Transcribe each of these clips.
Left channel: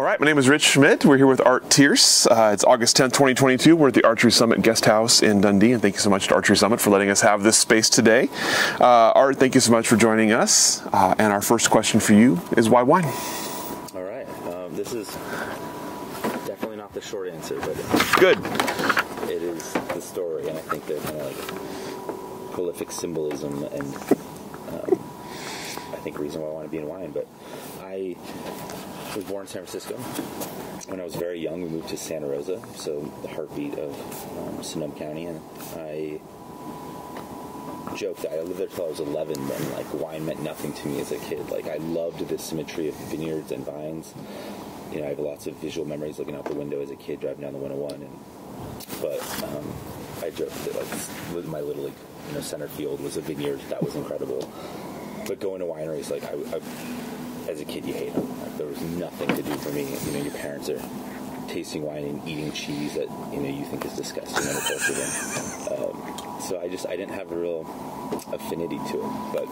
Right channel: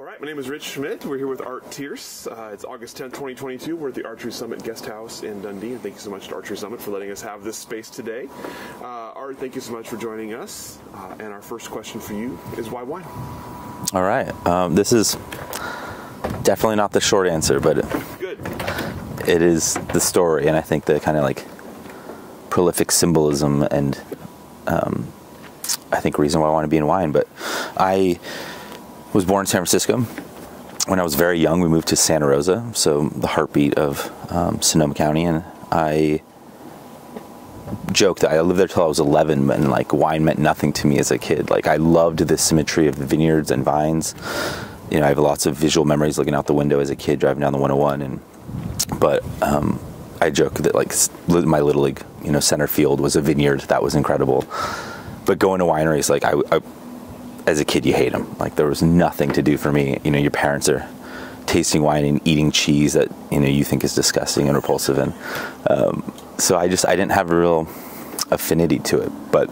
All right, my name is Rich Schmidt. We're here with Tierce. It's August 10th, 2022. We're at the Archery Summit Guest House in Dundee, and thank you so much to Archery Summit for letting us have this space today. Art, thank you so much for joining us. And our first question for you is, why wine? All right. This is definitely not the short answer, but Good. It is the story, and I think the kind of like prolific symbolism and I think reason why I want to be in wine. But I was born in San Francisco. When I was very young, we moved to Santa Rosa, so the heartbeat of Sonoma County, and I joked that I lived there till I was 11, and like wine meant nothing to me as a kid. Like I loved the symmetry of the vineyards and vines. You know, I have lots of visual memories looking out the window as a kid driving down the 101, but I joke that like my little league, center field was a vineyard. That was incredible. But going to wineries, like I as a kid, you hate them. Like there was nothing to do for me. Your parents are tasting wine and eating cheese that you think is disgusting and repulsive, and so I didn't have a real affinity to it. But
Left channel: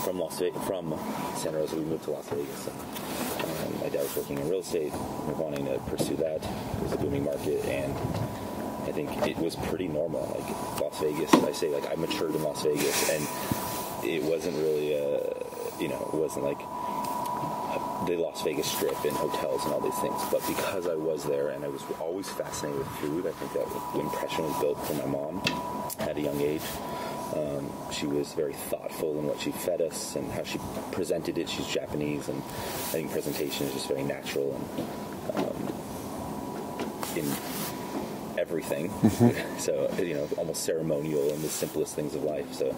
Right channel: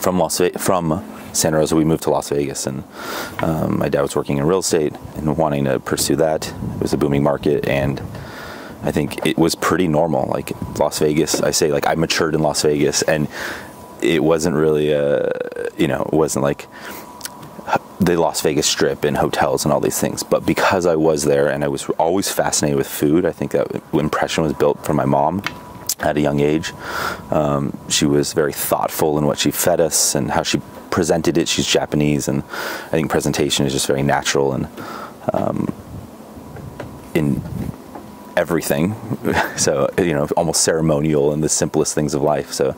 from Santa Rosa, we moved to Las Vegas, and my dad was working in real estate and wanting to pursue that. It was a booming market, and I think it was pretty normal. Like Las Vegas, I say, like I matured in Las Vegas, and it wasn't really it wasn't like the Las Vegas Strip and hotels and all these things. But because I was there and I was always fascinated with food, I think that impression was built from my mom at a young age. She was very thoughtful in what she fed us and how she presented it. She's Japanese, and I think presentation is just very natural and in everything. So, almost ceremonial in the simplest things of life. So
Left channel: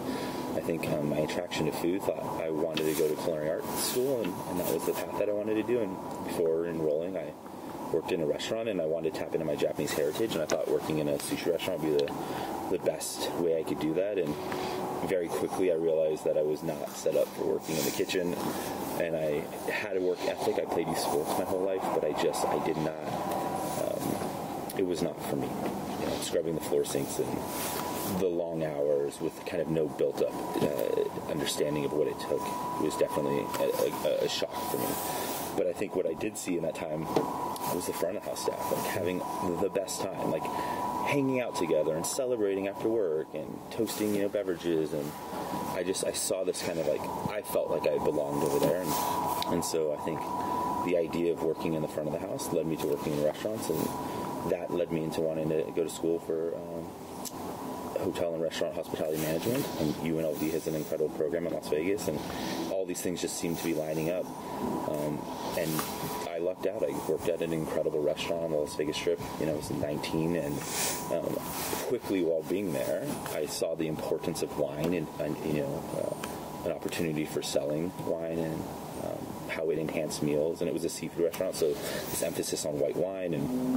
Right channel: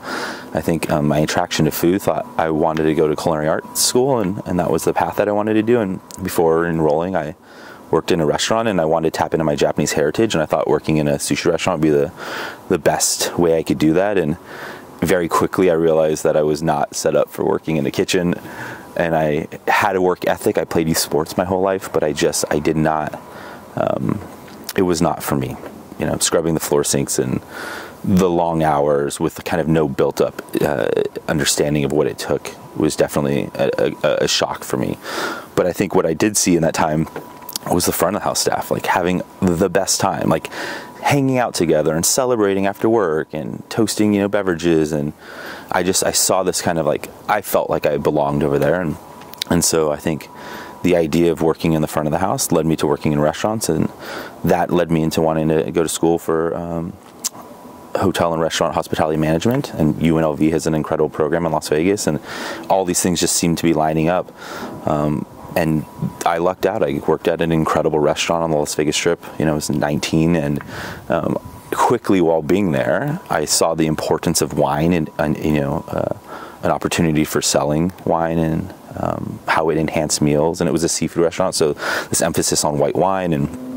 I think my attraction to food, thought I wanted to go to culinary arts school, and that was the path that I wanted to do. And before enrolling, I worked in a restaurant, and I wanted to tap into my Japanese heritage, and I thought working in a sushi restaurant would be the best way I could do that. And very quickly I realized that I was not set up for working in the kitchen, and I had a work ethic. I played youth sports my whole life, but I did not, it was not for me. Scrubbing the floor sinks and the long hours with kind of no built up understanding of what it took was definitely a shock for me. But I think what I did see in that time was the front of the house staff, like having the best time, like hanging out together and celebrating after work and toasting, beverages. And I saw this kind of like, I felt like I belonged over there. And so I think the idea of working in the front of the house led me to working in restaurants, and that led me into wanting to go to school for hotel and restaurant hospitality management. And UNLV has an incredible program in Las Vegas, and all these things just seemed to be lining up. And I lucked out. I worked at an incredible restaurant on the Las Vegas Strip. I was 19, and quickly while being there, I saw the importance of wine and an opportunity for selling wine and how it enhanced meals. And it was a seafood restaurant, so this emphasis on white wine and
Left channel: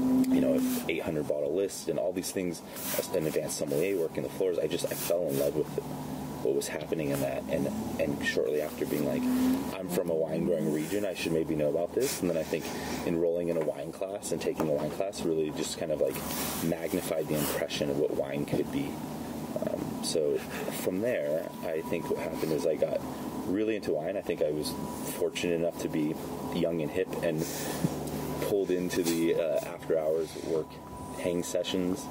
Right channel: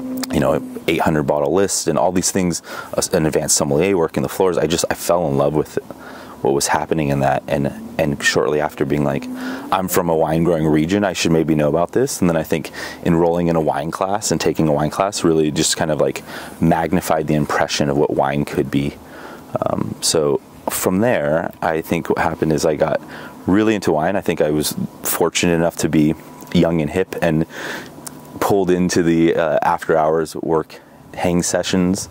800 bottle list and all these things, an advanced sommelier work in the floors. I fell in love with what was happening in that, and shortly after being like, I'm from a wine growing region, I should maybe know about this. And then I think enrolling in a wine class and taking a wine class really just kind of like magnified the impression of what wine could be. So from there, I think what happened is I got really into wine. I think I was fortunate enough to be young and hip and pulled into the after hours work hang sessions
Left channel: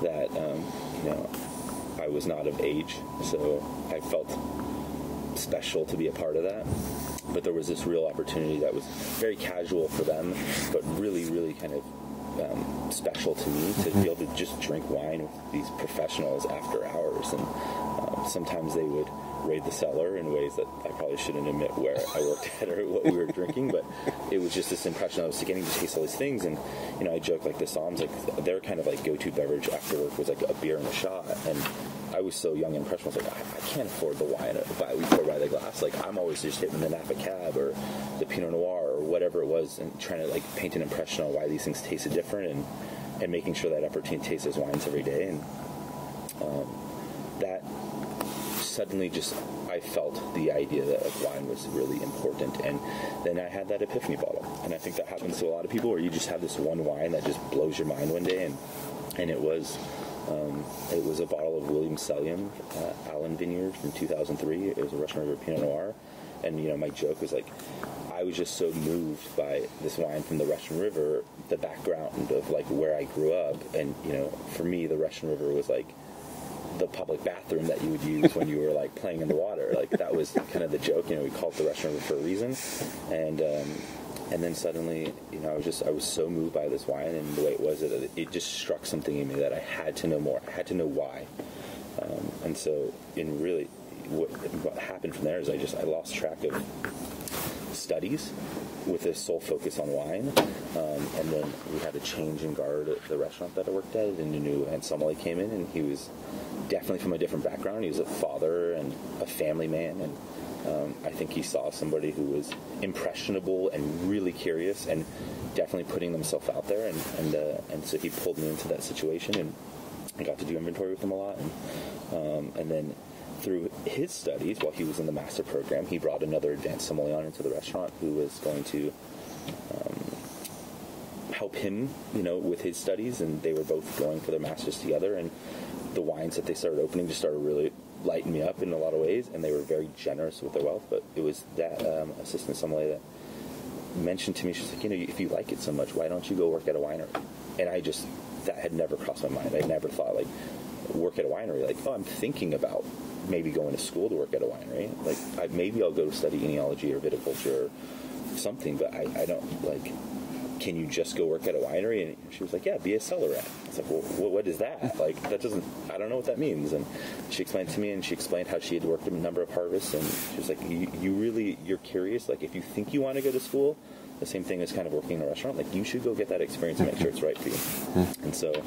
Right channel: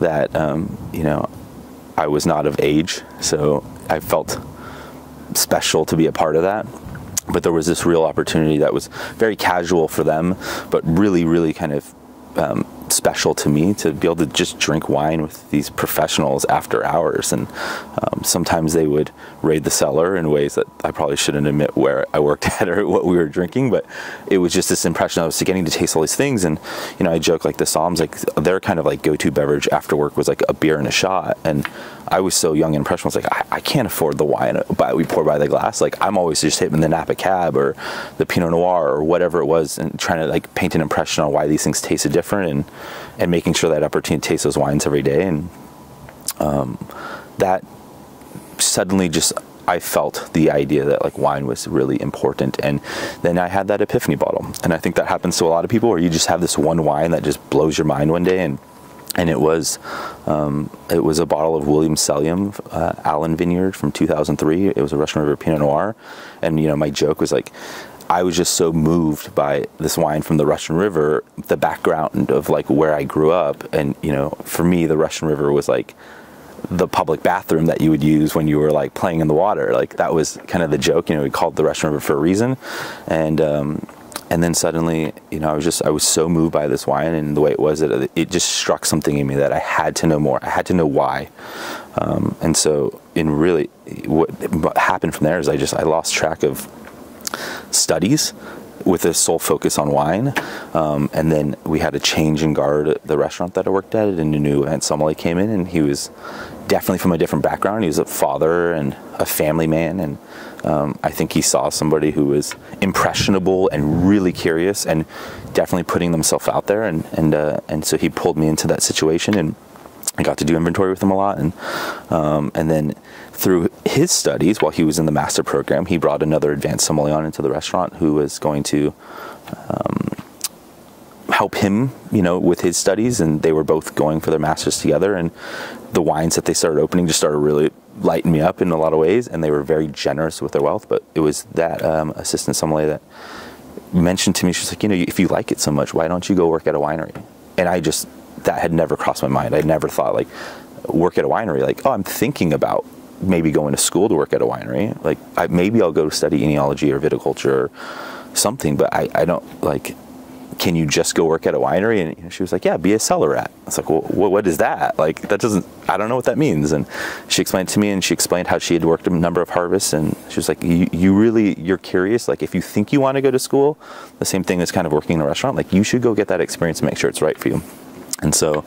that I was not of age, so I felt special to be a part of that. But there was this real opportunity that was very casual for them, but really, really kind of special to me to be able to just drink wine with these professionals after hours. And sometimes they would raid the cellar in ways that I probably shouldn't admit where I worked at or what we were drinking, but it was just this impression. I was getting to taste all these things, and I joke like the Psalms, like their kind of like go-to beverage after work was like a beer and a shot. And I was so young and impressionable. I was like, I can't afford the wine we pour by the glass. Like I'm always just hitting the Napa Cab or the Pinot Noir or whatever it was, and trying to like paint an impression on why these things tasted different, and making sure that opportunity to taste those wines every day. And that suddenly just, I felt the idea that like wine was really important. And then I had that epiphany bottle. And I think that happens to a lot of people, where you just have this one wine that just blows your mind one day. And it was a bottle of William Sellium, Allen Vineyard from 2003. It was a Russian River Pinot Noir. And, my joke was like, I was just so moved by this wine from the Russian River, the background of like where I grew up. And, you know, for me, the Russian River was like the public bathroom that you would use when you were like playing in the water. Like that was kind of the joke, you know, we called it the Russian River for a reason. And then suddenly, you know, I was so moved by this wine and the way it was, it just struck something in me that I had to know more. I had to know why. And so what happened from there is I lost track of studies with a sole focus on wine. And then we had a change in guard at the restaurant that I worked at, and a new informally came in, and he was definitely from a different background. He was a father and a family man, and I think he saw somebody who was impressionable and really curious and definitely putting themselves out there, and so he pulled me into that situation, and I got to do inventory with him a lot, and then through his studies, while he was in the master program, he brought another advanced sommelier into the restaurant who was going to help him, you know, with his studies, and they were both going for their masters together, and the wines that they started opening just started really lighting me up in a lot of ways, and they were very generous with their wealth. But it was that assistant sommelier that mentioned to me, she's like, you know, if you like it so much, why don't you go work at a winery? And that had never crossed my mind. I never thought like work at a winery, like, oh, I'm thinking about maybe going to school to work at a winery. Like maybe I'll go study enology or viticulture or something, but I don't like, can you just go work at a winery? And she was like, yeah, be a cellar rat. I was like, well, what is that? Like, I don't know what that means. And she explained it to me, and she explained how she had worked a number of harvests. And she was like, you're curious. Like, if you think you want to go to school, the same thing as kind of working in a restaurant, like you should go get that experience and make sure it's right for you. Mm-hmm. And so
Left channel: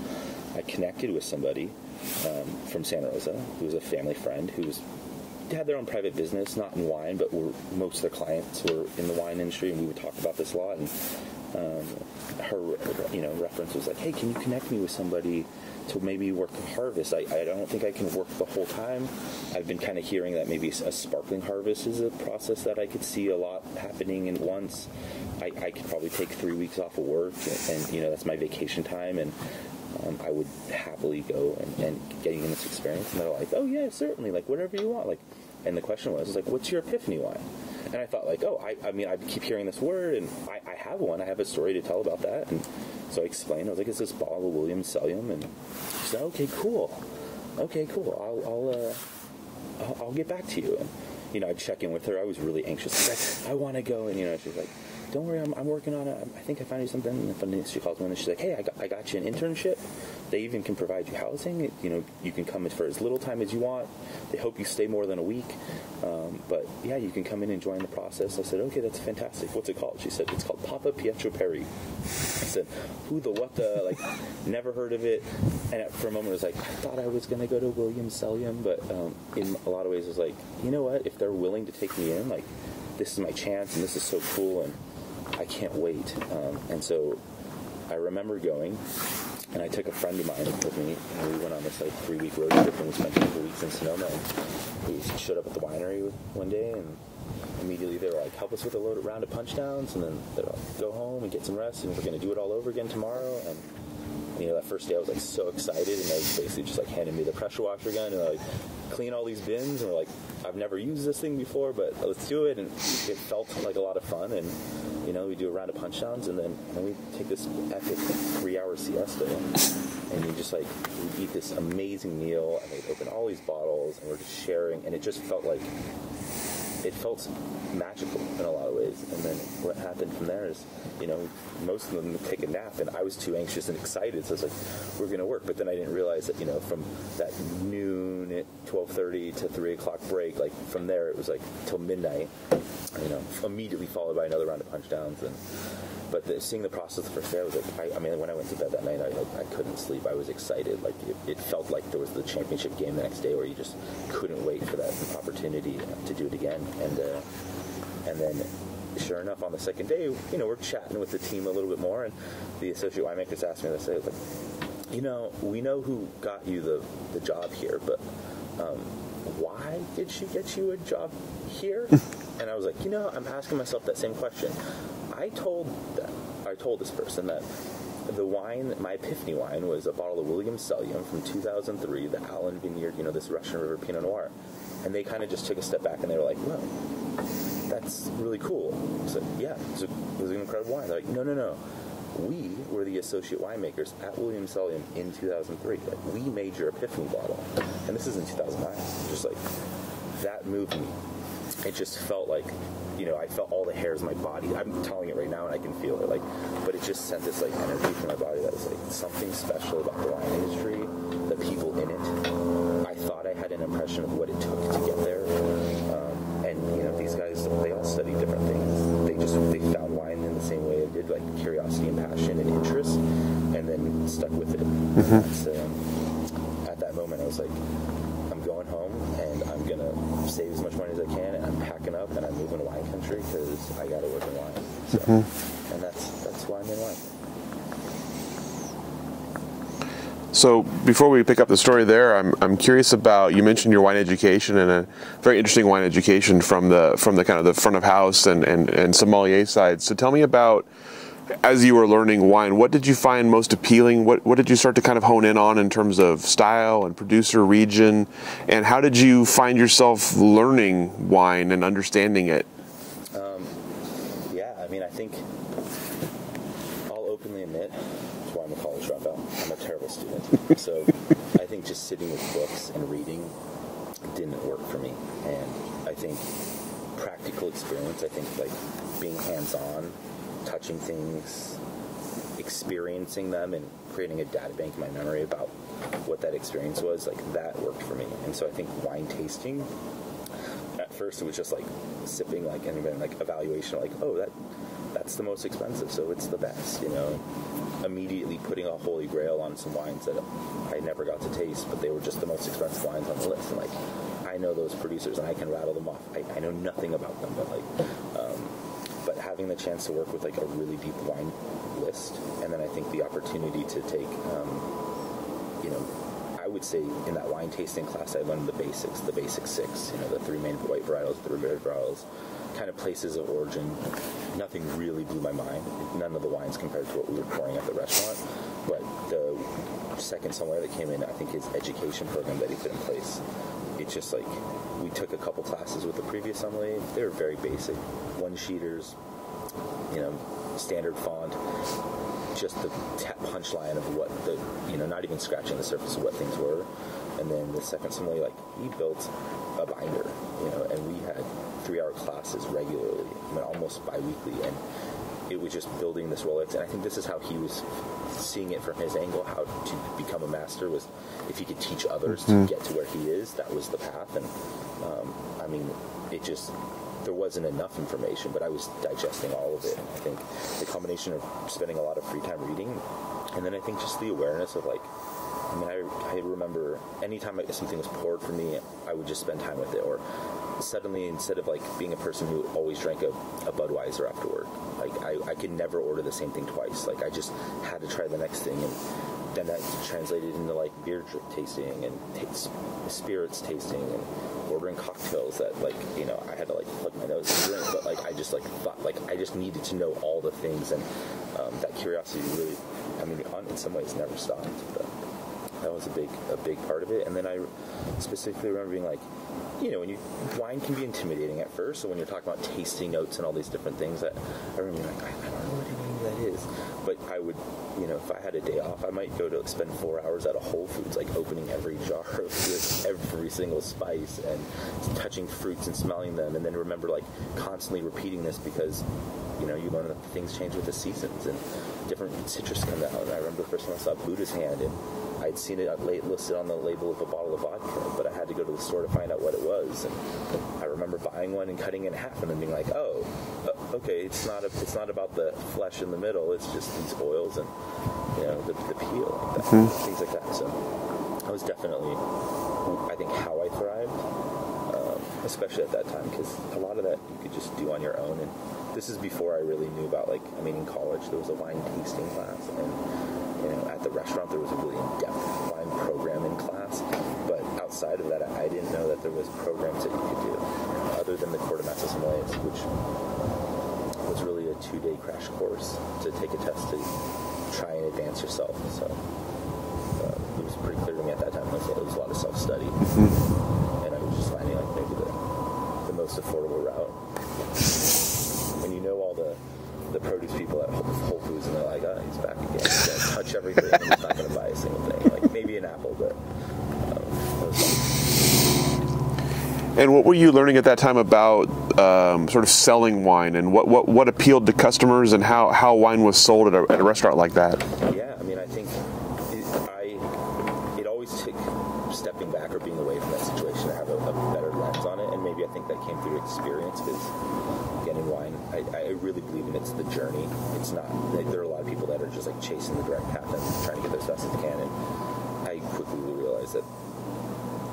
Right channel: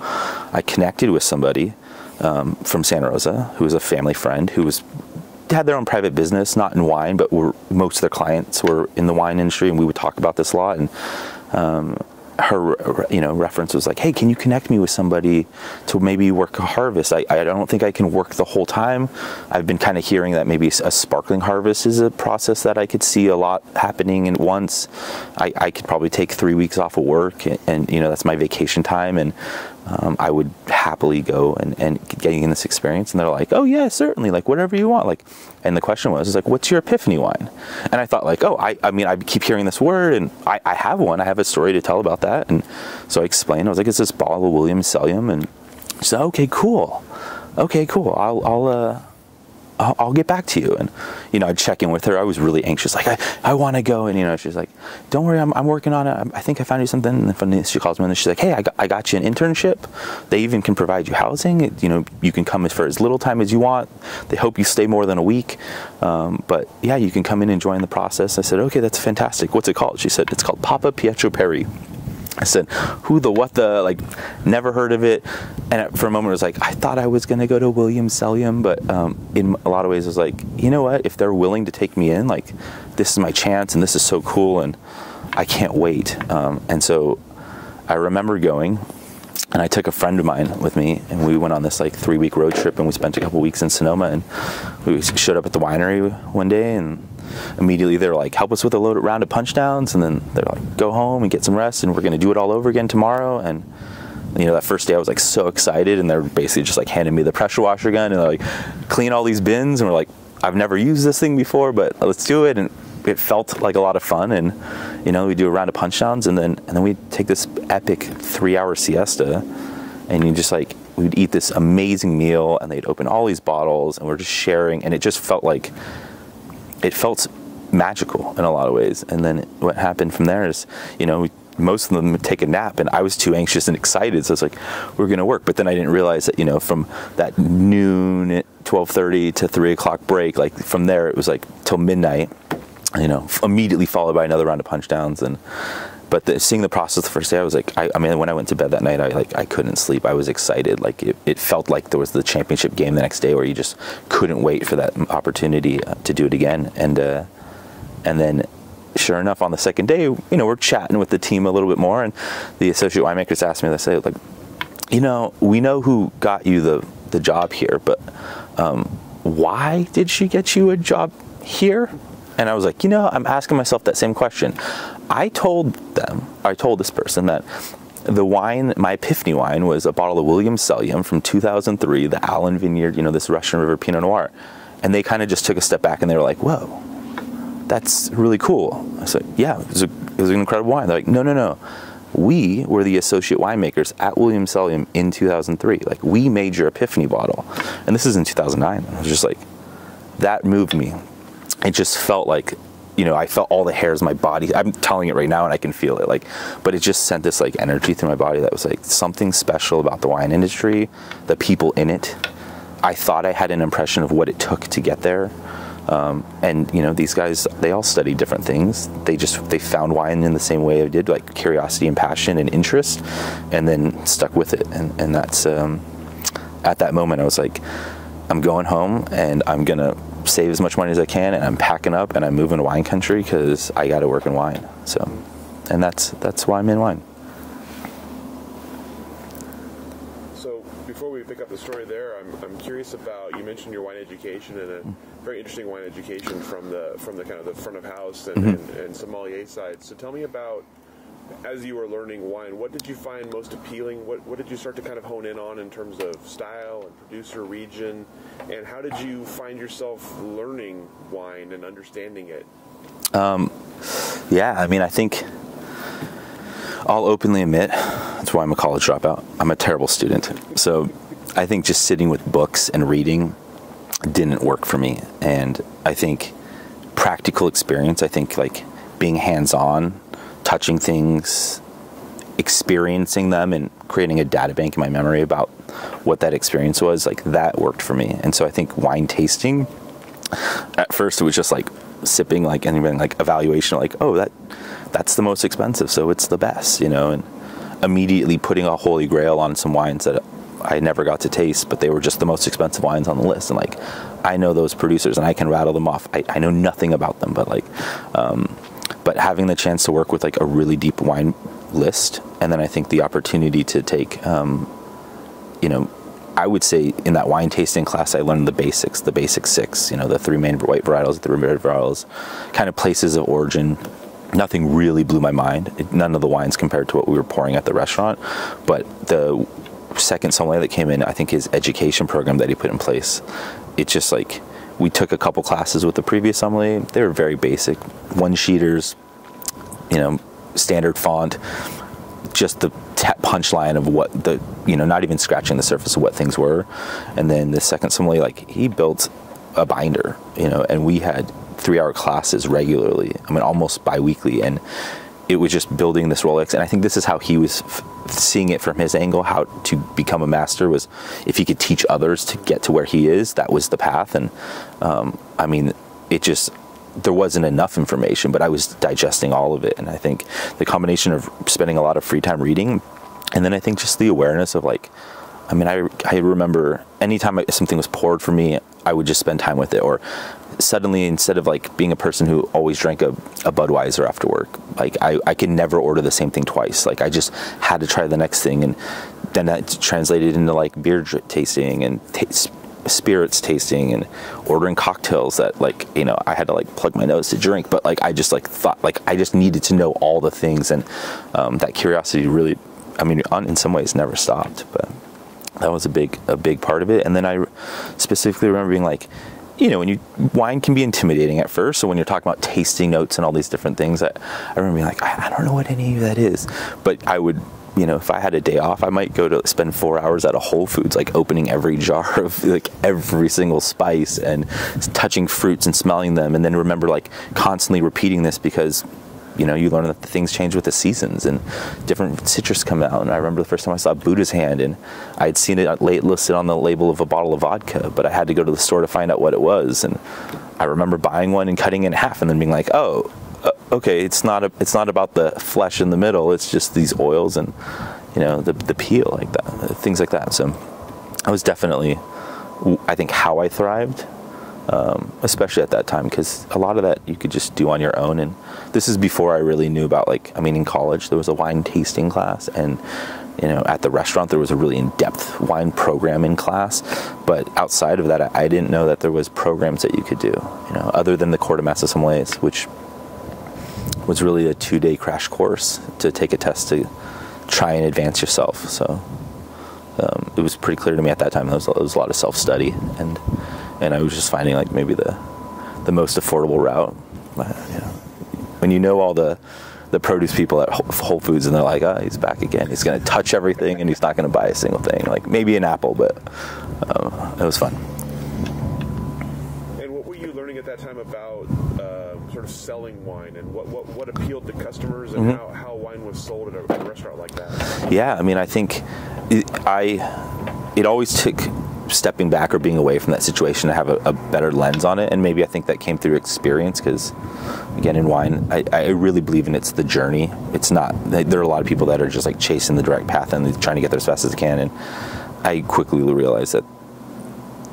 I connected with somebody from Santa Rosa, who was a family friend, who had their own private business, not in wine, but most of their clients were in the wine industry, and we would talk about this a lot. And her, you know, reference was like, hey, can you connect me with somebody to maybe work a harvest? I don't think I can work the whole time. I've been kind of hearing that maybe a sparkling harvest is a process that I could see a lot happening at once. I could probably take 3 weeks off of work, and you know, that's my vacation time, and I would happily go and getting in this experience. And they're like, oh yeah, certainly, like whatever you want. Like, and the question was like, what's your epiphany wine? And I thought like, oh, I mean, I keep hearing this word, and I have one. I have a story to tell about that. And so I explained. I was like, it's this bottle of Williams Cellium, and she said, okay, cool. I'll get back to you. And, you know, I'd check in with her. I was really anxious. Like, I want to go. And, you know, she's like, don't worry, I'm working on it. I think I found you something. And then she calls me and she's like, hey, I got you an internship. They even can provide you housing. You know, you can come for as little time as you want. They hope you stay more than a week. But yeah, you can come in and join the process. I said, okay, that's fantastic. What's it called? She said, it's called Papa Pietro Perri. I said, who the, what the, like, never heard of it. And for a moment, it was like, I thought I was going to go to Williams Cellium, but in a lot of ways, it was like, you know what, if they're willing to take me in, like, this is my chance, and this is so cool, and I can't wait. And so I remember going, and I took a friend of mine with me, and we went on this, like, 3-week road trip, and we spent a couple weeks in Sonoma, and we showed up at the winery one day, and immediately they're like, help us with a round of punch downs, and then they're like, go home and get some rest, and we're going to do it all over again tomorrow. And you know, that first day I was like so excited, and they're basically just like handing me the pressure washer gun, and they're like, clean all these bins, and we're like, I've never used this thing before, but let's do it. And it felt like a lot of fun. And you know, we do a round of punch downs, and then we take this epic 3-hour siesta, and you just like, we'd eat this amazing meal, and they'd open all these bottles, and we're just sharing, and it just felt like, it felt magical in a lot of ways. And then what happened from there is, you know, most of them would take a nap, and I was too anxious and excited, so it's like, we're going to work. But then I didn't realize that, you know, from that noon at 12:30 to 3 o'clock break, like from there it was like till midnight, you know, immediately followed by another round of punch downs. But seeing the process the first day, I was like, I mean, when I went to bed that night, I couldn't sleep. I was excited. Like it felt like there was the championship game the next day, where you just couldn't wait for that opportunity to do it again. And then, sure enough, on the second day, you know, we're chatting with the team a little bit more, and the associate winemakers asked me, they say, like, you know, we know who got you the job here, but why did she get you a job here? And I was like, you know, I'm asking myself that same question. I told this person that the wine, my epiphany wine, was a bottle of Williams Cellium from 2003, the Allen Vineyard, you know, this Russian River Pinot Noir. And they kind of just took a step back, and they were like, whoa, that's really cool. I said, yeah, it was an incredible wine. They're like, no. We were the associate winemakers at Williams-Sonoma in 2003. Like, we made your Epiphany bottle. And this is in 2009. I was just like, that moved me. It just felt like, I felt all the hairs in my body. I'm telling it right now and I can feel it. Like, but it just sent this like energy through my body that was like something special about the wine industry, the people in it. I thought I had an impression of what it took to get there. And these guys, they all study different things. They found wine in the same way I did, like curiosity and passion and interest, and then stuck with it. And that's, at that moment I was like, I'm going home and I'm going to save as much money as I can, and I'm packing up and I'm moving to wine country because I got to work in wine. So, and that's why I'm in wine. So before we pick up the story there, I'm curious about, you mentioned your wine education, and a very interesting wine education from the kind of the front of house and sommelier side. So tell me about, as you were learning wine, what did you find most appealing? What did you start to kind of hone in on in terms of style and producer, region, and how did you find yourself learning wine and understanding it? Yeah, I mean, I think I'll openly admit, that's why I'm a college dropout. I'm a terrible student. So I think just sitting with books and reading didn't work for me. And I think practical experience, I think like being hands-on, touching things, experiencing them, and creating a data bank in my memory about what that experience was, like that worked for me. And so I think wine tasting, at first it was just like sipping, like anything, like evaluation, like, oh, that's the most expensive, so it's the best, and immediately putting a holy grail on some wines that I never got to taste, but they were just the most expensive wines on the list. And like, I know those producers and I can rattle them off. I know nothing about them, but like, but having the chance to work with like a really deep wine list, and then I think the opportunity to take, I would say in that wine tasting class, I learned the basic 6, the 3 main white varietals, the red varietals, kind of places of origin. Nothing really blew my mind. None of the wines compared to what we were pouring at the restaurant, but the second sommelier that came in, I think his education program that he put in place, it's just like, we took a couple classes with the previous sommelier. They were very basic, 1-sheeters, standard font, just the punchline of what the, not even scratching the surface of what things were. And then the second sommelier, like, he built a binder, and we had 3-hour classes regularly. I mean, almost bi-weekly, and it was just building this Rolex. And I think this is how he was seeing it from his angle. How to become a master was if he could teach others to get to where he is. That was the path. And I mean, there wasn't enough information, but I was digesting all of it. And I think the combination of spending a lot of free time reading, and then I think just the awareness of like, I mean, I remember anytime something was poured for me, I would just spend time with it. Or suddenly, instead of like being a person who always drank a Budweiser after work, like I could never order the same thing twice. Like I just had to try the next thing, and then that translated into like beer tasting and spirits tasting and ordering cocktails that like, I had to like plug my nose to drink, but like I just like thought like I just needed to know all the things, and that curiosity really, I mean, in some ways never stopped. But that was a big part of it. And then I specifically remember being like, wine can be intimidating at first. So when you're talking about tasting notes and all these different things, I remember being like, I don't know what any of that is. But I would, if I had a day off, I might go to spend 4 hours at a Whole Foods, like opening every jar of like every single spice and touching fruits and smelling them. And then remember like constantly repeating this because you learn that the things change with the seasons and different citrus come out. And I remember the first time I saw Buddha's hand, and I had seen it listed on the label of a bottle of vodka, but I had to go to the store to find out what it was. And I remember buying one and cutting it in half and then being like, oh, okay, it's not about the flesh in the middle. It's just these oils and, the peel like that, things like that. So I was definitely, I think, how I thrived. Especially at that time, because a lot of that you could just do on your own. And this is before I really knew about in college there was a wine tasting class, and at the restaurant there was a really in-depth wine programming class. But outside of that, I didn't know that there was programs that you could do, other than the Cours de Master Sommeliers, which was really a 2-day crash course to take a test to try and advance yourself. So it was pretty clear to me at that time there was a lot of self-study, and I was just finding like maybe the the most affordable route. But when you know all the produce people at Whole Foods, and they're like, oh, he's back again. He's going to touch everything, and he's not going to buy a single thing. Like maybe an apple, but it was fun. And what were you learning at that time about sort of selling wine, and what appealed to customers, and how wine was sold at a restaurant like that? Yeah, I mean, I think it always took stepping back or being away from that situation to have a better lens on it, and maybe I think that came through experience, because again, in wine, I really believe in it's the journey. It's not, there are a lot of people that are just like chasing the direct path and trying to get there as fast as they can, and I quickly realized that,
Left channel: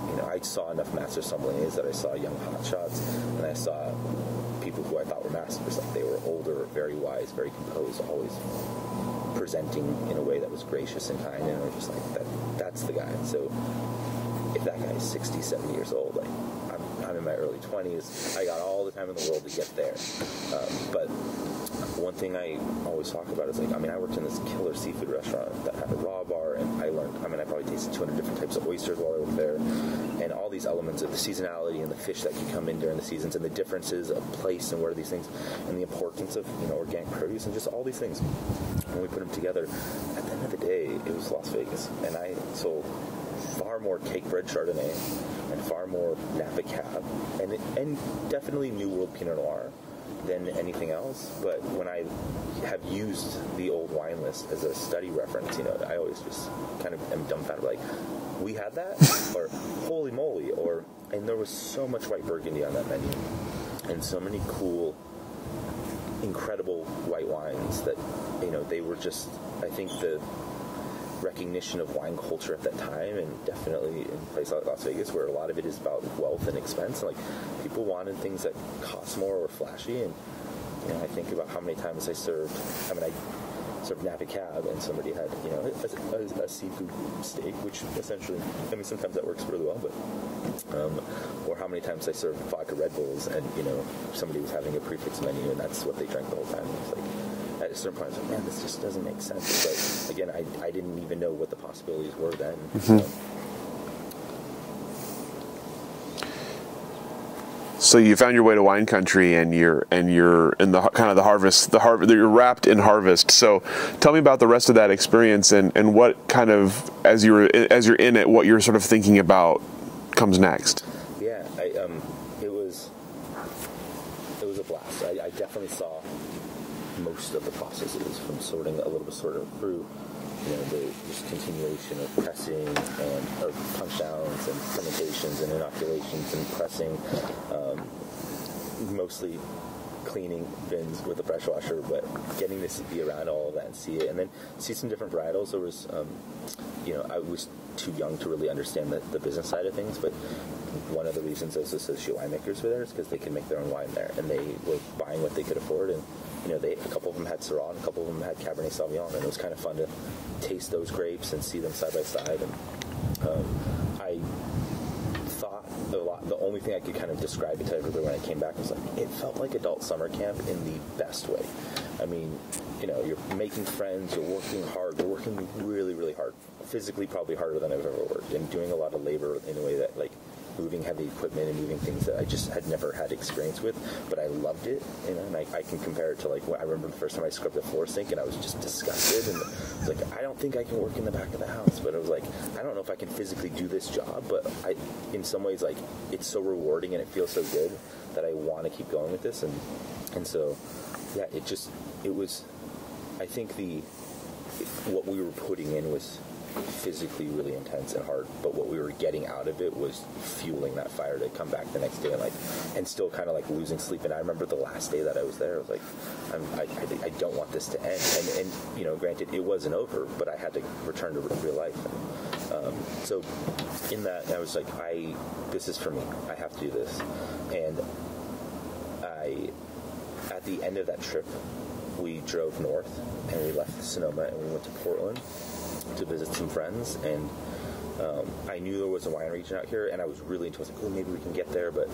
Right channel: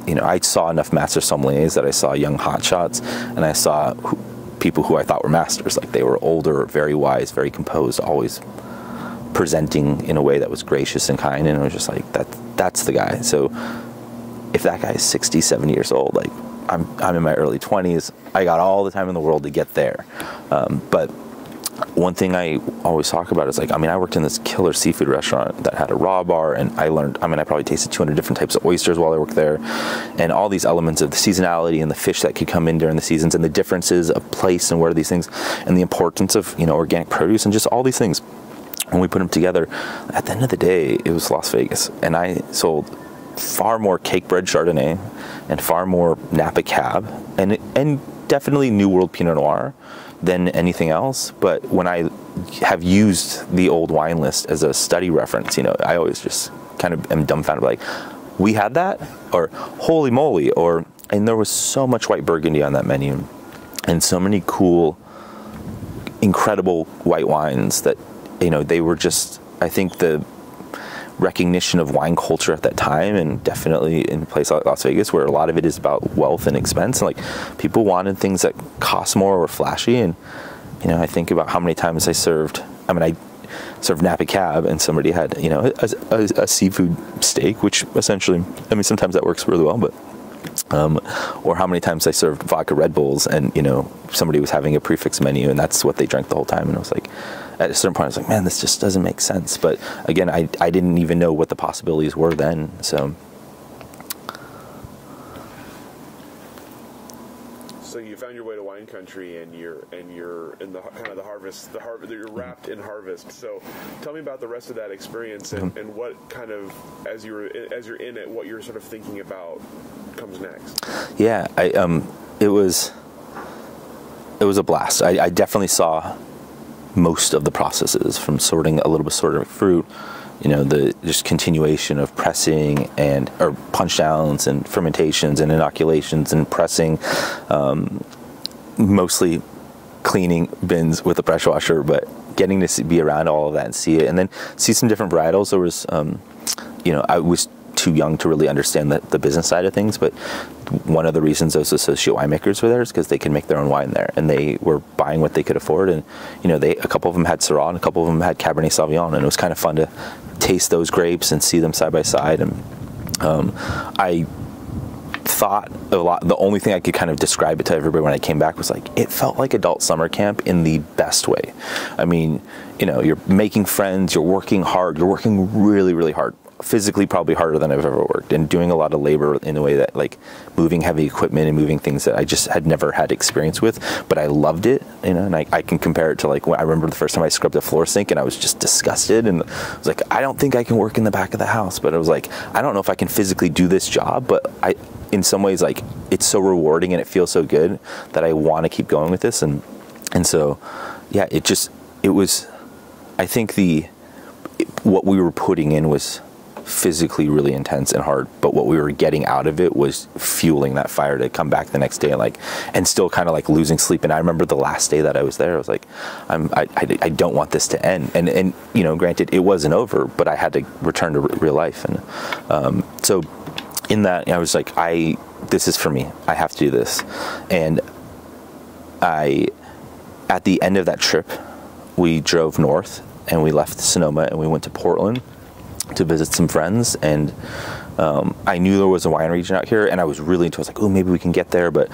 you know, I saw enough master sommeliers that I saw young hotshots, and I saw people who I thought were masters. Like they were older, very wise, very composed, always presenting in a way that was gracious and kind, and I was just like, that's the guy. So if that guy is 60, 70 years old, like I'm in my early 20s, I got all the time in the world to get there. But one thing I always talk about is like, I mean, I worked in this killer seafood restaurant that had a raw bar, and I learned, I mean, I probably tasted 200 different types of oysters while I worked there, and all these elements of the seasonality and the fish that could come in during the seasons, and the differences of place and where these things, and the importance of, you know, organic produce, and just all these things. When we put them together, at the end of the day, it was Las Vegas, and I sold far more cake bread Chardonnay and far more Napa Cab and definitely New World Pinot Noir than anything else. But when I have used the old wine list as a study reference, you know, I always just kind of am dumbfounded, like, we had that? Or holy moly, and there was so much white Burgundy on that menu, and so many cool, incredible white wines that, you know, they were just, I think the recognition of wine culture at that time, and definitely in a place like Las Vegas where a lot of it is about wealth and expense, and like people wanted things that cost more or flashy. And you know, I think about how many times I served Napa Cab, and somebody had, you know, a seafood steak, which essentially, I mean, sometimes that works really well, but or how many times I served vodka Red Bulls, and you know, somebody was having a prefix menu and that's what they drank the whole time, and I was like, at a certain point I was like, man, this just doesn't make sense. But again, I didn't even know what the possibilities were then. Mm-hmm. So you found your way to wine country, and you're in the kind of the harvest. You're wrapped in harvest. So tell me about the rest of that experience, and what kind of, as you're in it, what you're sort of thinking about comes next. Yeah, it was a blast. I definitely saw most of the processes, from sorting a little bit of fruit, you know, the just continuation of pressing or punch downs and fermentations and inoculations and pressing, mostly cleaning bins with a pressure washer, but getting to be around all of that and see it, and then see some different varietals. There was, you know, I was too young to really understand the business side of things, but one of the reasons those associate winemakers were there is because they could make their own wine there, and they were buying what they could afford. And you know, a couple of them had Syrah, and a couple of them had Cabernet Sauvignon, and it was kind of fun to taste those grapes and see them side by side. And I thought a lot, the only thing I could kind of describe it to everybody when I came back was like, it felt like adult summer camp in the best way. I mean, you know, you're making friends, you're working hard, you're working really, really hard. Physically probably harder than I've ever worked, and doing a lot of labor in a way that, like, moving heavy equipment and moving things that I just had never had experience with, but I loved it, you know. And I can compare it to, like, when I remember the first time I scrubbed a floor sink, and I was just disgusted, and I was like, I don't think I can work in the back of the house. But I was like, I don't know if I can physically do this job, but in some ways, like, it's so rewarding and it feels so good that I want to keep going with this. And so yeah, it was, I think what we were putting in was physically really intense and hard, but what we were getting out of it was fueling that fire to come back the next day, and still kind of like losing sleep. And I remember the last day that I was there, I was like, I don't want this to end. And you know, granted, it wasn't over, but I had to return to real life. And so in that, I was like, this is for me. I have to do this. And at the end of that trip, we drove north, and we left Sonoma, and we went to Portland to visit some friends. And I knew there was a wine region out here, and I was really into it. I was like, oh, maybe we can get there. But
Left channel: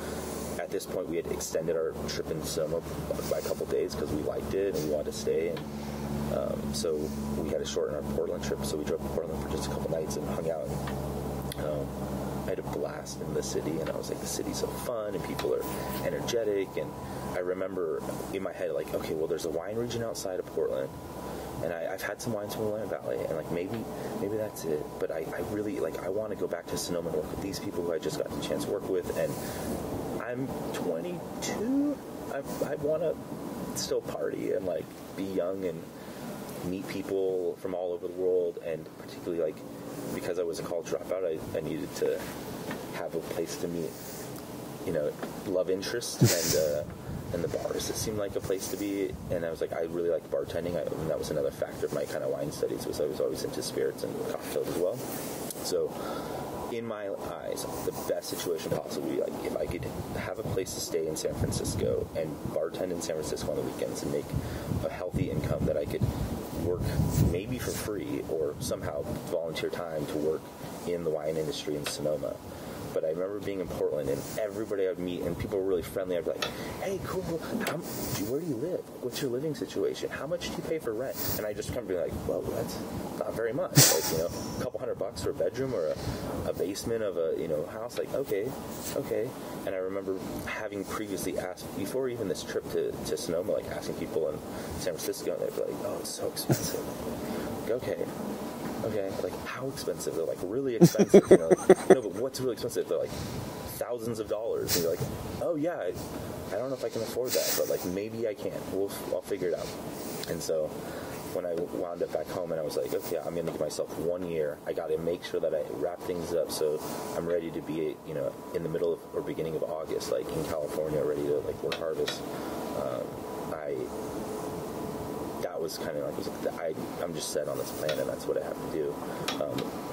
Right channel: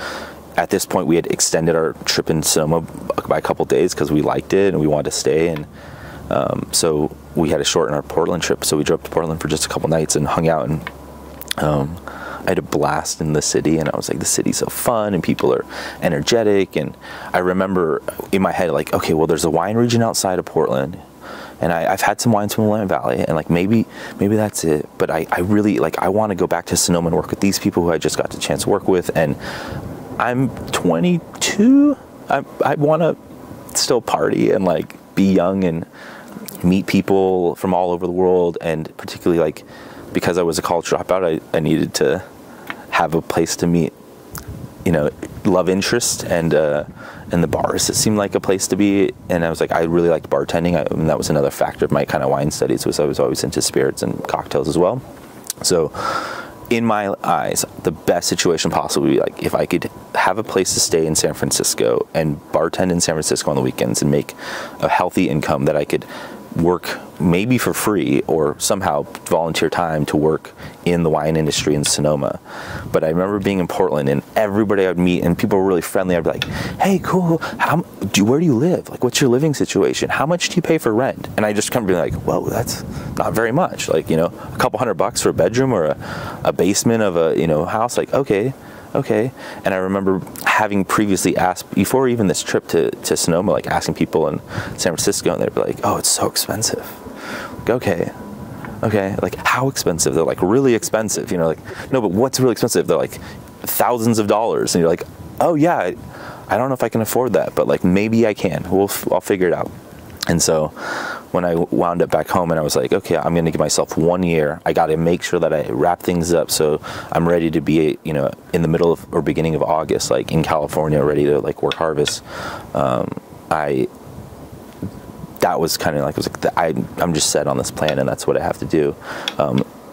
at this point, we had extended our trip in Sonoma by a couple days because we liked it and we wanted to stay. And so we had to shorten our Portland trip. So we drove to Portland for just a couple nights and hung out. And had a blast in the city, and I was like, the city's so fun, and people are energetic. And I remember in my head, like, okay, well, there's a wine region outside of Portland, and I've had some wines from the Willamette Valley, and like maybe that's it. But I really, like, I want to go back to Sonoma and work with these people who I just got the chance to work with. And I'm 22. I want to still party and like be young and meet people from all over the world. And particularly, like, because I was a college dropout, I needed to have a place to meet, you know, love interest, and the bars, it seemed like a place to be. And I was like, I really liked bartending, and that was another factor of my kind of wine studies, was I was always into spirits and cocktails as well. So in my eyes, the best situation possible would be like if I could have a place to stay in San Francisco and bartend in San Francisco on the weekends and make a healthy income that I could work maybe for free or somehow volunteer time to work in the wine industry in Sonoma. But I remember being in Portland, and everybody I would meet, and people were really friendly. I'd be like, hey, cool, where do you live? Like, what's your living situation? How much do you pay for rent? And I just come to be like, well, that's not very much. Like, you know, a couple $100 for a bedroom or a basement of a, you know, house. Like, okay. And I remember having previously asked, before even this trip to Sonoma, like asking people in San Francisco, and they'd be like, oh, it's so expensive. Like, okay, like how expensive? They're like, really expensive, you know, like, no, but what's really expensive? They're like thousands of dollars. And you're like, oh yeah, I don't know if I can afford that, but like maybe I can. I'll figure it out. And so when I wound up back home, and I was like, okay, I'm going to give myself 1 year. I got to make sure that I wrap things up so I'm ready to be, you know, in the middle of or beginning of August, like in California, ready to like work harvest. That was kind of like, I'm just set on this plan, and that's what I have to do.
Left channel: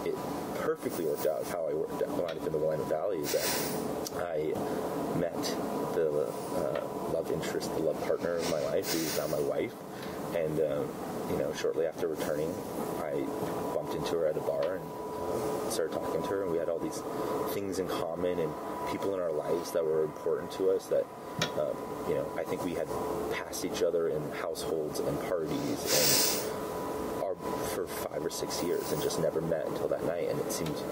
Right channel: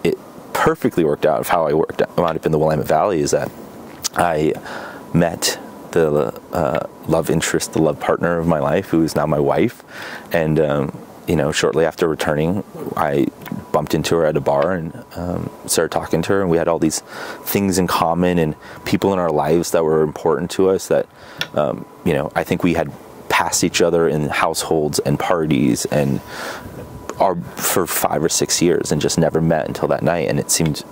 It perfectly worked out of how I wound up in the Willamette Valley, is that I met the love interest, the love partner of my life, who is now my wife. And, you know, shortly after returning, I bumped into her at a bar and started talking to her, and we had all these things in common and people in our lives that were important to us that, you know, I think we had passed each other in households and parties and for 5 or 6 years and just never met until that night. And it seemed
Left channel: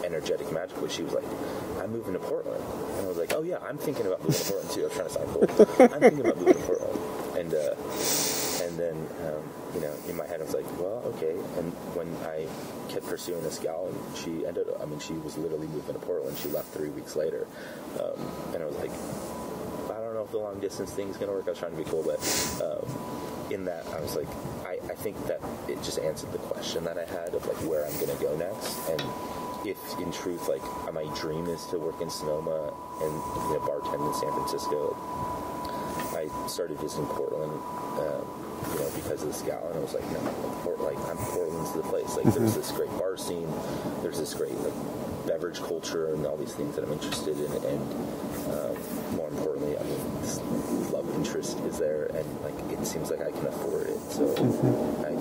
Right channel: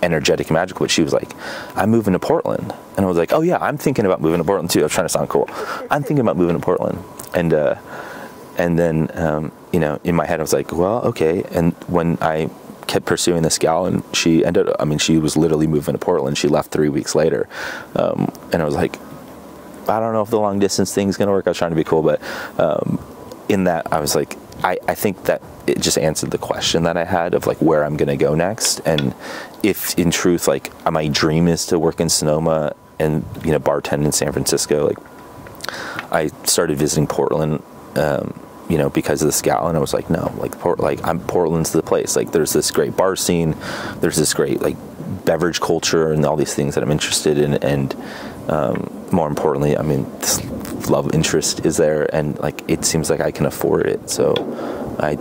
energetic and magical. But she was like, I'm moving to Portland. And I was like, oh yeah, I'm thinking about moving to Portland too. I was trying to sound cool. I'm thinking about moving to Portland. And then, you know, in my head I was like, well, okay. And when I kept pursuing this gal, and she was literally moving to Portland. She left 3 weeks later. And I was like, I don't know if the long distance thing's going to work. I was trying to be cool, but in that I was like, I think that it just answered the question that I had of like where I'm going to go next. And if in truth, like my dream is to work in Sonoma and, you know, bartend in San Francisco, like I started visiting Portland, you know, because of this gal, and I was like, no, like Portland's the place. Like there's this great bar scene, there's this great like beverage culture and all these things that I'm interested in, and more importantly, I mean, this love interest is there, and like it seems like I can afford it. So I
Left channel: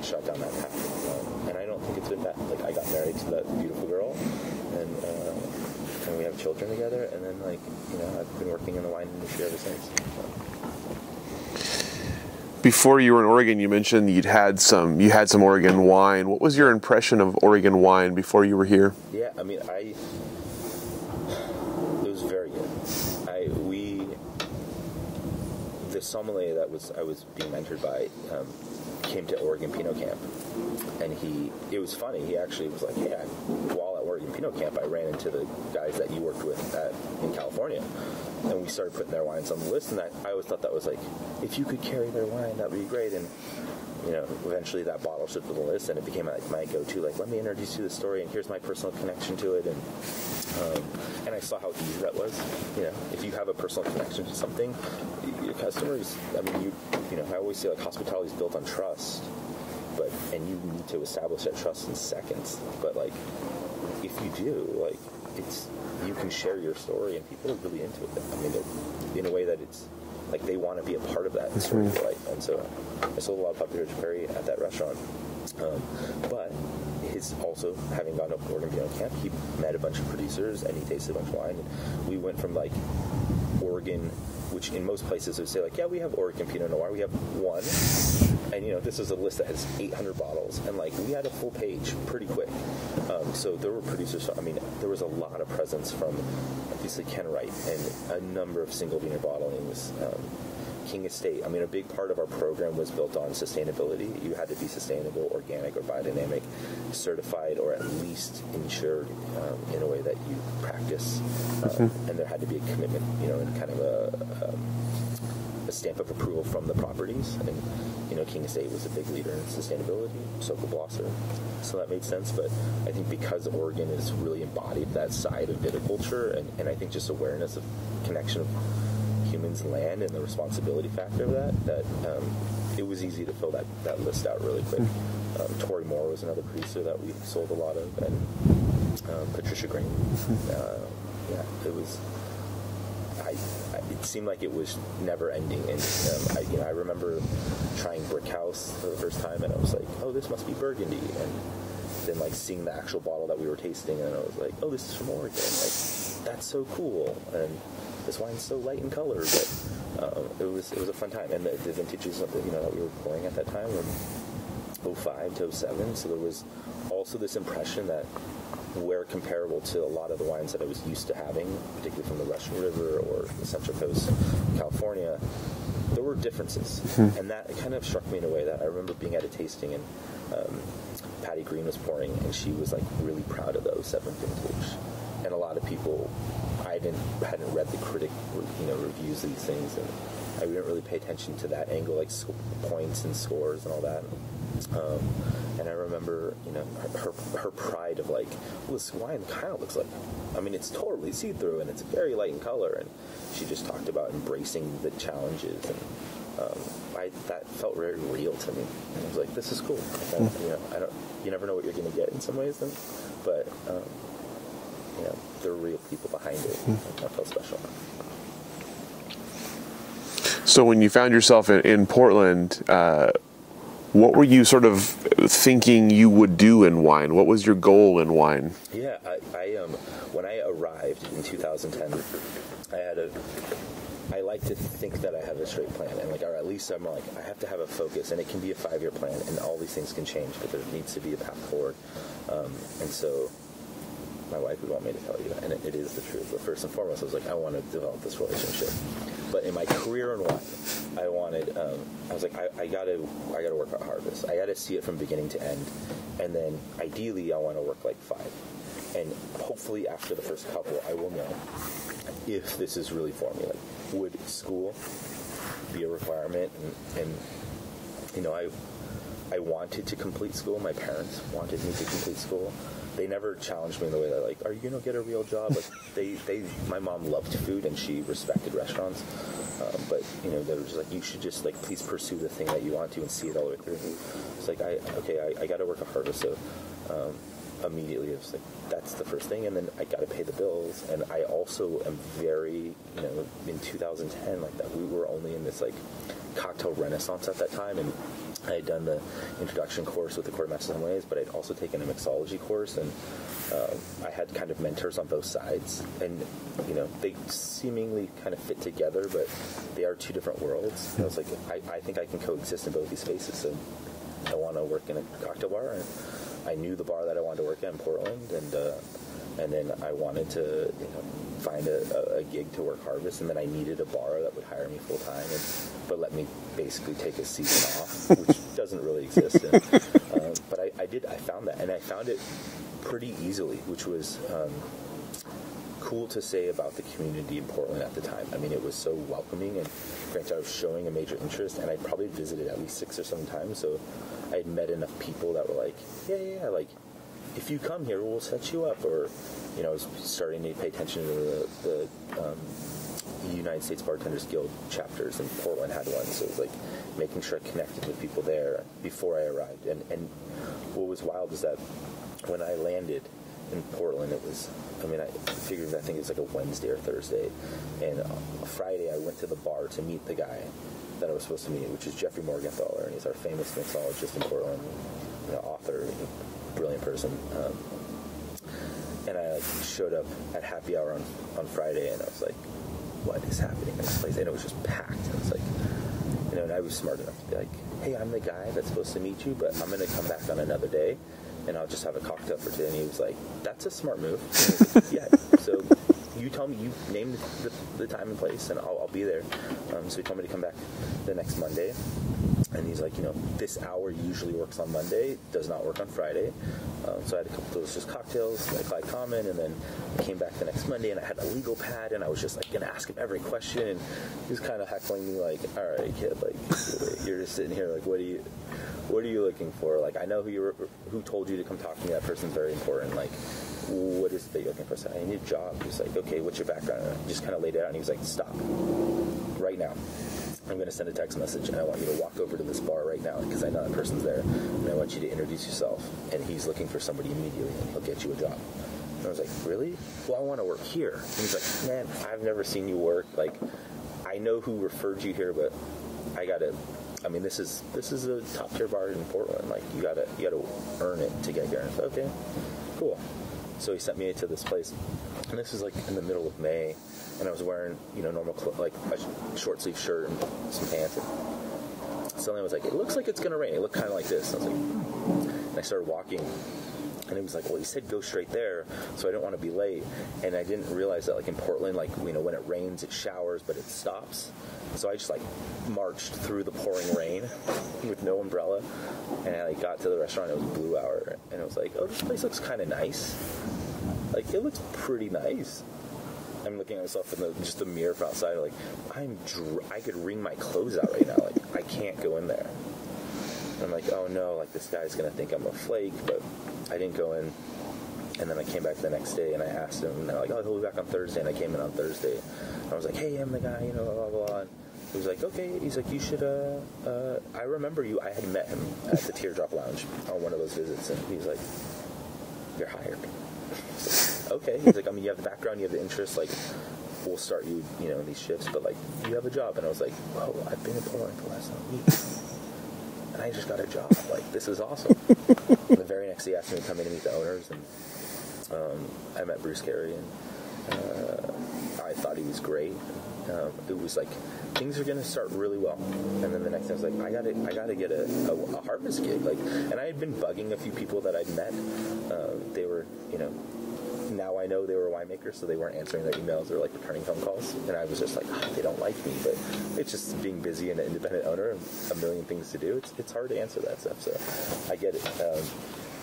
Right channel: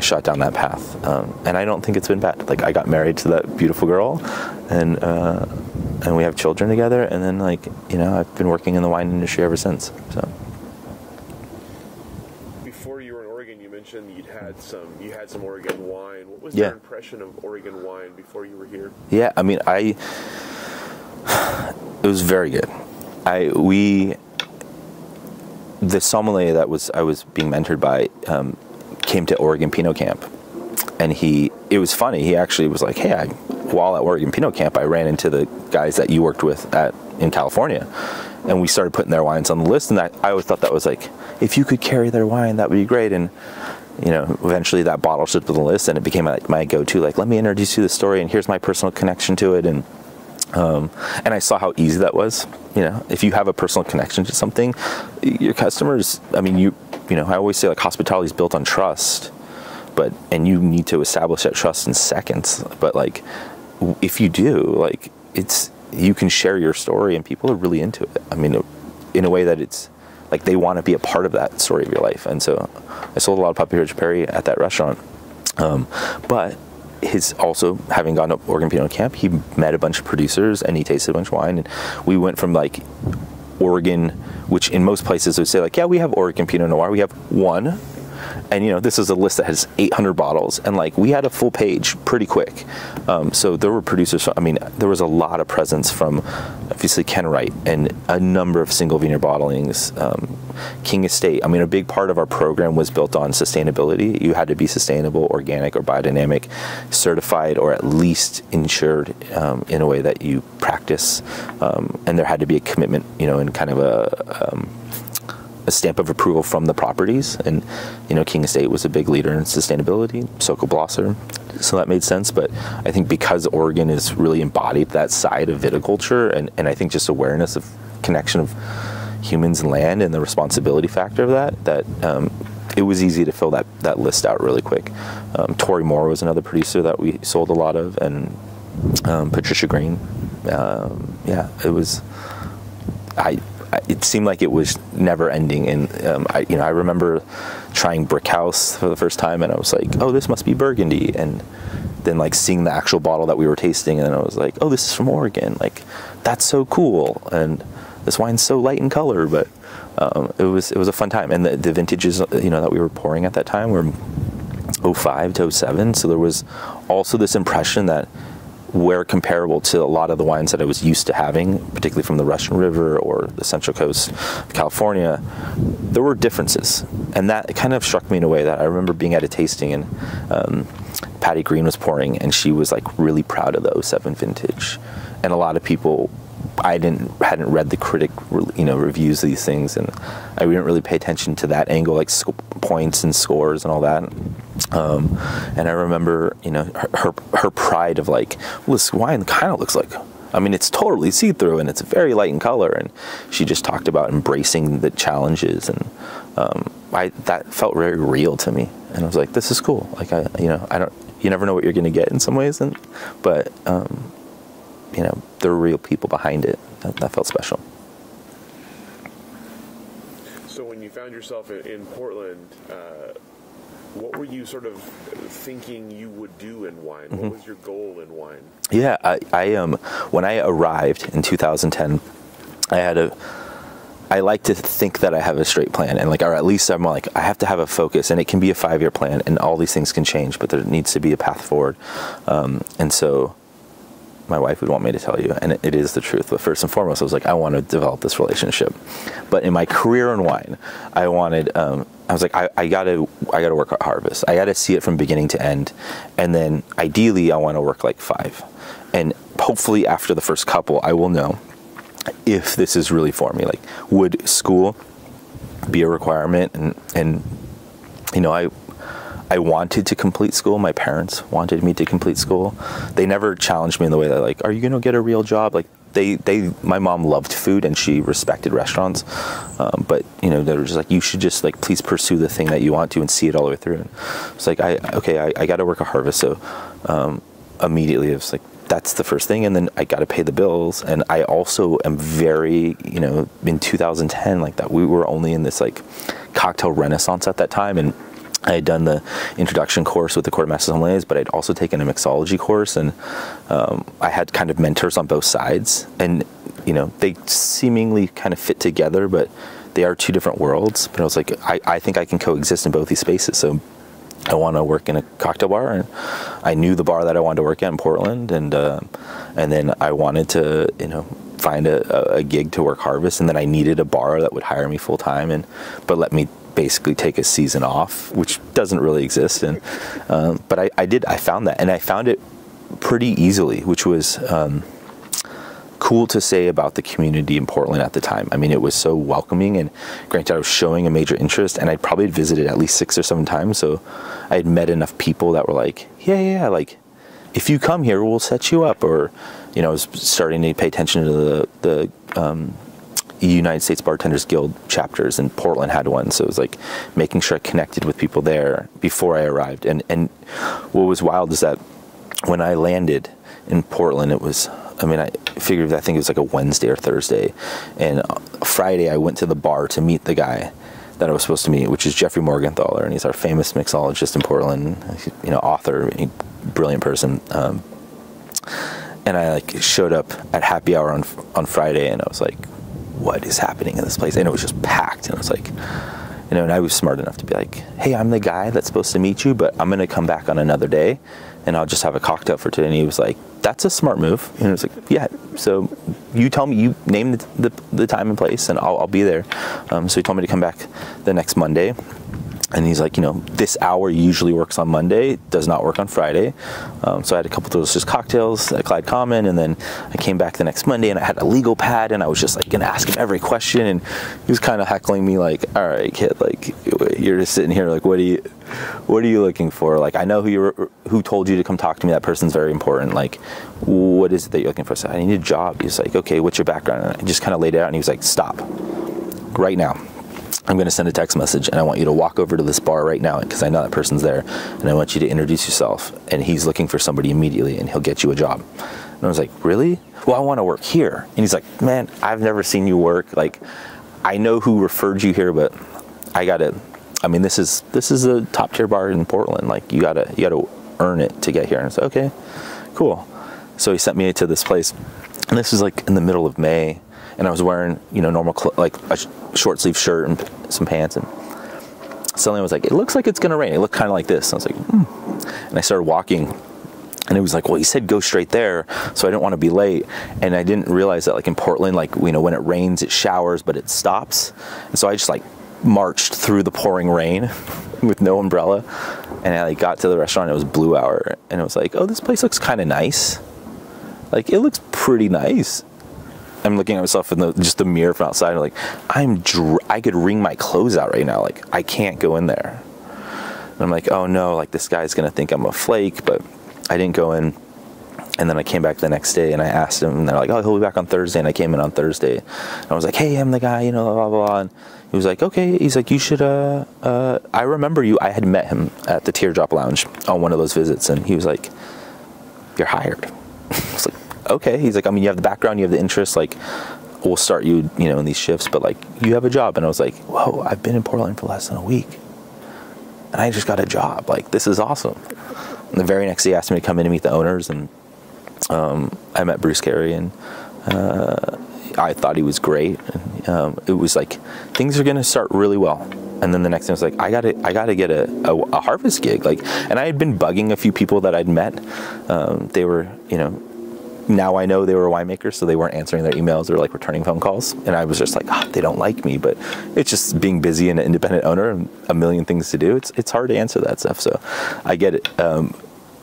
shot down that path, and I don't think it's been bad. Like I got married to that beautiful girl, and we have children together, and then like, you know, I've been working in the wine industry ever since. So. Before you were in Oregon, you mentioned you had some Oregon wine. What was your impression of Oregon wine before you were here? Yeah, I mean, it was very good. The sommelier that I was being mentored by came to Oregon Pinot Camp, and it was funny. He actually was like, hey, while at Oregon Pinot Camp, I ran into the guys that you worked with in California. And we started putting their wines on the list, and I always thought that was like, if you could carry their wine, that would be great. And, you know, eventually that bottle slipped to the list, and it became like my go-to, like, let me introduce you to the story, and here's my personal connection to it. And I saw how easy that was. You know, if you have a personal connection to something, your customers, I mean, you know, I always say like hospitality is built on trust, and you need to establish that trust in seconds. But like, if you do, like, you can share your story, and people are really into it. I mean, in a way that it's like they want to be a part of that story of your life. And so I sold a lot of Puppy Ridge Perry at that restaurant. But his also having gone to Oregon Pinot Camp, he met a bunch of producers and he tasted a bunch of wine. And we went from like Oregon, which in most places would say like, yeah, we have Oregon Pinot Noir. We have one. And, this is a list that has 800 bottles, and like we had a full page pretty quick. So there were producers. There was a lot of presence from obviously Ken Wright and a number of single vineyard bottlings. King Estate. A big part of our program was built on sustainability. You had to be sustainable, organic, or biodynamic, certified, or at least insured in a way that you practice. And there had to be a commitment, and kind of a stamp of approval from the properties. And, King Estate was a big leader in sustainability, Soko Blosser. So that made sense. But I think because Oregon is really embodied that side of viticulture, and I think just awareness of connection of humans and land and the responsibility factor of that it was easy to fill that list out really quick. Tory Moore was another producer that we sold a lot of, and Patricia Green. It was, it seemed like it was never ending. And I remember trying Brickhouse for the first time, and I was like, oh, this must be Burgundy. And then like seeing the actual bottle that we were tasting, and I was like, oh, this is from Oregon. Like, that's so cool. And this wine's so light in color, but it was a fun time. And the vintages, that we were pouring at that time were 05 to 07. So there was also this impression that we're comparable to a lot of the wines that I was used to having, particularly from the Russian River or the Central Coast of California. There were differences. And that kind of struck me in a way that I remember being at a tasting, and Patty Green was pouring, and she was like really proud of the 07 vintage. And a lot of people, I hadn't read the critic, reviews of these things, and I didn't really pay attention to that angle, like points and scores and all that. And I remember, her pride of like, well, this wine kind of looks like, it's totally see-through and it's very light in color. And she just talked about embracing the challenges, and that felt very real to me. And I was like, this is cool. Like, you never know what you're going to get in some ways, but there were real people behind it. That felt special. So when you found yourself in Portland, what were you sort of thinking you would do in wine? What was your goal in wine? Yeah, I when I arrived in 2010, I like to think that I have a straight plan, and or at least I'm like, I have to have a focus, and it can be a 5-year plan, and all these things can change, but there needs to be a path forward. And so my wife would want me to tell you, and it is the truth. But first and foremost, I was like, I want to develop this relationship. But in my career in wine, I wanted, I was like, I gotta work at Harvest. I gotta see it from beginning to end. And then ideally, I want to work like 5. And hopefully after the first couple, I will know if this is really for me. Like, would school be a requirement? And I wanted to complete school. My parents wanted me to complete school. They never challenged me in the way that, like, are you going to get a real job? Like, my mom loved food and she respected restaurants. But, they were just like, you should just, like, please pursue the thing that you want to and see it all the way through. And it's like, I got to work at Harvest. So immediately it was like, that's the first thing. And then I got to pay the bills. And I also am very, in 2010, like that, we were only in this, like, cocktail renaissance at that time. And I had done the introduction course with the Court of Master Sommeliers, but I'd also taken a mixology course, and I had kind of mentors on both sides, and they seemingly kind of fit together, but they are two different worlds. But I was like, I think I can coexist in both these spaces. So I want to work in a cocktail bar, and I knew the bar that I wanted to work at in Portland, and then I wanted to find a gig to work Harvest, and then I needed a bar that would hire me full time, but let me basically take a season off, which doesn't really exist. And but I found that, and I found it pretty easily, which was cool to say about the community in Portland at the time. It was so welcoming, and granted, I was showing a major interest, and I'd probably visited at least 6 or 7 times, so I had met enough people that were like, yeah, like, if you come here, we'll set you up. Or I was starting to pay attention to the United States Bartenders Guild chapters, and Portland had one, so it was like making sure I connected with people there before I arrived. And what was wild is that when I landed in Portland, it was, I think it was like a Wednesday or Thursday, and Friday I went to the bar to meet the guy that I was supposed to meet, which is Jeffrey Morgenthaler, and he's our famous mixologist in Portland, author, brilliant person. And I showed up at happy hour on Friday, and I was like, what is happening in this place? And it was just packed, and I was like, and I was smart enough to be like, hey, I'm the guy that's supposed to meet you, but I'm going to come back on another day, and I'll just have a cocktail for today. And he was like, that's a smart move. And I was like, yeah, so you tell me, you name the time and place, and I'll be there. So he told me to come back the next Monday. And he's like, this hour usually works on Monday, does not work on Friday. So I had a couple of those just cocktails at Clyde Common, and then I came back the next Monday and I had a legal pad, and I was just like gonna ask him every question, and he was kind of heckling me like, all right, kid, like you're just sitting here like, what are you looking for? Like, I know who told you to come talk to me. That person's very important. Like, what is it that you're looking for? So I need a job. He's like, okay, what's your background? And I just kind of laid it out, and he was like, stop right now. I'm going to send a text message, and I want you to walk over to this bar right now, because I know that person's there, and I want you to introduce yourself, and he's looking for somebody immediately, and he'll get you a job. And I was like, really? Well, I want to work here. And he's like, man, I've never seen you work. Like, I know who referred you here, but this is a top tier bar in Portland. Like, you gotta earn it to get here. And I said, okay, cool. So he sent me to this place, and this was like in the middle of May, and I was wearing, normal like a short sleeve shirt and some pants, and suddenly I was like, it looks like it's gonna rain. It looked kind of like this. And I was like, And I started walking, and it was like, well, he said go straight there, so I didn't want to be late. And I didn't realize that, like, in Portland, like, when it rains, it showers, but it stops. And so I just like marched through the pouring rain with no umbrella, and I got to the restaurant. It was Blue Hour, and it was like, oh, this place looks kind of nice. Like, it looks pretty nice. I'm looking at myself in the mirror from outside, and like, I could wring my clothes out right now. Like, I can't go in there. And I'm like, oh no, like, this guy's gonna think I'm a flake. But I didn't go in. And then I came back the next day, and I asked him, and they're like, oh, he'll be back on Thursday. And I came in on Thursday, and I was like, hey, I'm the guy, blah, blah, blah. And he was like, okay. He's like, you should, I remember you. I had met him at the Teardrop Lounge on one of those visits, and he was like, you're hired. I was like, okay. He's like, you have the background, you have the interest, like, we'll start you, in these shifts, but like, you have a job. And I was like, whoa, I've been in Portland for less than a week, and I just got a job. Like, this is awesome. And the very next day, he asked me to come in and meet the owners, and I met Bruce Carey, and I thought he was great. And, it was like, things are gonna start really well. And then the next thing was like, I gotta get a harvest gig. Like, and I had been bugging a few people that I'd met. They were, now I know they were winemakers, so they weren't answering their emails or like returning phone calls. And I was just like, they don't like me. But it's just being busy and an independent owner and a million things to do. It's hard to answer that stuff. So I get it.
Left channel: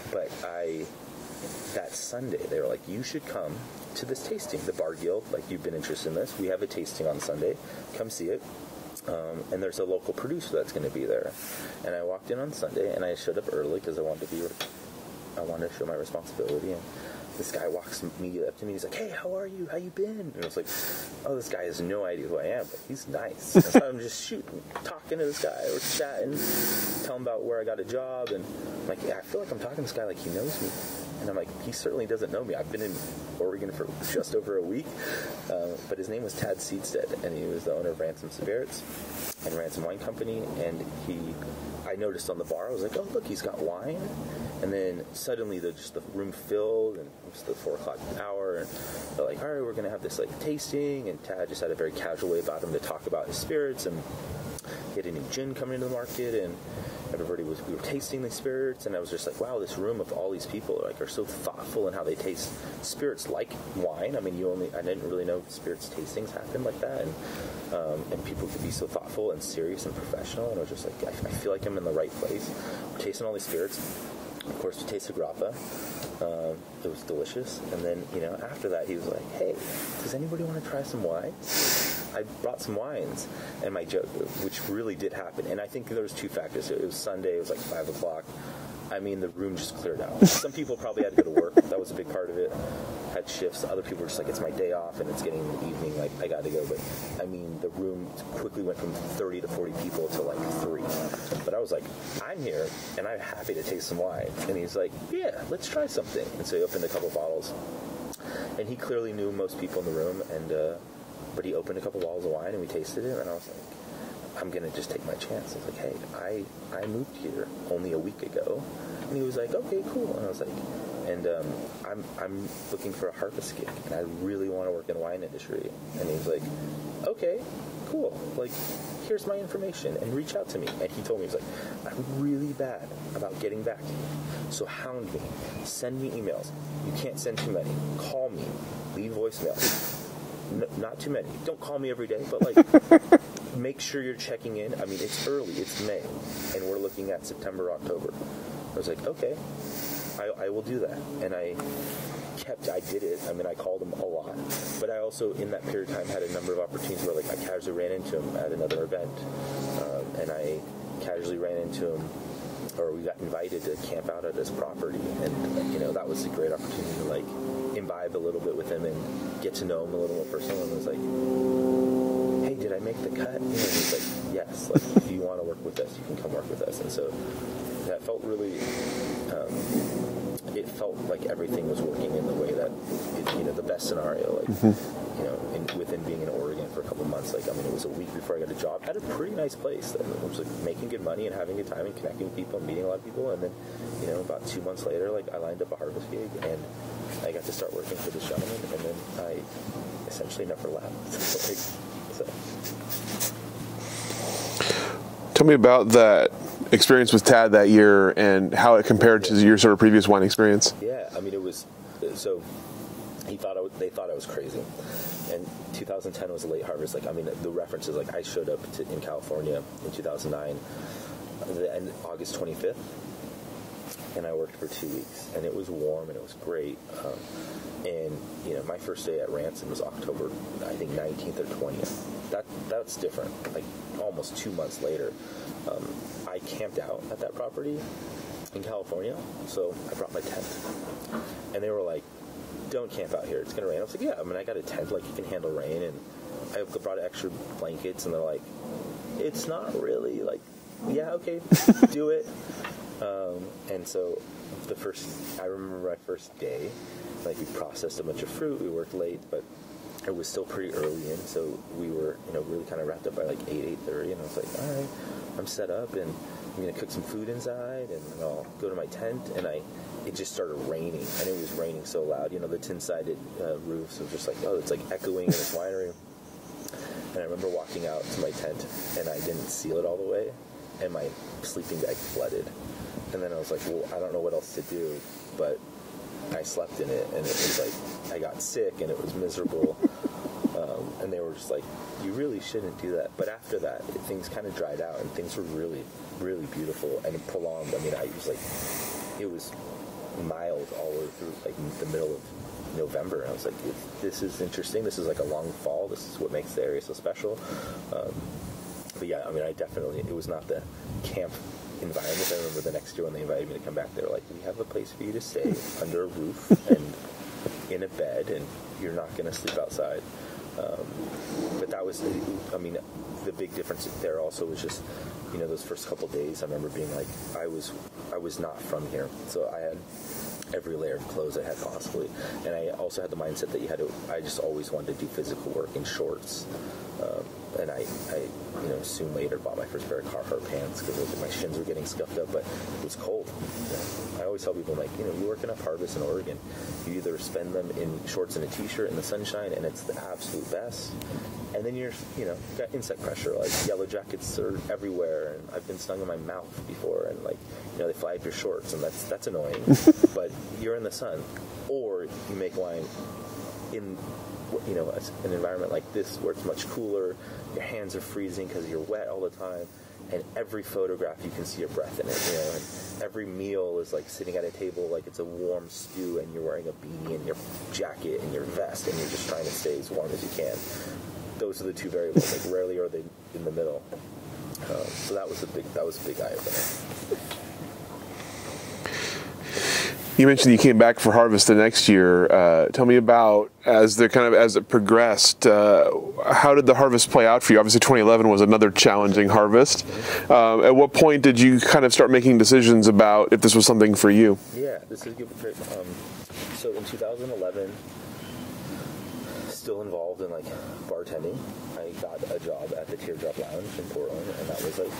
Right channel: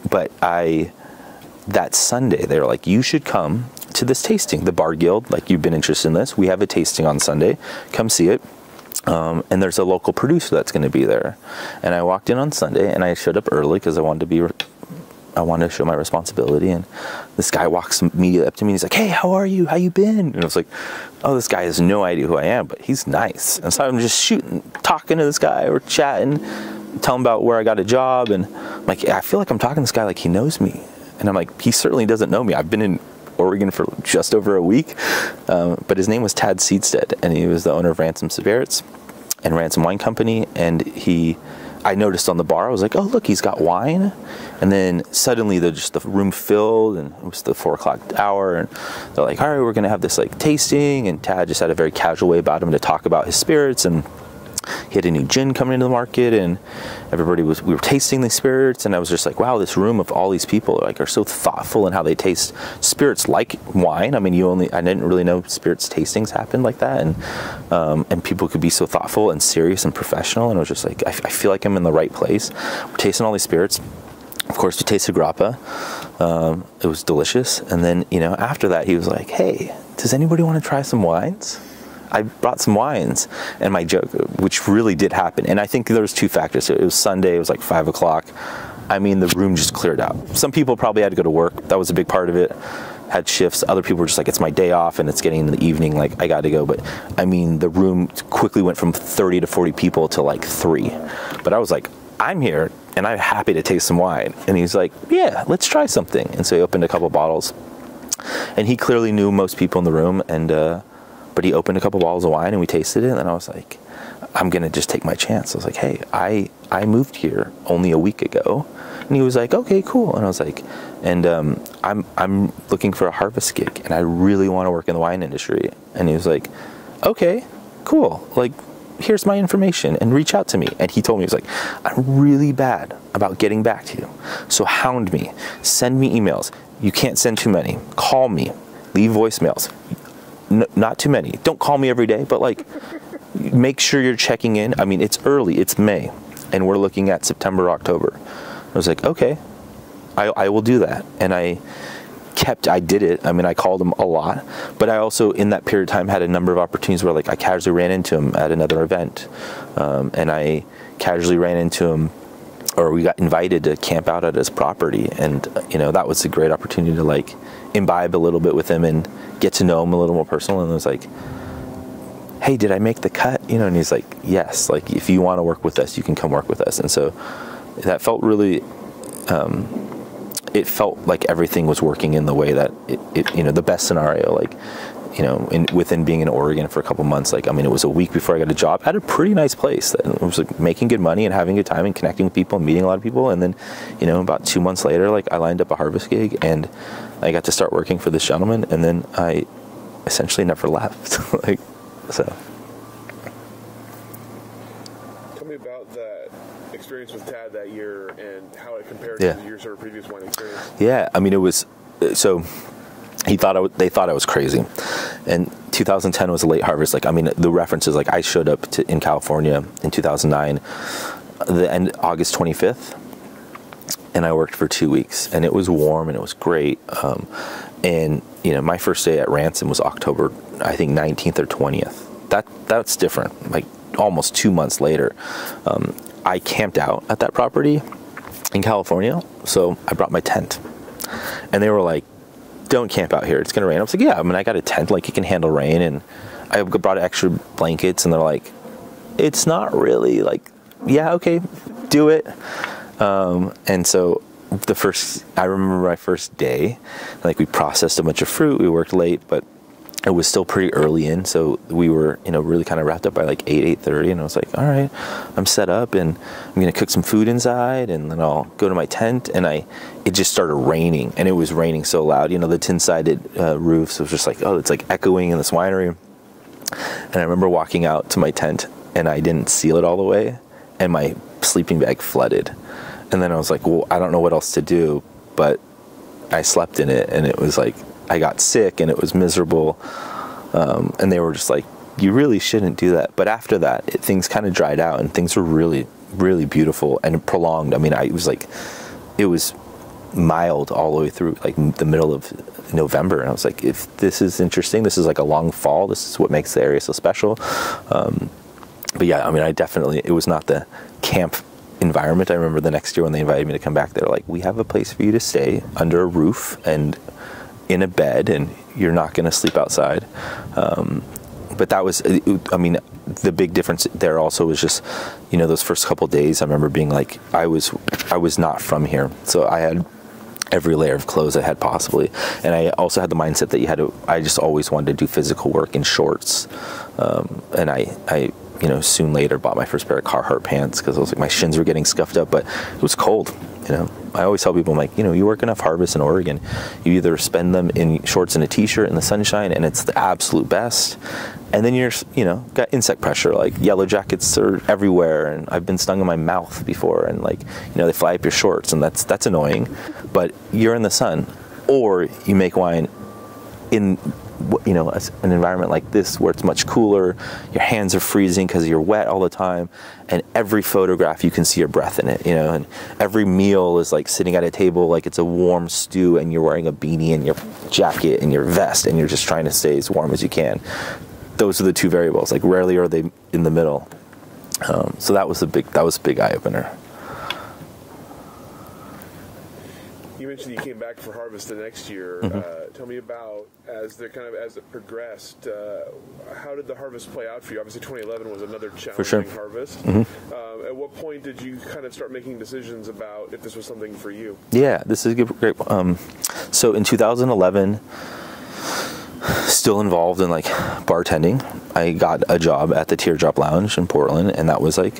But that Sunday, they were like, you should come to this tasting, the Bar Guild. Like, you've been interested in this. We have a tasting on Sunday. Come see it. And there's a local producer that's going to be there. And I walked in on Sunday, and I showed up early because I wanted to show my responsibility. And this guy walks immediately up to me. And he's like, hey, how are you? How you been? And I was like, oh, this guy has no idea who I am, but he's nice. And so I'm just talking to this guy, or chatting, telling him about where I got a job. And I'm like, I feel like I'm talking to this guy like he knows me. And I'm like, he certainly doesn't know me. I've been in Oregon for just over a week. But his name was Tad Seedstead, and he was the owner of Ransom Spirits and Ransom Wine Company. And I noticed on the bar, I was like, oh, look, he's got wine. And then suddenly the room filled, and it was the 4:00 hour, and they're like, all right, we're gonna have this like tasting. And Tad just had a very casual way about him to talk about his spirits, and he had a new gin coming into the market, and we were tasting the spirits, and I was just like, wow, this room of all these people are so thoughtful in how they taste spirits like wine. I didn't really know spirits tastings happened like that, and people could be so thoughtful and serious and professional. And I was just like, I feel like I'm in the right place. We're tasting all these spirits. Of course, we tasted grappa. It was delicious. And then, after that, he was like, hey, does anybody want to try some wines? I brought some wines, and my joke, which really did happen, and I think there was two factors. It was Sunday, it was like 5 o'clock. The room just cleared out. Some people probably had to go to work. That was a big part of it. Had shifts. Other people were just like, it's my day off, and it's getting into the evening, like, I got to go. But, the room quickly went from 30 to 40 people to like 3. But I was like, I'm here, and I'm happy to taste some wine. And he's like, yeah, let's try something. And so he opened a couple bottles, and he clearly knew most people in the room, but he opened a couple bottles of wine, and we tasted it, and I was like, I'm going to just take my chance. I was like, hey, I moved here only a week ago. And he was like, okay, cool. And I was like, and I'm looking for a harvest gig, and I really want to work in the wine industry. And he was like, okay, cool. Like, here's my information and reach out to me. And he told me, he was like, I'm really bad about getting back to you. So hound me, send me emails. You can't send too many. Call me, leave voicemails. Not too many. Don't call me every day, but like, make sure you're checking in. I mean, it's early, it's May, and we're looking at September, October. I was like, okay, I will do that. And I did it. I mean, I called him a lot, but I also, in that period of time, had a number of opportunities where like I casually ran into him at another event. And I casually ran into him, or we got invited to camp out at his property. And, you know, that was a great opportunity to like imbibe a little bit with him and get to know him a little more personal. And it was like, hey, did I make the cut? You know, and he's like, yes, like if you want to work with us, you can come work with us. And so that felt really, it felt like everything was working in the way that it you know, the best scenario, like, you know, within being in Oregon for a couple months, like, I mean, it was a week before I got a job at a pretty nice place that was like making good money and having a good time and connecting with people and meeting a lot of people. And then, you know, about 2 months later, like I lined up a harvest gig and I got to start working for this gentleman, and then I essentially never left. Like, so. Tell me about that experience with Tad that year and how it compared to your sort of previous wine experience. Yeah, I mean, it was, so they thought I was crazy. And 2010 was a late harvest. Like, I mean, the references, like I showed up in California in 2009, the end, August 25th. And I worked for 2 weeks, and it was warm and it was great. And you know, my first day at Ransom was October, I think 19th or 20th. That's different. Like almost 2 months later, I camped out at that property in California. So I brought my tent, and they were like, "Don't camp out here. It's gonna rain." I was like, "Yeah, I mean, I got a tent. Like it can handle rain." And I brought extra blankets, and they're like, "It's not really like, yeah, okay, do it." And so I remember my first day, like we processed a bunch of fruit, we worked late, but it was still pretty early in. So we were, you know, really kind of wrapped up by like 8:30. And I was like, all right, I'm set up and I'm going to cook some food inside and then I'll go to my tent. And it just started raining, and it was raining so loud, you know, the tin-sided roofs. It was just like, oh, it's like echoing in this winery. And I remember walking out to my tent and I didn't seal it all the way, and my sleeping bag flooded. And then I was like, well, I don't know what else to do, but I slept in it, and it was like, I got sick, and it was miserable. And they were just like, you really shouldn't do that. But after that, things kind of dried out, and things were really, really beautiful and prolonged. I mean, it was mild all the way through, like the middle of November. And I was like, if this is interesting, this is like a long fall. This is what makes the area so special. But yeah, I mean, it was not the camp environment. I remember the next year when they invited me to come back, they were like, we have a place for you to stay under a roof and in a bed, and you're not going to sleep outside. But that was, I mean, the big difference there also was just, you know, those first couple of days, I remember being like, I was not from here. So I had every layer of clothes I had possibly. And I also had the mindset that I just always wanted to do physical work in shorts. And I you know, soon later bought my first pair of Carhartt pants because I was like, my shins were getting scuffed up, but it was cold. You know, I always tell people, I'm like, you know, you work enough harvests in Oregon, you either spend them in shorts and a t-shirt in the sunshine, and it's the absolute best. And then you're, you know, got insect pressure, like yellow jackets are everywhere, and I've been stung in my mouth before, and like, you know, they fly up your shorts, and that's annoying. But you're in the sun, or you make wine in, you know, an environment like this where it's much cooler, your hands are freezing because you're wet all the time, and every photograph you can see your breath in it, you know, and every meal is like sitting at a table like it's a warm stew, and you're wearing a beanie and your jacket and your vest, and you're just trying to stay as warm as you can. Those are the two variables. Like rarely are they in the middle. So that was a big eye opener. You mentioned you came back for harvest the next year. Mm-hmm. Tell me about, as it progressed, how did the harvest play out for you? Obviously 2011 was another challenging harvest. Mm-hmm. At what point did you kind of start making decisions about if this was something for you? Yeah, this is great. So in 2011, still involved in like bartending, I got a job at the Teardrop Lounge in Portland, and that was like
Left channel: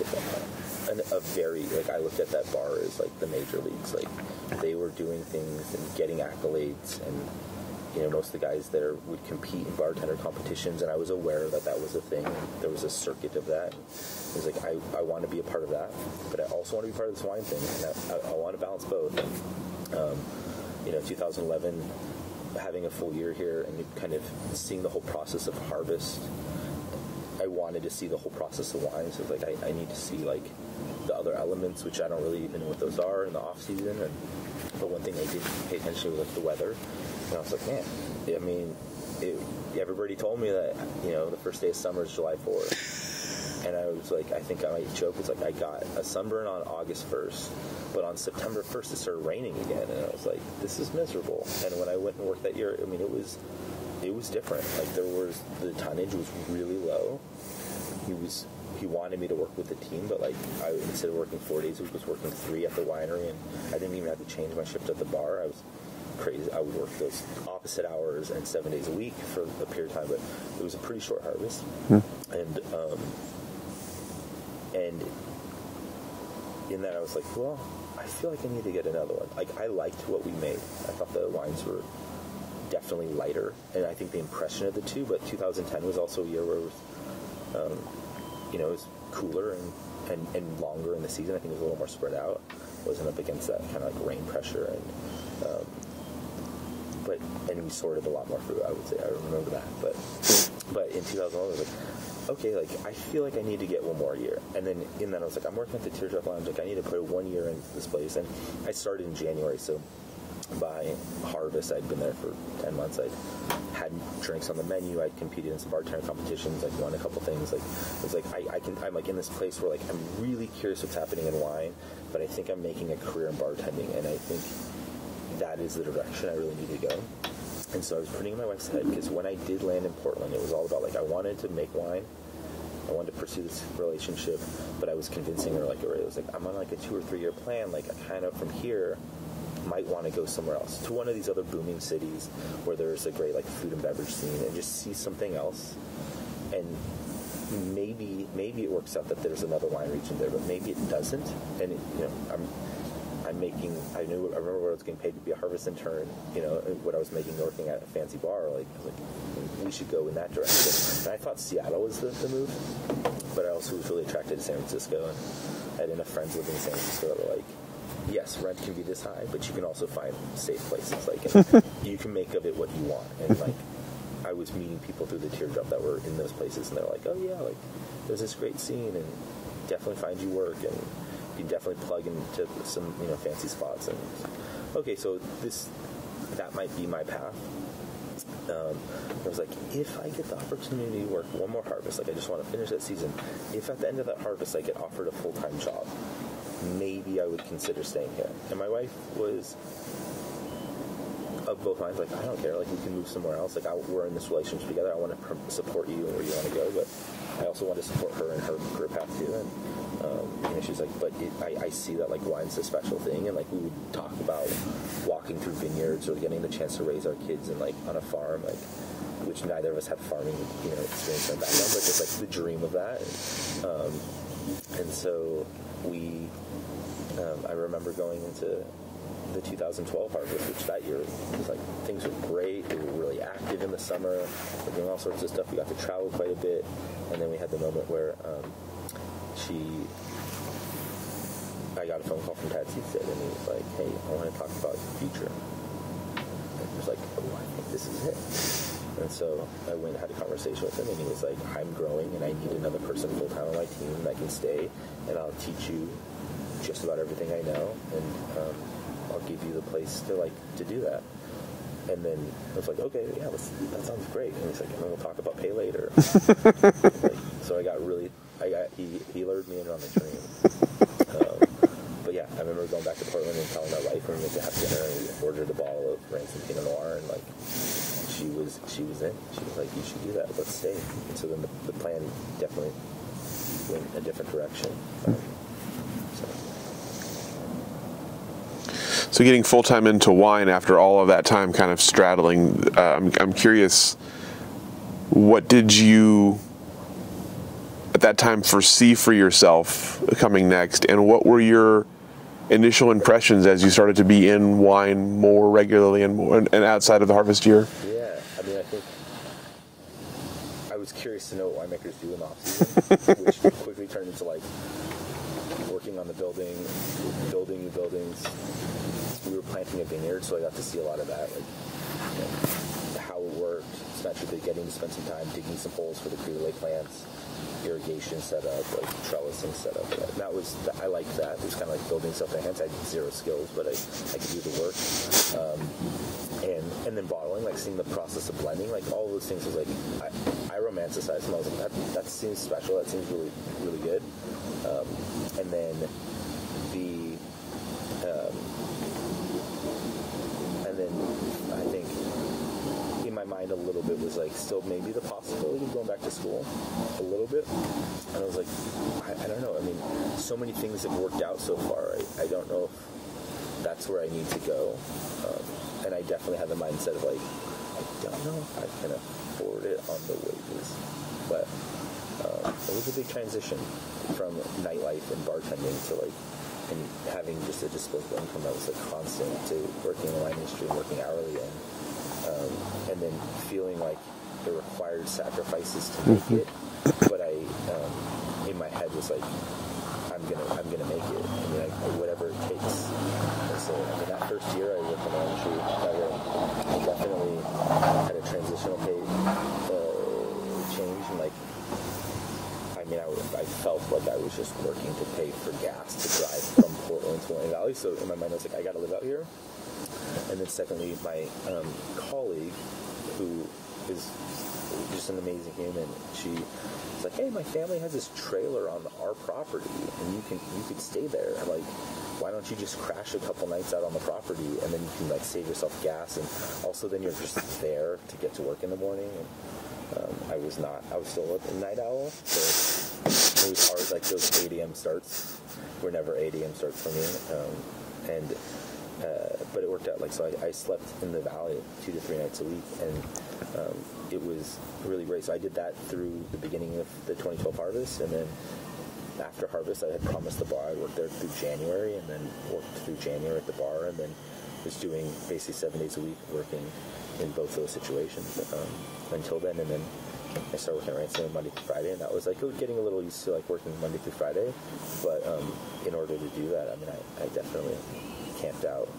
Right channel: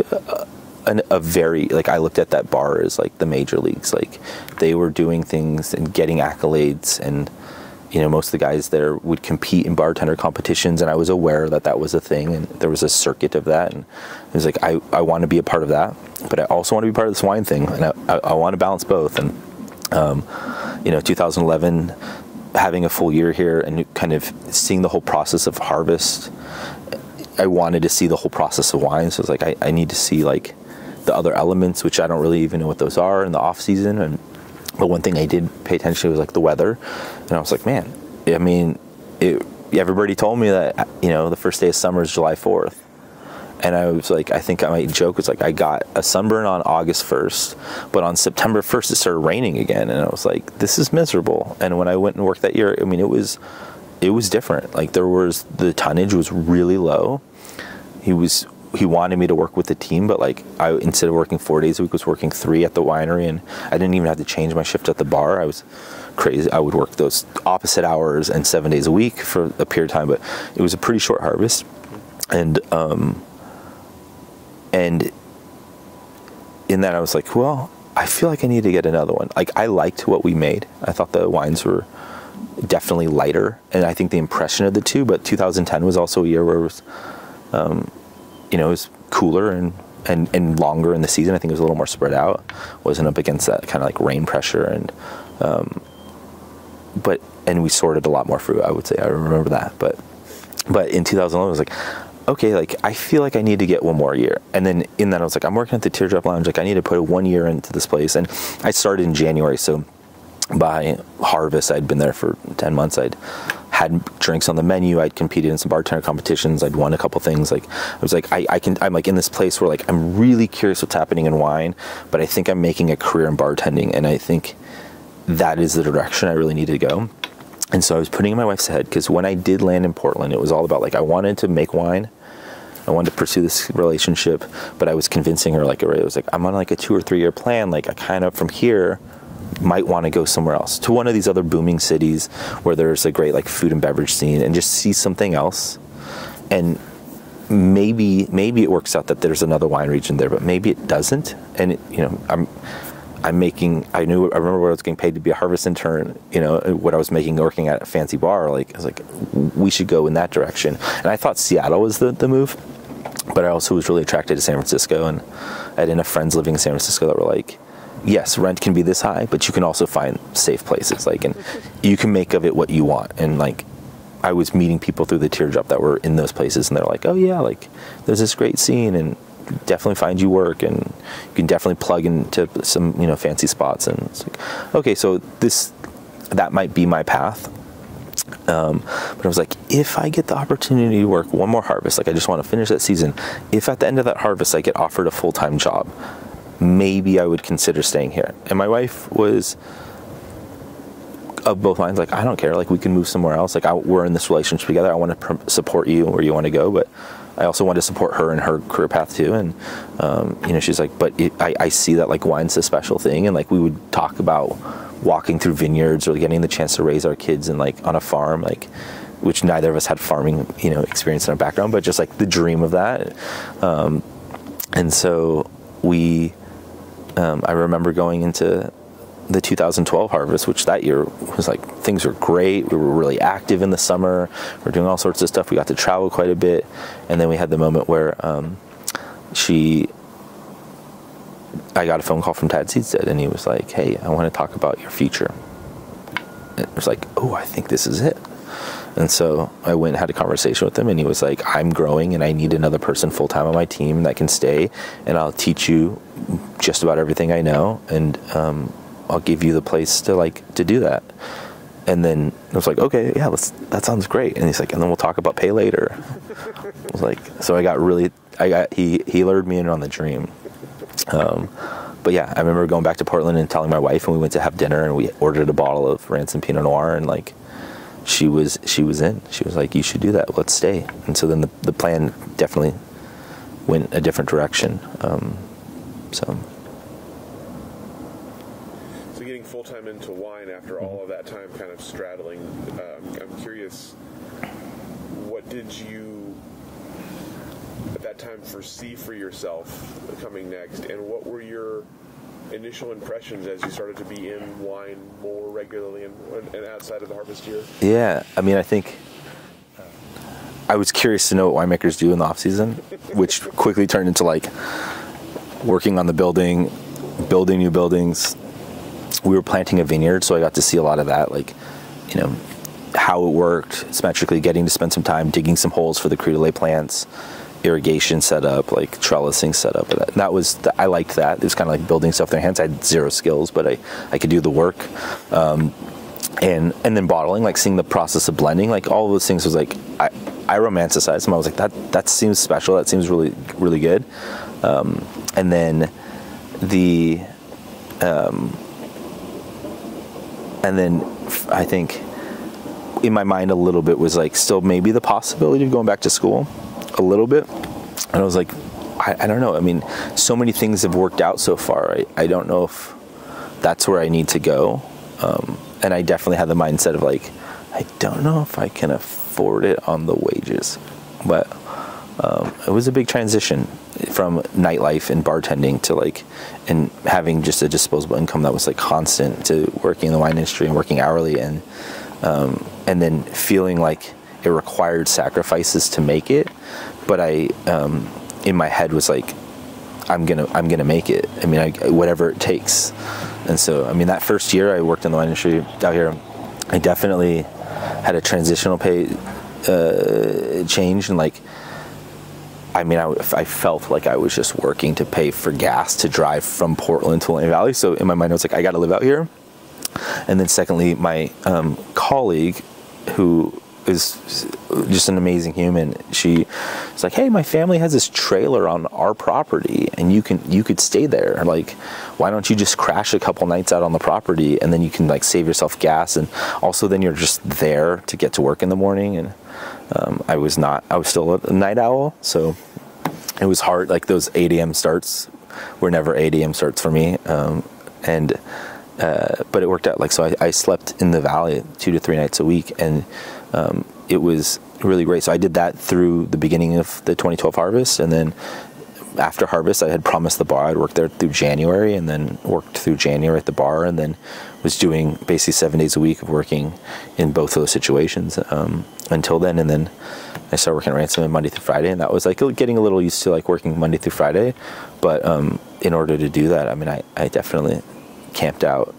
a very, like, I looked at that bar as like the major leagues. Like they were doing things and getting accolades, and most of the guys there would compete in bartender competitions, and I was aware that that was a thing, and there was a circuit of that, and it was like, I want to be a part of that, but I also want to be part of this wine thing, and I want to balance both. And 2011, having a full year here and kind of seeing the whole process of harvest, I wanted to see the whole process of wine. So it's like, I need to see like the other elements, which I don't really even know what those are in the off season. But one thing I did pay attention to was like the weather. And I was like, man, I mean, everybody told me that, the first day of summer is July 4th. And I was like, I think I might joke, it's like I got a sunburn on August 1st, but on September 1st it started raining again. And I was like, this is miserable. And when I went and worked that year, I mean, it was different. Like the tonnage was really low. He wanted me to work with the team, but like instead of working 4 days a week, was working 3 at the winery, and I didn't even have to change my shift at the bar. I was crazy. I would work those opposite hours and 7 days a week for a period of time, but it was a pretty short harvest. Mm-hmm. And in that I was like, well, I feel like I need to get another one. Like, I liked what we made. I thought the wines were definitely lighter, and I think the impression of the two, but 2010 was also a year where it was, it was cooler and longer in the season. I think it was a little more spread out. Wasn't up against that kind of like rain pressure, and we sorted a lot more fruit, I would say. I remember that. But in 2011, I was like, okay, like I feel like I need to get one more year. And then in that I was like, I'm working at the Teardrop Lounge, like I need to put 1 year into this place. And I started in January, so by harvest I'd been there for 10 months. I'd had drinks on the menu, I'd competed in some bartender competitions, I'd won a couple things. Like I was like, I'm like in this place where like I'm really curious what's happening in wine, but I think I'm making a career in bartending, and I think that is the direction I really need to go. And so I was putting in my wife's head, because when I did land in Portland, it was all about like, I wanted to make wine, I wanted to pursue this relationship, but I was convincing her, like, it was like, I'm on like a 2 or 3 year plan. Like I kind of from here might want to go somewhere else, to one of these other booming cities where there's a great like food and beverage scene, and just see something else. And maybe it works out that there's another wine region there, but maybe it doesn't. And I remember what I was getting paid to be a harvest intern, what I was making working at a fancy bar. Like, I was like, we should go in that direction. And I thought Seattle was the move, but I also was really attracted to San Francisco. And I had enough friends living in San Francisco that were like, yes, rent can be this high, but you can also find safe places. Like, and you can make of it what you want. And like, I was meeting people through the Teardrop that were in those places, and they're like, oh yeah, like there's this great scene, and definitely find you work, and you can definitely plug into some fancy spots. And it's like, okay, so that might be my path. But I was like, if I get the opportunity to work one more harvest, like I just want to finish that season, if at the end of that harvest I get offered a full-time job, maybe I would consider staying here. And my wife was of both minds, like, I don't care, like we can move somewhere else, like we're in this relationship together, I want to support you where you want to go, but I also want to support her in her career path too. And she's like, but I see that like wine's a special thing, and like we would talk about walking through vineyards or getting the chance to raise our kids in like on a farm, like, which neither of us had farming experience in our background, but just like the dream of that. And so I remember going into the 2012 harvest, which that year was like, things were great. We were really active in the summer. We were doing all sorts of stuff. We got to travel quite a bit. And then we had the moment where I got a phone call from Tad Seedstead, and he was like, hey, I want to talk about your future. And it was like, oh, I think this is it. And so I went and had a conversation with him, and he was like, I'm growing and I need another person full-time on my team that can stay, and I'll teach you just about everything I know, and I'll give you the place to do that. And then I was like, okay, yeah, that sounds great. And he's like, and then we'll talk about pay later. I was like, so he lured me in on the dream. But yeah, I remember going back to Portland and telling my wife, and we went to have dinner, and we ordered a bottle of Ransom Pinot Noir, and like, she was in. She was like, you should do that. Let's stay. And so then the plan definitely went a different direction. So getting full-time into wine after all of that time kind of straddling, I'm curious, what did you at that time foresee for yourself coming next, and what were your initial impressions as you started to be in wine more regularly and outside of the harvest year? Yeah, I mean, I think I was curious to know what winemakers do in the off season, which quickly turned into like working on the building, building new buildings. We were planting a vineyard, so I got to see a lot of that, like, you know, how it worked symmetrically, getting to spend some time digging some holes for the Cru de lait plants, irrigation setup, like trellising setup. I liked that. It was kind of like building stuff with their hands. I had zero skills, but I could do the work. And then bottling, like seeing the process of blending, like all of those things was like, I romanticized them. I was like, that seems special. That seems really, really good. And then I think in my mind a little bit was like still maybe the possibility of going back to school a little bit. And I was like, I don't know. I mean, so many things have worked out so far. I don't know if that's where I need to go. And I definitely had the mindset of like, I don't know if I can afford it on the wages. But it was a big transition from nightlife and bartending to like, and having just a disposable income that was like constant, to working in the wine industry and working hourly, and then feeling like it required sacrifices to make it. But I, in my head was like, I'm gonna make it. I mean, whatever it takes. And so, I mean, that first year I worked in the wine industry out here, I definitely had a transitional pay change, and like, I mean, I felt like I was just working to pay for gas to drive from Portland to William Valley. So in my mind, I was like, I got to live out here. And then secondly, my colleague, who is just an amazing human, she was like, hey, my family has this trailer on our property, and you could stay there. Like, why don't you just crash a couple nights out on the property, and then you can like save yourself gas, and also then you're just there to get to work in the morning. And I was still a night owl, so it was hard. Like those 8 a.m. starts were never 8 a.m. starts for me. But it worked out. Like, so I slept in the valley 2 to 3 nights a week, and it was really great. So I did that through the beginning of the 2012 harvest, and then after harvest, I had promised the bar I'd work there through January, and then worked through January at the bar, and then was doing basically 7 days a week of working in both of those situations until then. And then I started working at Ransom Monday through Friday, and that was like getting a little used to like working Monday through Friday. But in order to do that, I mean, I definitely camped out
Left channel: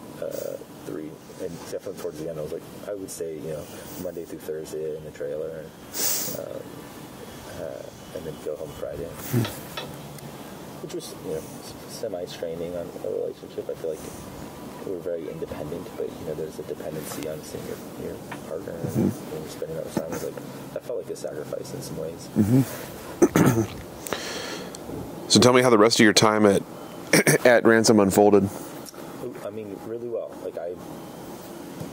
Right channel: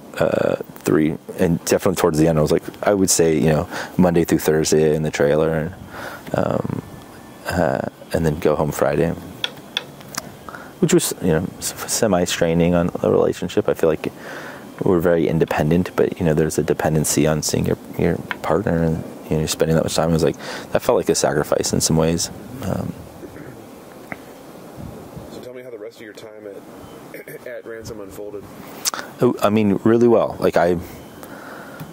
3, and definitely towards the end, I was like, I would say, you know, Monday through Thursday in the trailer, and then go home Friday, which was, you know, semi-straining on a relationship. I feel like we're very independent, but, you know, there's a dependency on seeing your partner, and, you know, you're spending that much time. I was like, that felt like a sacrifice in some ways. Mm-hmm. So tell me how the rest of your time at Ransom unfolded. I mean, really well. Like, I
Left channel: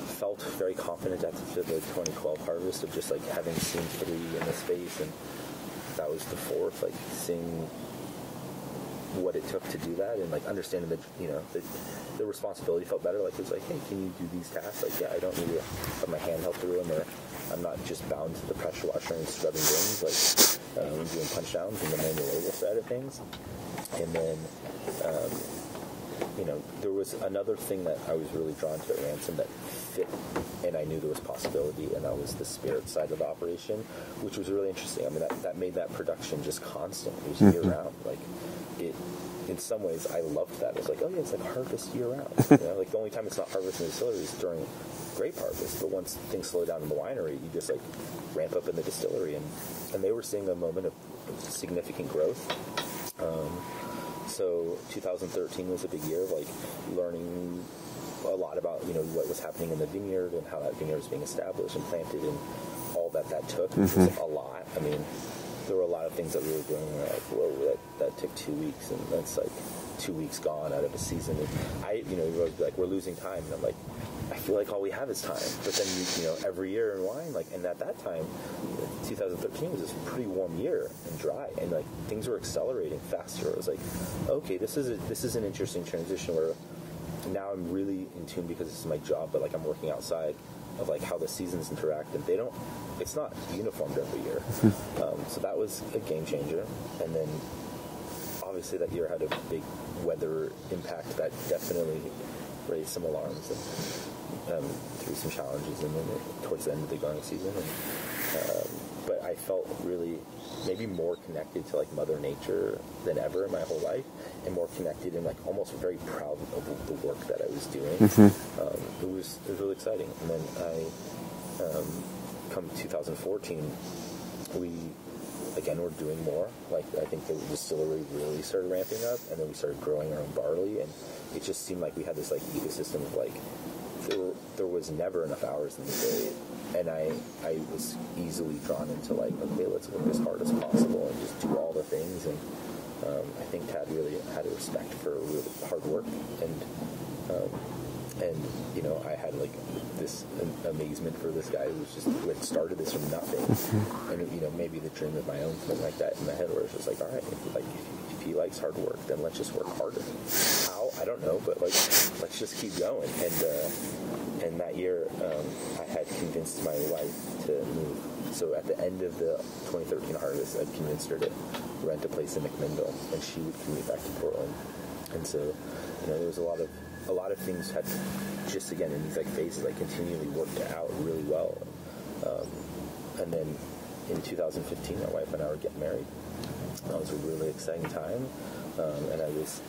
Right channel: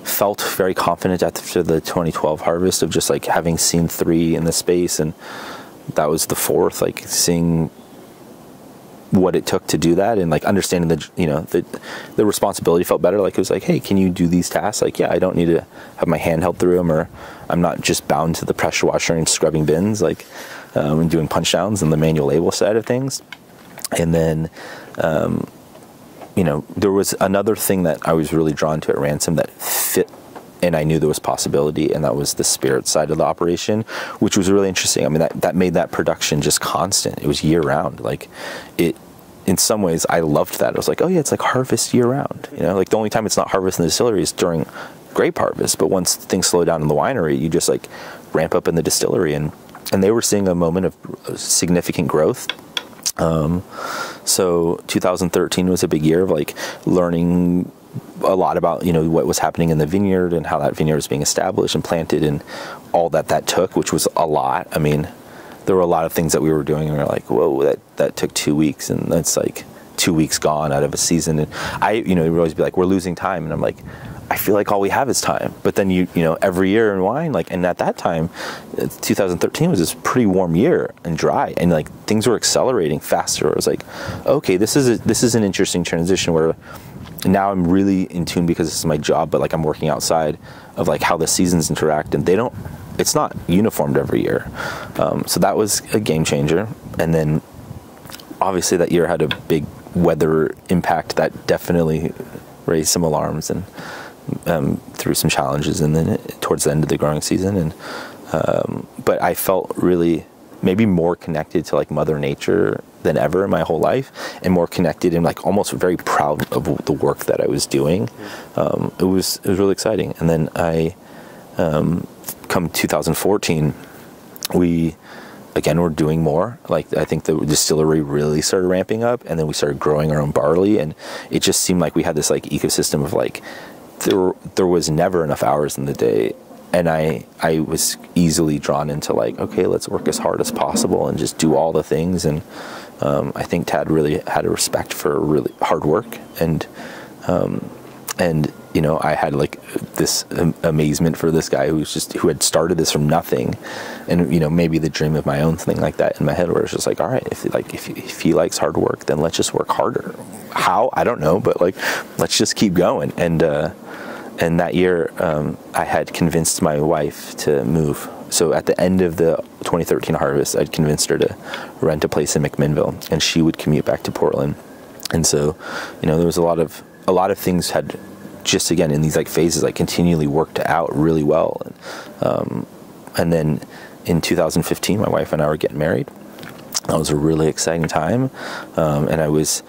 felt very confident after the 2012 harvest of just like having seen 3 in the space, and that was the 4th, like seeing what it took to do that, and like understanding the, you know, the responsibility felt better. Like, it was like, hey, can you do these tasks? Like, yeah, I don't need to have my hand held through them, or I'm not just bound to the pressure washer and scrubbing bins, like, and doing punch downs and the manual label side of things. And then, you know, there was another thing that I was really drawn to at Ransom that fit, and I knew there was possibility, and that was the spirit side of the operation, which was really interesting. I mean, that made that production just constant. It was year round. Like, it, in some ways, I loved that. I was like, oh yeah, it's like harvest year round. You know, like the only time it's not harvest in the distillery is during grape harvest. But once things slow down in the winery, you just like ramp up in the distillery, and they were seeing a moment of significant growth. So 2013 was a big year of like learning a lot about, you know, what was happening in the vineyard and how that vineyard was being established and planted, and all that took, which was a lot. I mean, there were a lot of things that we were doing, and we were like, whoa, that took 2 weeks, and that's like 2 weeks gone out of a season. And I, you know, it would always be like, we're losing time, and I'm like, I feel like all we have is time. But then you know, every year in wine, like, and at that time, 2013 was this pretty warm year and dry, and like things were accelerating faster. I was like, okay, this is an interesting transition where now I'm really in tune, because this is my job, but like I'm working outside of like how the seasons interact, and it's not uniformed every year. So that was a game changer. And then obviously that year had a big weather impact that definitely raised some alarms and through some challenges, and then towards the end of the growing season. And but I felt really maybe more connected to like Mother Nature than ever in my whole life, and more connected and like almost very proud of the work that I was doing. It was really exciting. And then I come 2014, we again were doing more. Like I think the distillery really started ramping up, and then we started growing our own barley, and it just seemed like we had this like ecosystem of like there was never enough hours in the day. And I was easily drawn into like, okay, let's work as hard as possible and just do all the things. And I think Tad really had a respect for really hard work. And you know, I had like this amazement for this guy who had started this from nothing. And, you know, maybe the dream of my own thing like that in my head, where it's just like, all right, if he likes hard work, then let's just work harder. How? I don't know, but like, let's just keep going. And that year, I had convinced my wife to move. So at the end of the 2013 harvest, I'd convinced her to rent a place in McMinnville, and she would commute back to Portland. And so, you know, there was a lot of things had just, again, in these like phases, like continually worked out really well. And then in 2015, my wife and I were getting married. That was a really exciting time. And I was,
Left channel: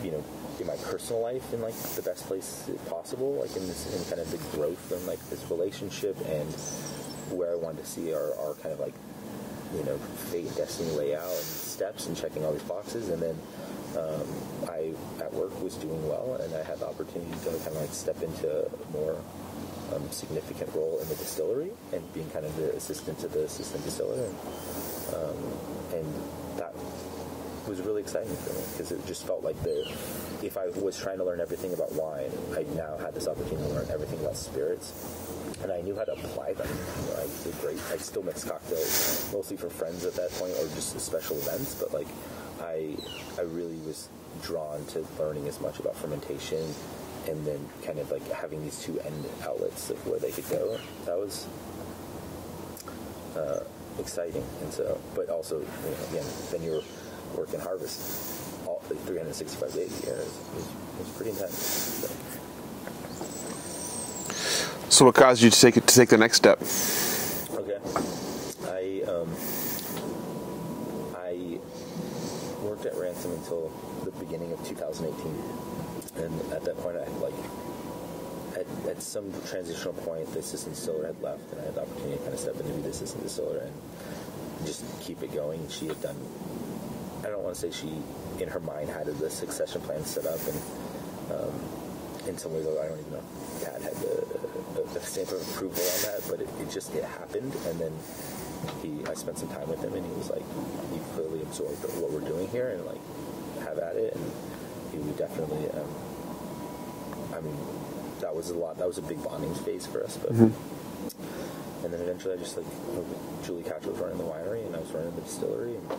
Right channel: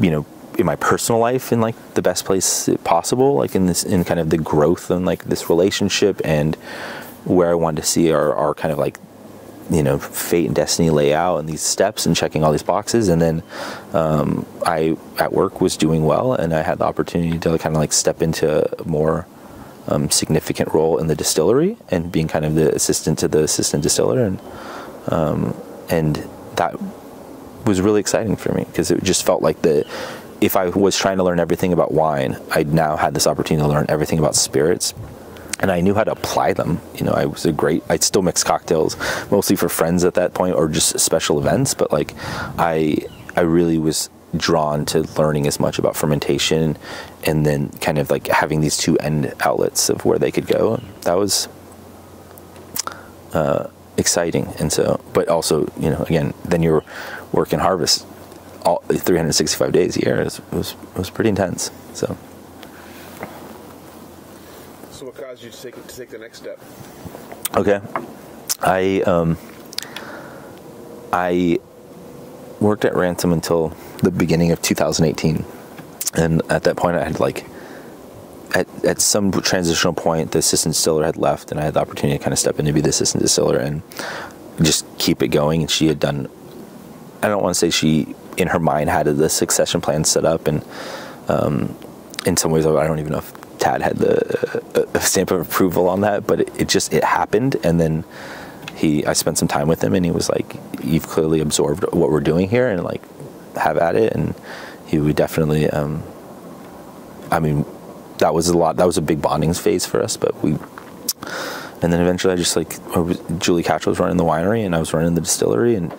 you know, in my personal life in like the best place possible, like in kind of the growth and like this relationship, and where I wanted to see our kind of like, you know, fate and destiny lay out and these steps and checking all these boxes. And then I at work was doing well, and I had the opportunity to kind of like step into a more significant role in the distillery and being kind of the assistant to the assistant distiller, and that was really exciting for me, because it just felt like if I was trying to learn everything about wine, I now had this opportunity to learn everything about spirits, and I knew how to apply them. You know, I'd still mix cocktails, mostly for friends at that point, or just special events, but like, I really was drawn to learning as much about fermentation, and then kind of like having these two end outlets of where they could go. That was exciting. And so, but also, you know, again, then you're working harvest all 365 days a year. It was pretty intense. So what caused you to take the next step? Okay, I worked at Ransom until the beginning of 2018, and at that point I had like at some transitional point the assistant distiller had left, and I had the opportunity to kind of step in to be the assistant distiller and just keep it going. And she had done, I don't want to say she in her mind had the succession plan set up, and in some ways I don't even know if Tad had the stamp of approval on that, but it happened. And then I spent some time with him, and he was like, you've clearly absorbed what we're doing here, and like, have at it. And he would definitely, I mean, that was a big bonding phase for us, but and then eventually I just like, Julie Catch was running the winery and I was running the distillery, and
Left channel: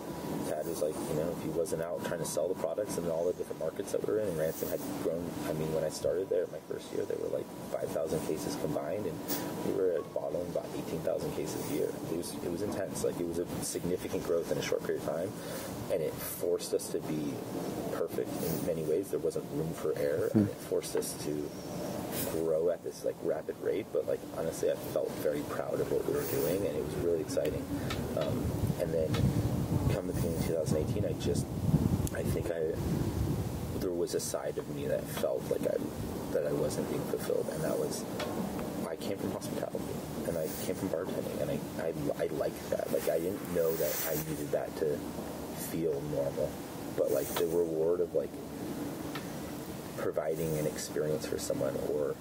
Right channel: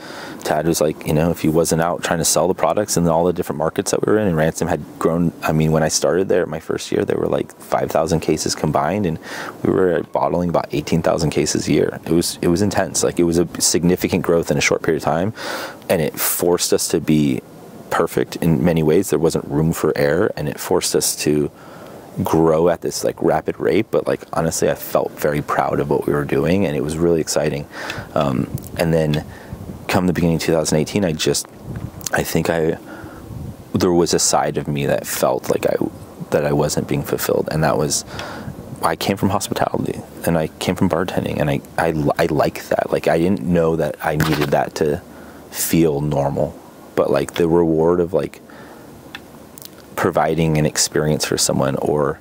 Tad was like, you know, if he wasn't out trying to sell the products in all the different markets that we were in, and Ransom had grown. I mean, when I started there, my first year, there were like 5,000 cases combined, and we were bottling about 18,000 cases a year. It was intense. Like, it was a significant growth in a short period of time, and it forced us to be perfect in many ways. There wasn't room for error, and it forced us to grow at this like rapid rate. But like, honestly, I felt very proud of what we were doing, and it was really exciting. And then come the beginning of 2018, I think there was a side of me that felt like I wasn't being fulfilled, and that was, I came from hospitality and I came from bartending, and I like that. Like, I didn't know that I needed that to feel normal, but like the reward of like providing an experience for someone, or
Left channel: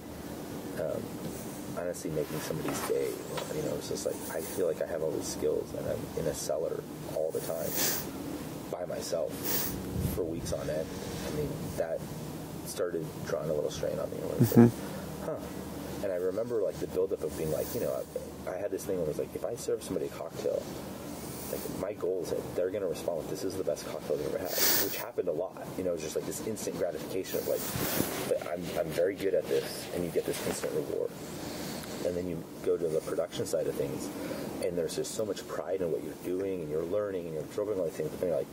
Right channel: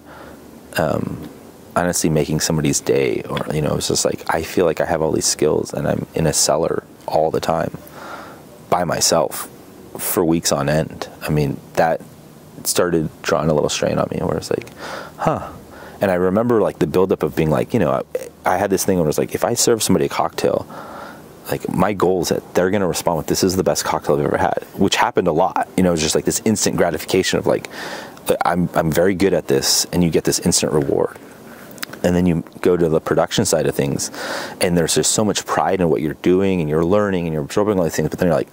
honestly making somebody's day, or, you know, it's just like, I feel like I have all these skills and I'm in a cellar all the time by myself for weeks on end. I mean, that started drawing a little strain on me, where it's like, and I remember like the buildup of being like, you know, I had this thing where it was like, if I serve somebody a cocktail, like, my goal is that they're going to respond with, this is the best cocktail I've ever had, which happened a lot. You know, it's just like this instant gratification of like, I'm very good at this, and you get this instant reward. And then you go to the production side of things, and there's just so much pride in what you're doing, and you're learning, and you're absorbing all these things, but then you're like,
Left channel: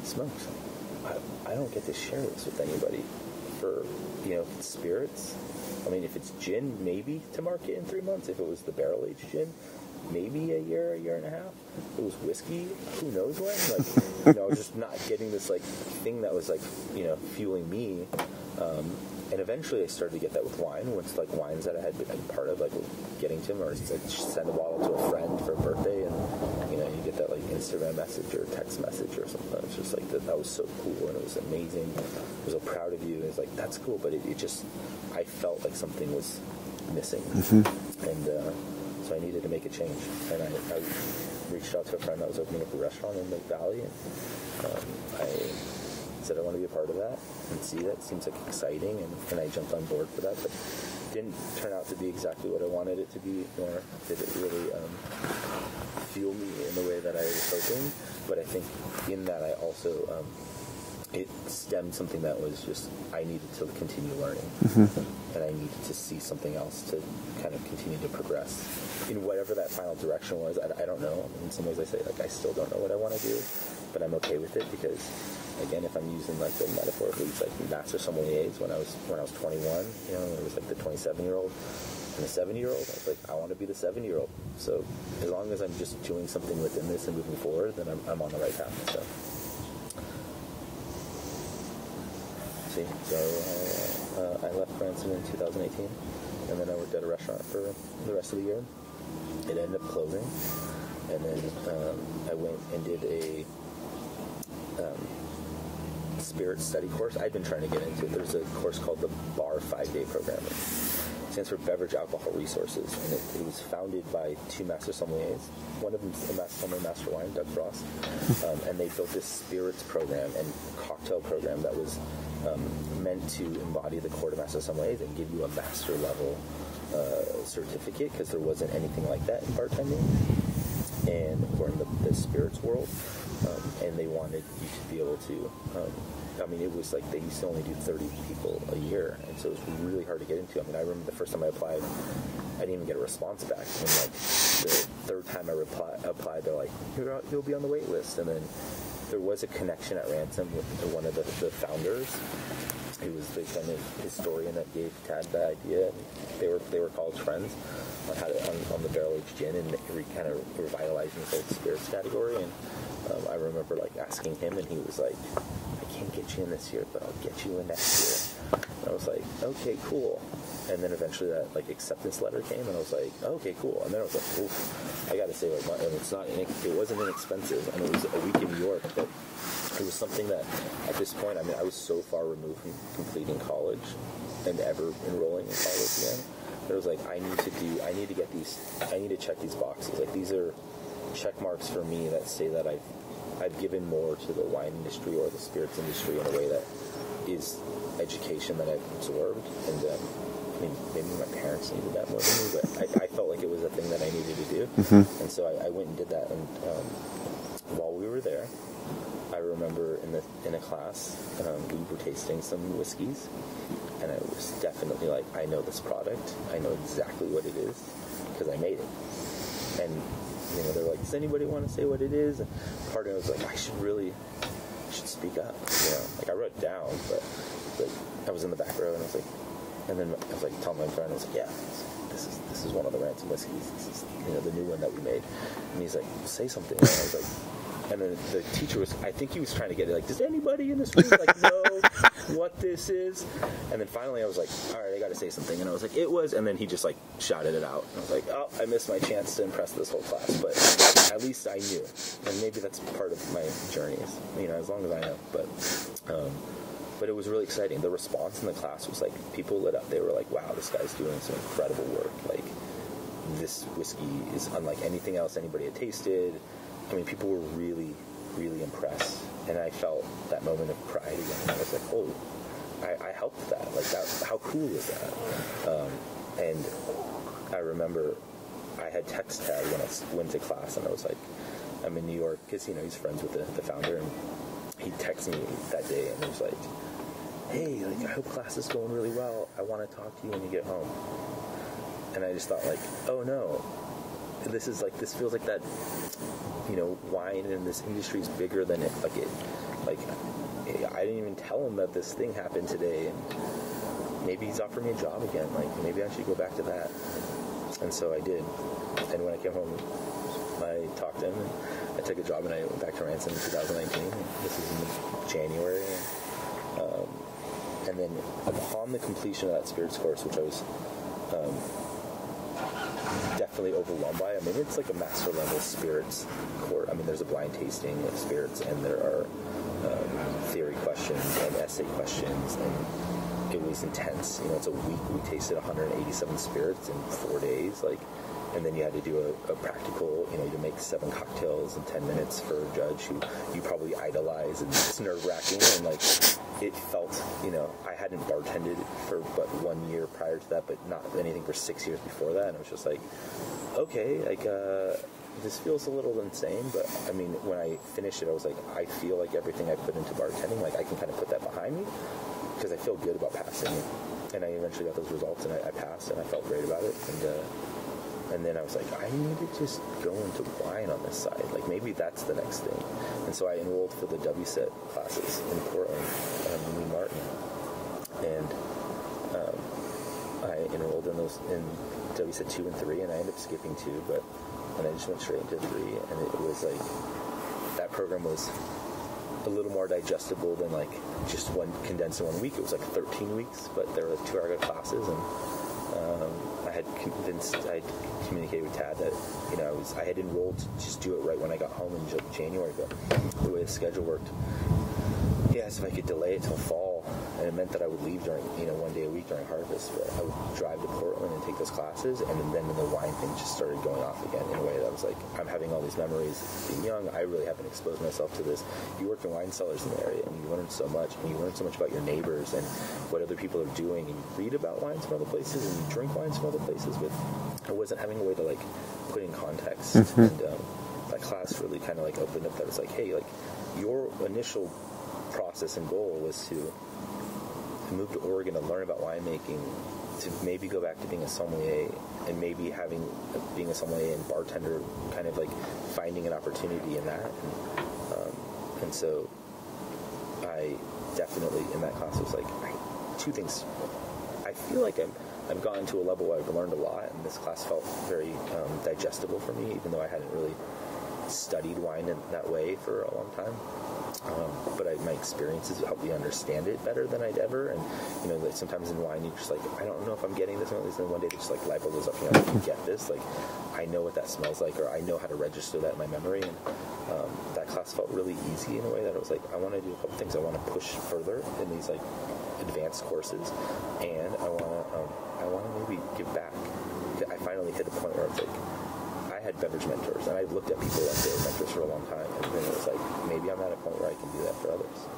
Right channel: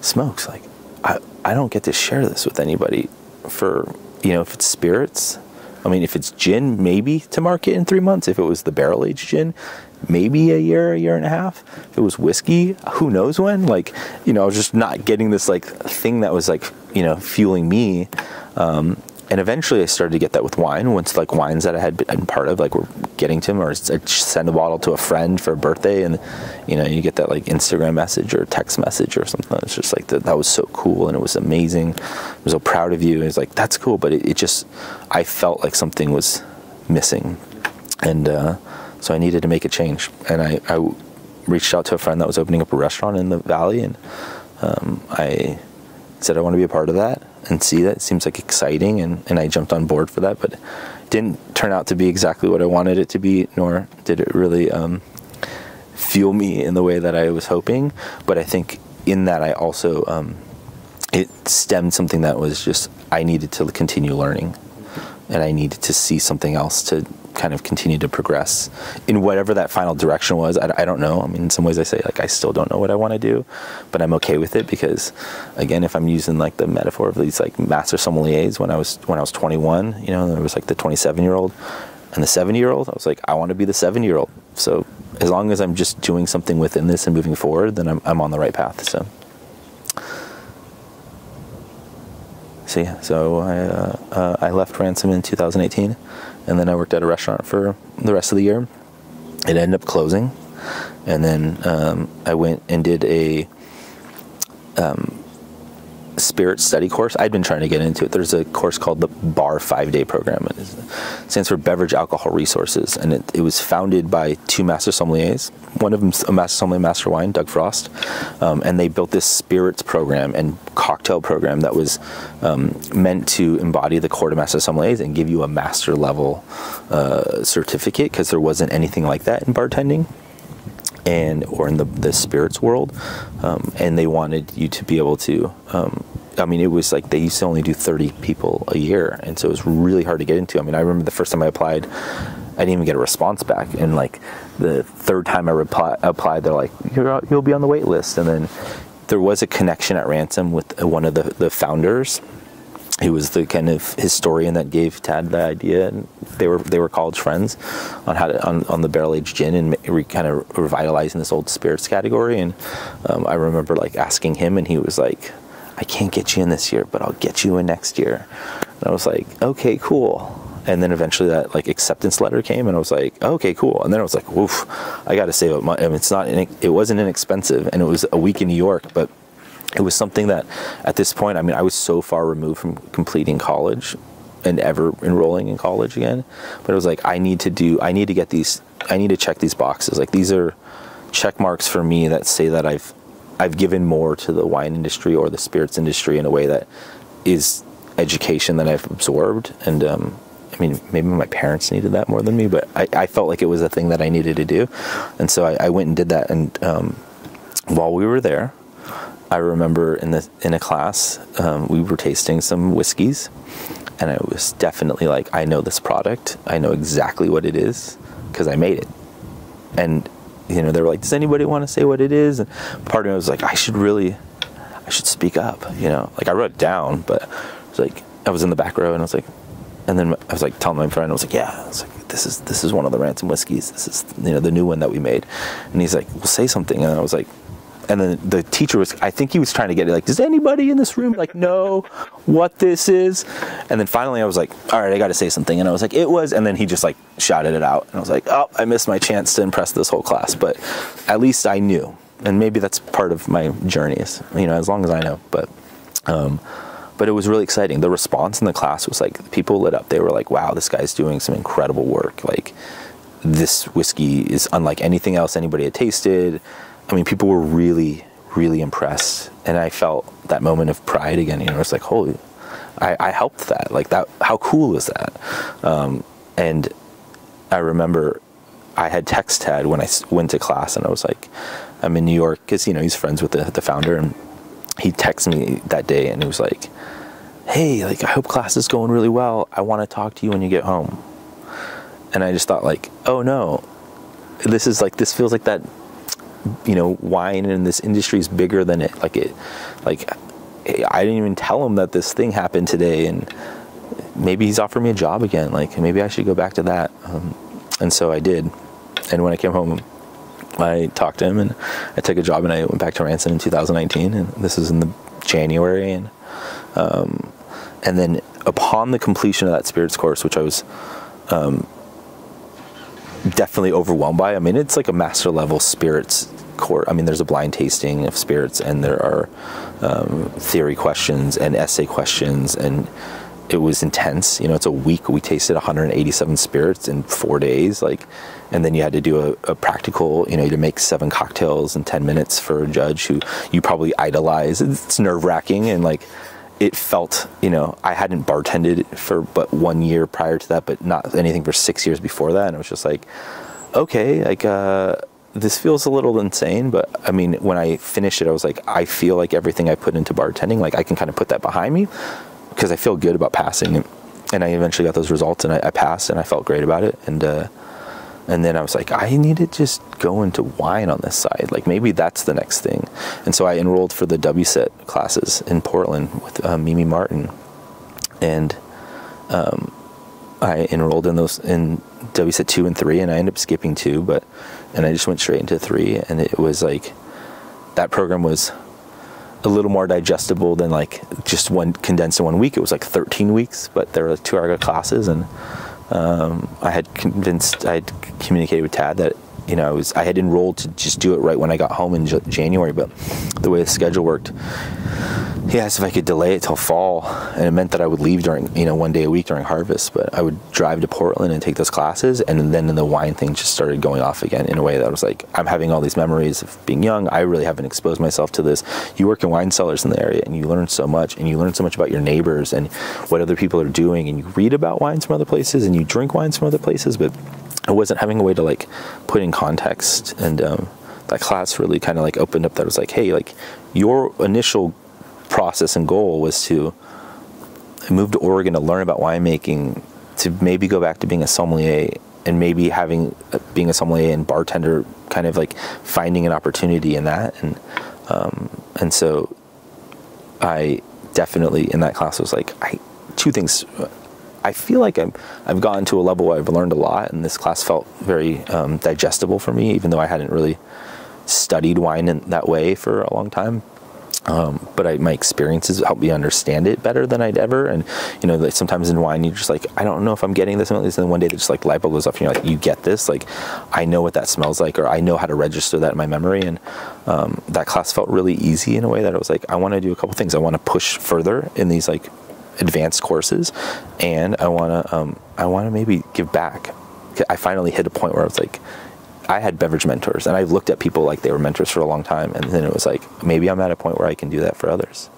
smokes, like, I don't get to share this with anybody for, if it's spirits. I mean, if it's gin, maybe to market in 3 months. If it was the barrel-aged gin, maybe a year and a half. If it was whiskey, who knows when? Like, I was just not getting this, like, thing that was, like, fueling me. And eventually I started to get that with wine. Once, like, wines that I had been part of, like, were getting to them, or I'd send a bottle to a friend for a birthday, and, you get that, like, Instagram message or text message or something. It's just like, that was so cool, and it was amazing. I was so proud of you. And it's like, that's cool, but it just, I felt like something was missing. Mm-hmm. And so I needed to make a change. And I reached out to a friend that was opening up a restaurant in the Valley, and I said I want to be a part of that and see that. It seems like exciting, and I jumped on board for that, but it didn't turn out to be exactly what I wanted it to be, nor did it really fuel me in the way that I was hoping. But I think in that I also, it stemmed something that was just, I needed to continue learning, mm-hmm. and I needed to see something else to kind of continue to progress in whatever that final direction was. I don't know. I mean, in some ways I say, like, I still don't know what I want to do, but I'm okay with it because, again, if I'm using, like, the metaphor of these, like, master sommeliers, when I was 21, there was, like, the 27-year-old and the 70-year-old. I was like, I want to be the 70-year-old. So as long as I'm just doing something within this and moving forward, then I'm on the right path. So I left Ransom in 2018, and then I worked at a restaurant for the rest of the year. It ended up closing, and then I went and did a spirit study course. I'd been trying to get into it. There's a course called the BAR 5-day program. It stands for Beverage Alcohol Resources, and it was founded by 2 master sommeliers. One of them's a master sommelier, master wine, Doug Frost, and they built this spirits program and cocktail program that was meant to embody the core to master sommeliers and give you a master level certificate, because there wasn't anything like that in bartending or in the spirits world, and they wanted you to be able to it was like they used to only do 30 people a year, and so it was really hard to get into. I mean, I remember the first time I applied, I didn't even get a response back, and like the third time I applied, they're like, you'll be on the wait list. And then there was a connection at Ransom with one of the founders, who was the kind of historian that gave Tad the idea, and they were college friends on how to on the barrel aged gin and kind of revitalizing this old spirits category. And I remember, like, asking him, and he was like, I can't get you in this year, but I'll get you in next year. And I was like, okay, cool. And then eventually that, like, acceptance letter came, and I was like, okay, cool. And then I was like, oof, I got to save up money. I mean, it wasn't inexpensive, and it was a week in New York, but it was something that at this point, I mean, I was so far removed from completing college and ever enrolling in college again. But it was like, I need to check these boxes. Like, these are check marks for me that say that I've given more to the wine industry or the spirits industry in a way that is education that I've absorbed. And I mean, maybe my parents needed that more than me, but I felt like it was a thing that I needed to do. Mm-hmm. And so I went and did that. And while we were there, I remember in a class, we were tasting some whiskeys, and I was definitely like, I know this product. I know exactly what it is because I made it. And they were like, does anybody want to say what it is? And part of me was like, I should speak up. Like, I wrote it down, but it was like, I was in the back row, and I was like, and then I was like telling my friend, I was like, yeah, I was like, this is one of the Ransom whiskeys. This is the new one that we made. And he's like, well, say something. And I was like, and then the teacher I think he was trying to get it, like, does anybody in this room, like, know what this is? And then finally I was like, all right, I got to say something. And I was like, it was, and then he just, like, shouted it out. And I was like, oh, I missed my chance to impress this whole class. But at least I knew. And maybe that's part of my journeys, as long as I know. But it was really exciting. The response in the class was like, people lit up. They were like, wow, this guy's doing some incredible work. Like, this whiskey is unlike anything else anybody had tasted. I mean, people were really, really impressed, and I felt that moment of pride again. It's like, holy, I helped that. Like, that. How cool is that? And I remember I had text Tad when I went to class, and I was like, I'm in New York, because he's friends with the founder, and he texted me that day, and he was like, hey, like, I hope class is going really well. I want to talk to you when you get home. And I just thought, like, oh no, this feels like that. Wine in this industry is bigger than it. Like, hey, I didn't even tell him that this thing happened today, and maybe he's offered me a job again. Like, maybe I should go back to that. And so I did. And when I came home, I talked to him, and I took a job, and I went back to Ransom in 2019, and this is in the January. And then upon the completion of that spirits course, which I was definitely overwhelmed by. I mean, it's like a master level spirits course. I mean, there's a blind tasting of spirits, and there are theory questions and essay questions, and it was intense. You know, it's a week. We tasted 187 spirits in 4 days, like, and then you had to do a practical, you know, to make 7 cocktails in 10 minutes for a judge who you probably idolize. It's nerve-wracking, and like, it felt, you know, I hadn't bartended for but 1 year prior to that, but not anything for 6 years before that. And it was just like, okay, like, this feels a little insane. But I mean, when I finished it, I was like, I feel like everything I put into bartending, like I can kind of put that behind me because I feel good about passing. And I eventually got those results, and I passed, and I felt great about it. And then I was like, I need to just go into wine on this side. Like, maybe that's the next thing. And so I enrolled for the WSET classes in Portland with Mimi Martin. And I enrolled in those in WSET 2 and 3, and I ended up skipping 2, and I just went straight into 3. And it was like, that program was a little more digestible than like just one condensed in 1 week. It was like 13 weeks, but there were 2-hour classes, and I had communicated with Tad that, you know, I had enrolled to just do it right when I got home in January, but the way the schedule worked, he asked if I could delay it till fall, and it meant that I would leave during, you know, 1 day a week during harvest, but I would drive to Portland and take those classes, and then the wine thing just started going off again in a way that was like, I'm having all these memories of being young. I really haven't exposed myself to this. You work in wine cellars in the area, and you learn so much, and you learn so much about your neighbors and what other people are doing, and you read about wines from other places, and you drink wines from other places, but I wasn't having a way to like put in context. Mm-hmm. And that class really kind of like opened up that. It was like, hey, like, your initial process and goal was to move to Oregon to learn about winemaking, to maybe go back to being a sommelier, and maybe being a sommelier and bartender, kind of like finding an opportunity in that. And so I definitely in that class was like, two things. I feel like I've gotten to a level where I've learned a lot, and this class felt very digestible for me, even though I hadn't really studied wine in that way for a long time. But my experiences helped me understand it better than I'd ever. And, you know, like sometimes in wine, you're just like, I don't know if I'm getting this. And then one day, just like light bulb goes off, and you're like, you get this. Like, I know what that smells like, or I know how to register that in my memory. And that class felt really easy in a way that I was like, I want to do a couple things. I want to push further in these like advanced courses, and I want to maybe give back. I finally hit a point where I was like, I had beverage mentors, and I looked at people like they were mentors for a long time, and then it was like, maybe I'm at a point where I can do that for others.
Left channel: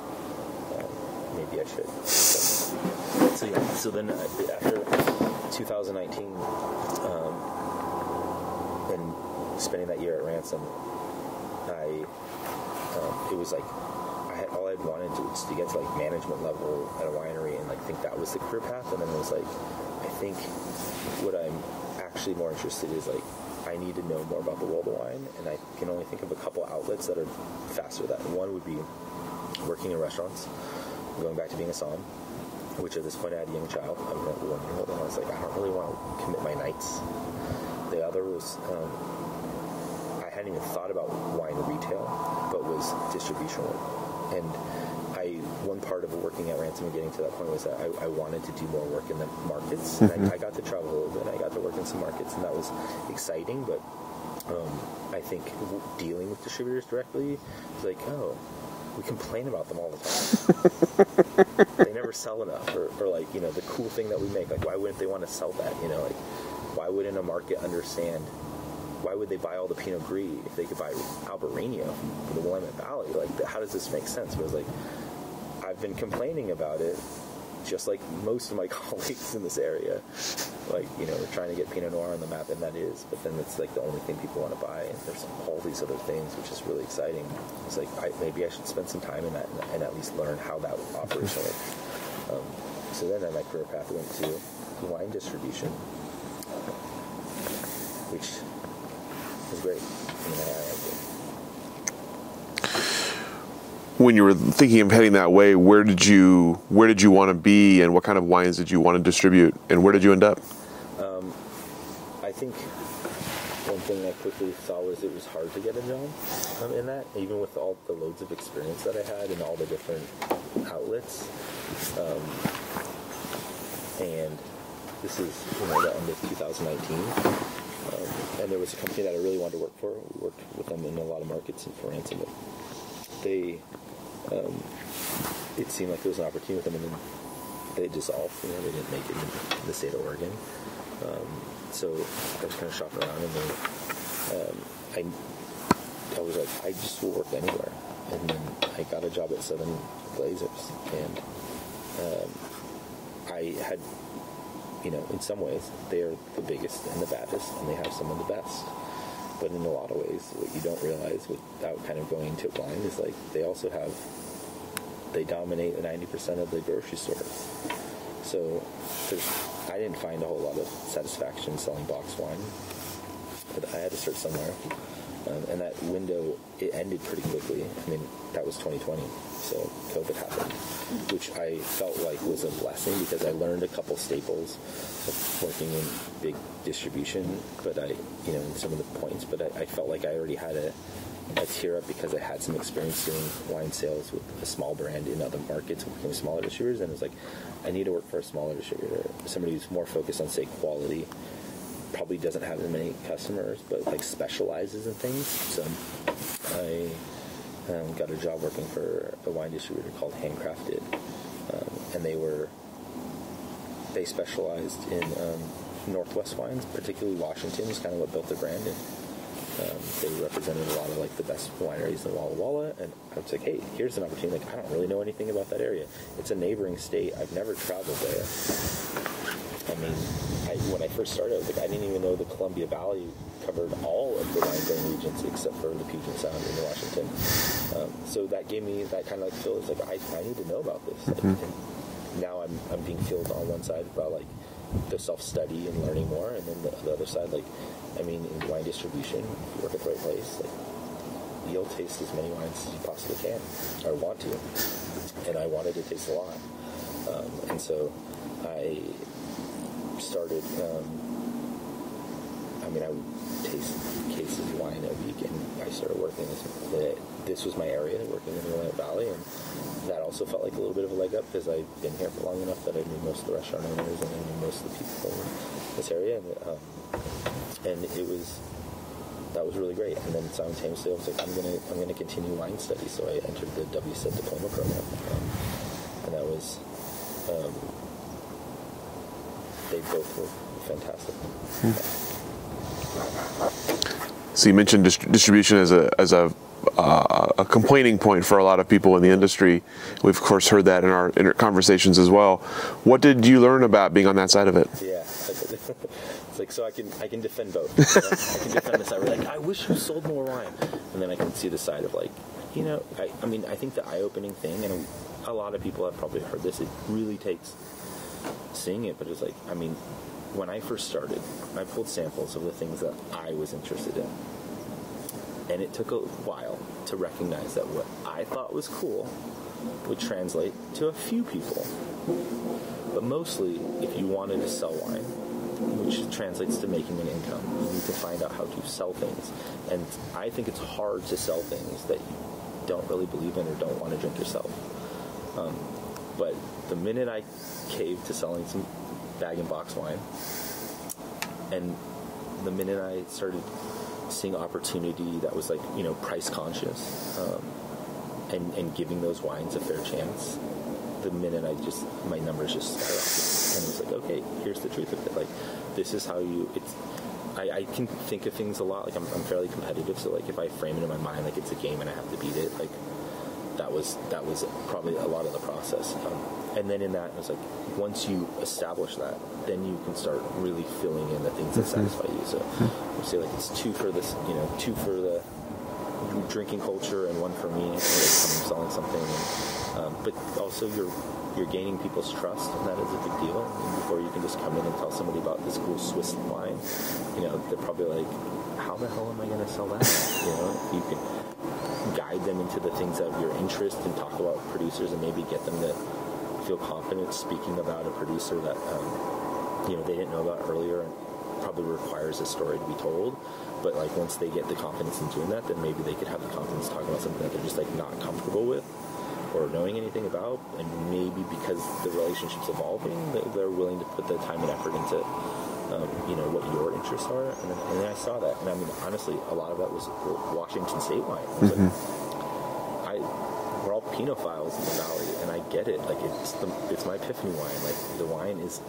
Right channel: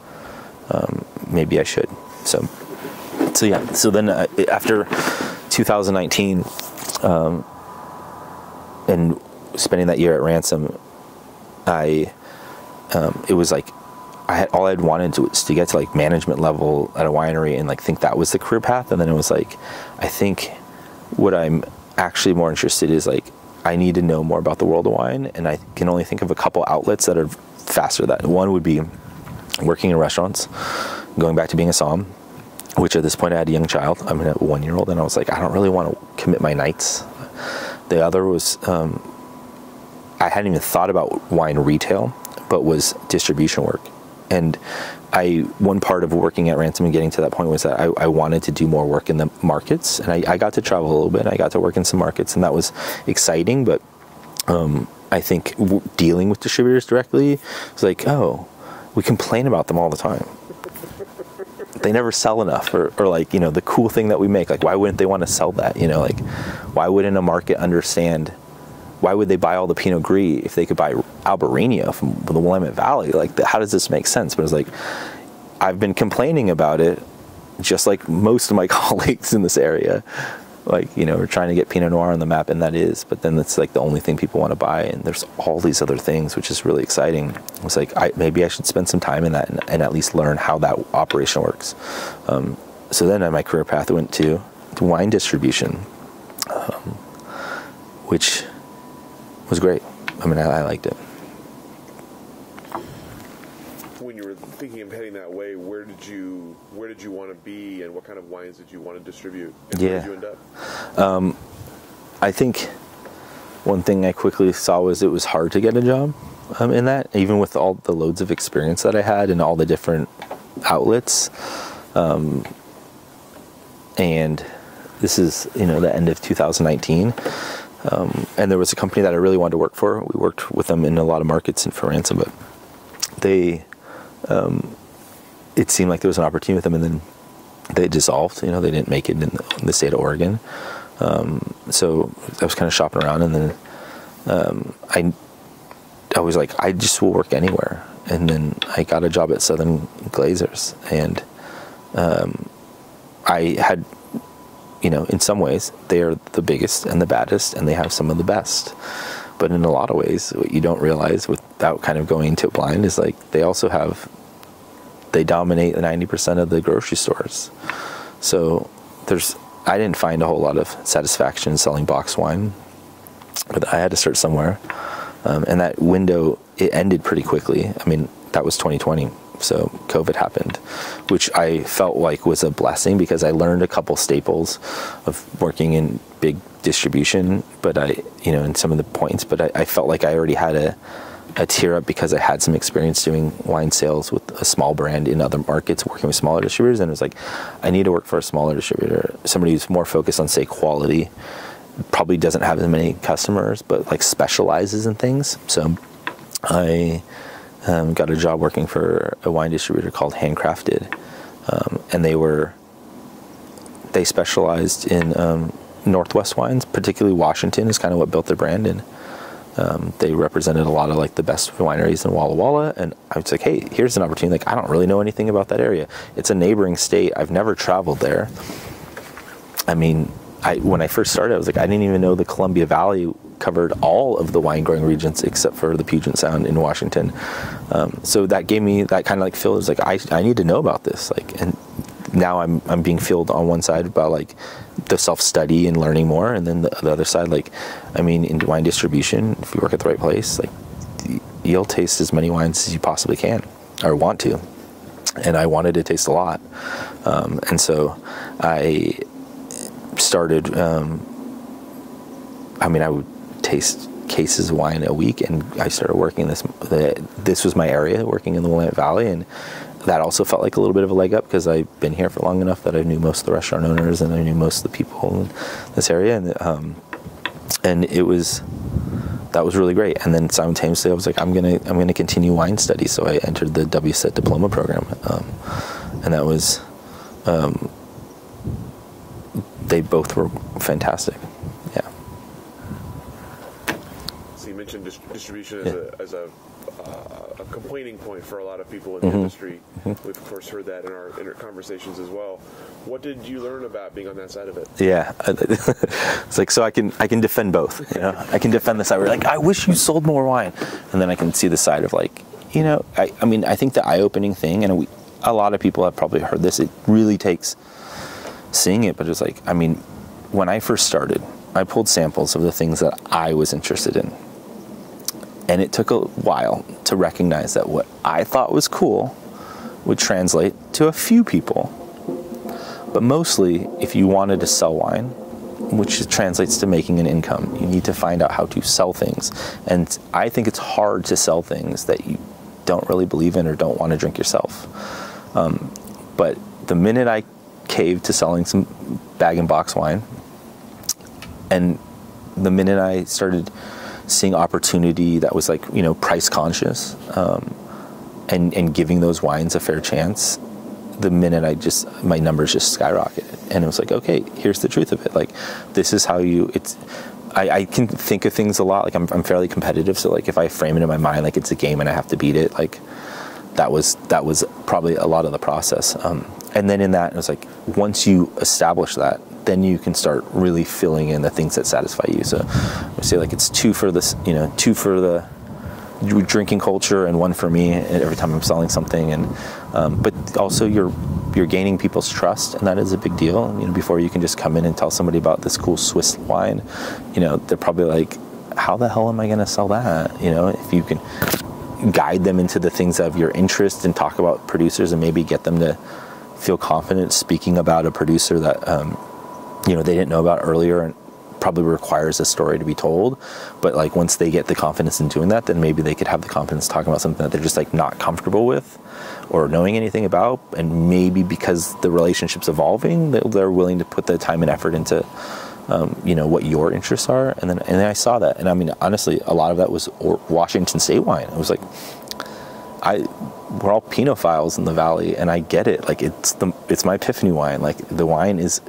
Maybe I should. So yeah. So then after 2019, and spending that year at Ransom, it was like all I'd wanted was to get to like management level at a winery, and like think that was the career path. And then it was like, I think what I'm actually more interested in is like, I need to know more about the world of wine, and I can only think of a couple outlets that are faster than that. One would be working in restaurants, going back to being a somm, which at this point I had a young child. I'm a 1-year-old, and I was like, I don't really want to commit my nights. The other was, I hadn't even thought about wine retail, but was distribution work. And one part of working at Ransom and getting to that point was that I wanted to do more work in the markets, and I got to travel a little bit, and I got to work in some markets, and that was exciting. But I think dealing with distributors directly was like, oh, we complain about them all the time. They never sell enough, or like, you know, the cool thing that we make, like, why wouldn't they want to sell that? You know, like, why wouldn't a market understand? Why would they buy all the Pinot Gris if they could buy Albarino from the Willamette Valley? Like, how does this make sense? But it's like, I've been complaining about it, just like most of my colleagues in this area. Like, you know, we're trying to get Pinot Noir on the map, and that is, but then it's like the only thing people want to buy, and there's all these other things, which is really exciting. It's like, maybe I should spend some time in that and at least learn how that operation works. So then on my career path, I went to wine distribution, which was great. I mean, I liked it. when you were thinking of heading that way, where did you want to be, and what kind of wines did you want to distribute, and where did you end up? I think one thing I quickly saw was it was hard to get a job in that, even with all the loads of experience that I had and all the different outlets. And this is, the end of 2019. And there was a company that I really wanted to work for. We worked with them in a lot of markets and for Ransom, but it seemed like there was an opportunity with them, and then they dissolved. They didn't make it in the state of Oregon. So I was kind of shopping around, and then I was like, I just will work anywhere. And then I got a job at Southern Glazers, and I had, in some ways, they are the biggest and the baddest, and they have some of the best. But in a lot of ways, what you don't realize without kind of going into it blind is like they dominate 90% of the grocery stores. So I didn't find a whole lot of satisfaction selling boxed wine, but I had to start somewhere. And that window, it ended pretty quickly. I mean, that was 2020. So COVID happened, which I felt like was a blessing because I learned a couple staples of working in big distribution, but in some of the points, but I felt like I already had a tier up because I had some experience doing wine sales with a small brand in other markets, working with smaller distributors. And it was like, I need to work for a smaller distributor, somebody who's more focused on, say, quality, probably doesn't have as many customers, but like specializes in things. So I got a job working for a wine distributor called Handcrafted, and they specialized in Northwest wines, particularly Washington is kind of what built their brand, and they represented a lot of like the best wineries in Walla Walla. And I was like, hey, here's an opportunity. Like, I don't really know anything about that area. It's a neighboring state. I've never traveled there. I mean, when I first started, I was like, I didn't even know the Columbia Valley covered all of the wine growing regions except for the Puget Sound in Washington. So that gave me that kind of like feel. It was like, I need to know about this. Like, and now I'm being filled on one side about like the self-study and learning more, and then the other side, like, I mean, in wine distribution, if you work at the right place, like, you'll taste as many wines as you possibly can or want to. And I wanted to taste a lot. And so I started, I would taste cases of wine a week, and I started working this was my area, working in the Willamette Valley, and that also felt like a little bit of a leg up because I've been here for long enough that I knew most of the restaurant owners and I knew most of the people in this area, and that was really great. And then simultaneously I was like, I'm gonna continue wine studies, so I entered the WSET diploma program, and that was they both were fantastic. Yeah. So you mentioned distribution as a complaining point for a lot of people in the industry. We've of course heard that in our conversations as well. What did you learn about being on that side of it? Yeah, it's like, so I can defend both. I can defend the side where like, I wish you sold more wine, and then I can see the side of like, I think the eye-opening thing, and a lot of people have probably heard this, it really takes seeing it, but it's like, when I first started, I pulled samples of the things that I was interested in. And it took a while to recognize that what I thought was cool would translate to a few people. But mostly, if you wanted to sell wine, which translates to making an income, you need to find out how to sell things. And I think it's hard to sell things that you don't really believe in or don't want to drink yourself. But the minute I caved to selling some bag-and-box wine, and the minute I started seeing opportunity that was like, price conscious, and giving those wines a fair chance, the minute my numbers just skyrocketed. And it was like, okay, here's the truth of it. Like, this is how I can think of things a lot. Like, I'm fairly competitive. So like, if I frame it in my mind, like it's a game and I have to beat it, like that was probably a lot of the process. And then in that, it was like, once you establish that, then you can start really filling in the things that satisfy you. So I say like, it's two for the drinking culture and one for me every time I'm selling something. And but also you're gaining people's trust, and that is a big deal. Before you can just come in and tell somebody about this cool Swiss wine, they're probably like, how the hell am I going to sell that? If you can. guide them into the things of your interest and talk about producers and maybe get them to feel confident speaking about a producer that, they didn't know about earlier and probably requires a story to be told. But like once they get the confidence in doing that, then maybe they could have the confidence talking about something that they're just like not comfortable with or knowing anything about. And maybe because the relationship's evolving, they're willing to put the time and effort into what your interests are. And then I saw that. And I mean, honestly, a lot of that was Washington State wine. I was like, we're all Pinophiles in the Valley, and I get it. Like it's my epiphany wine. Like the wines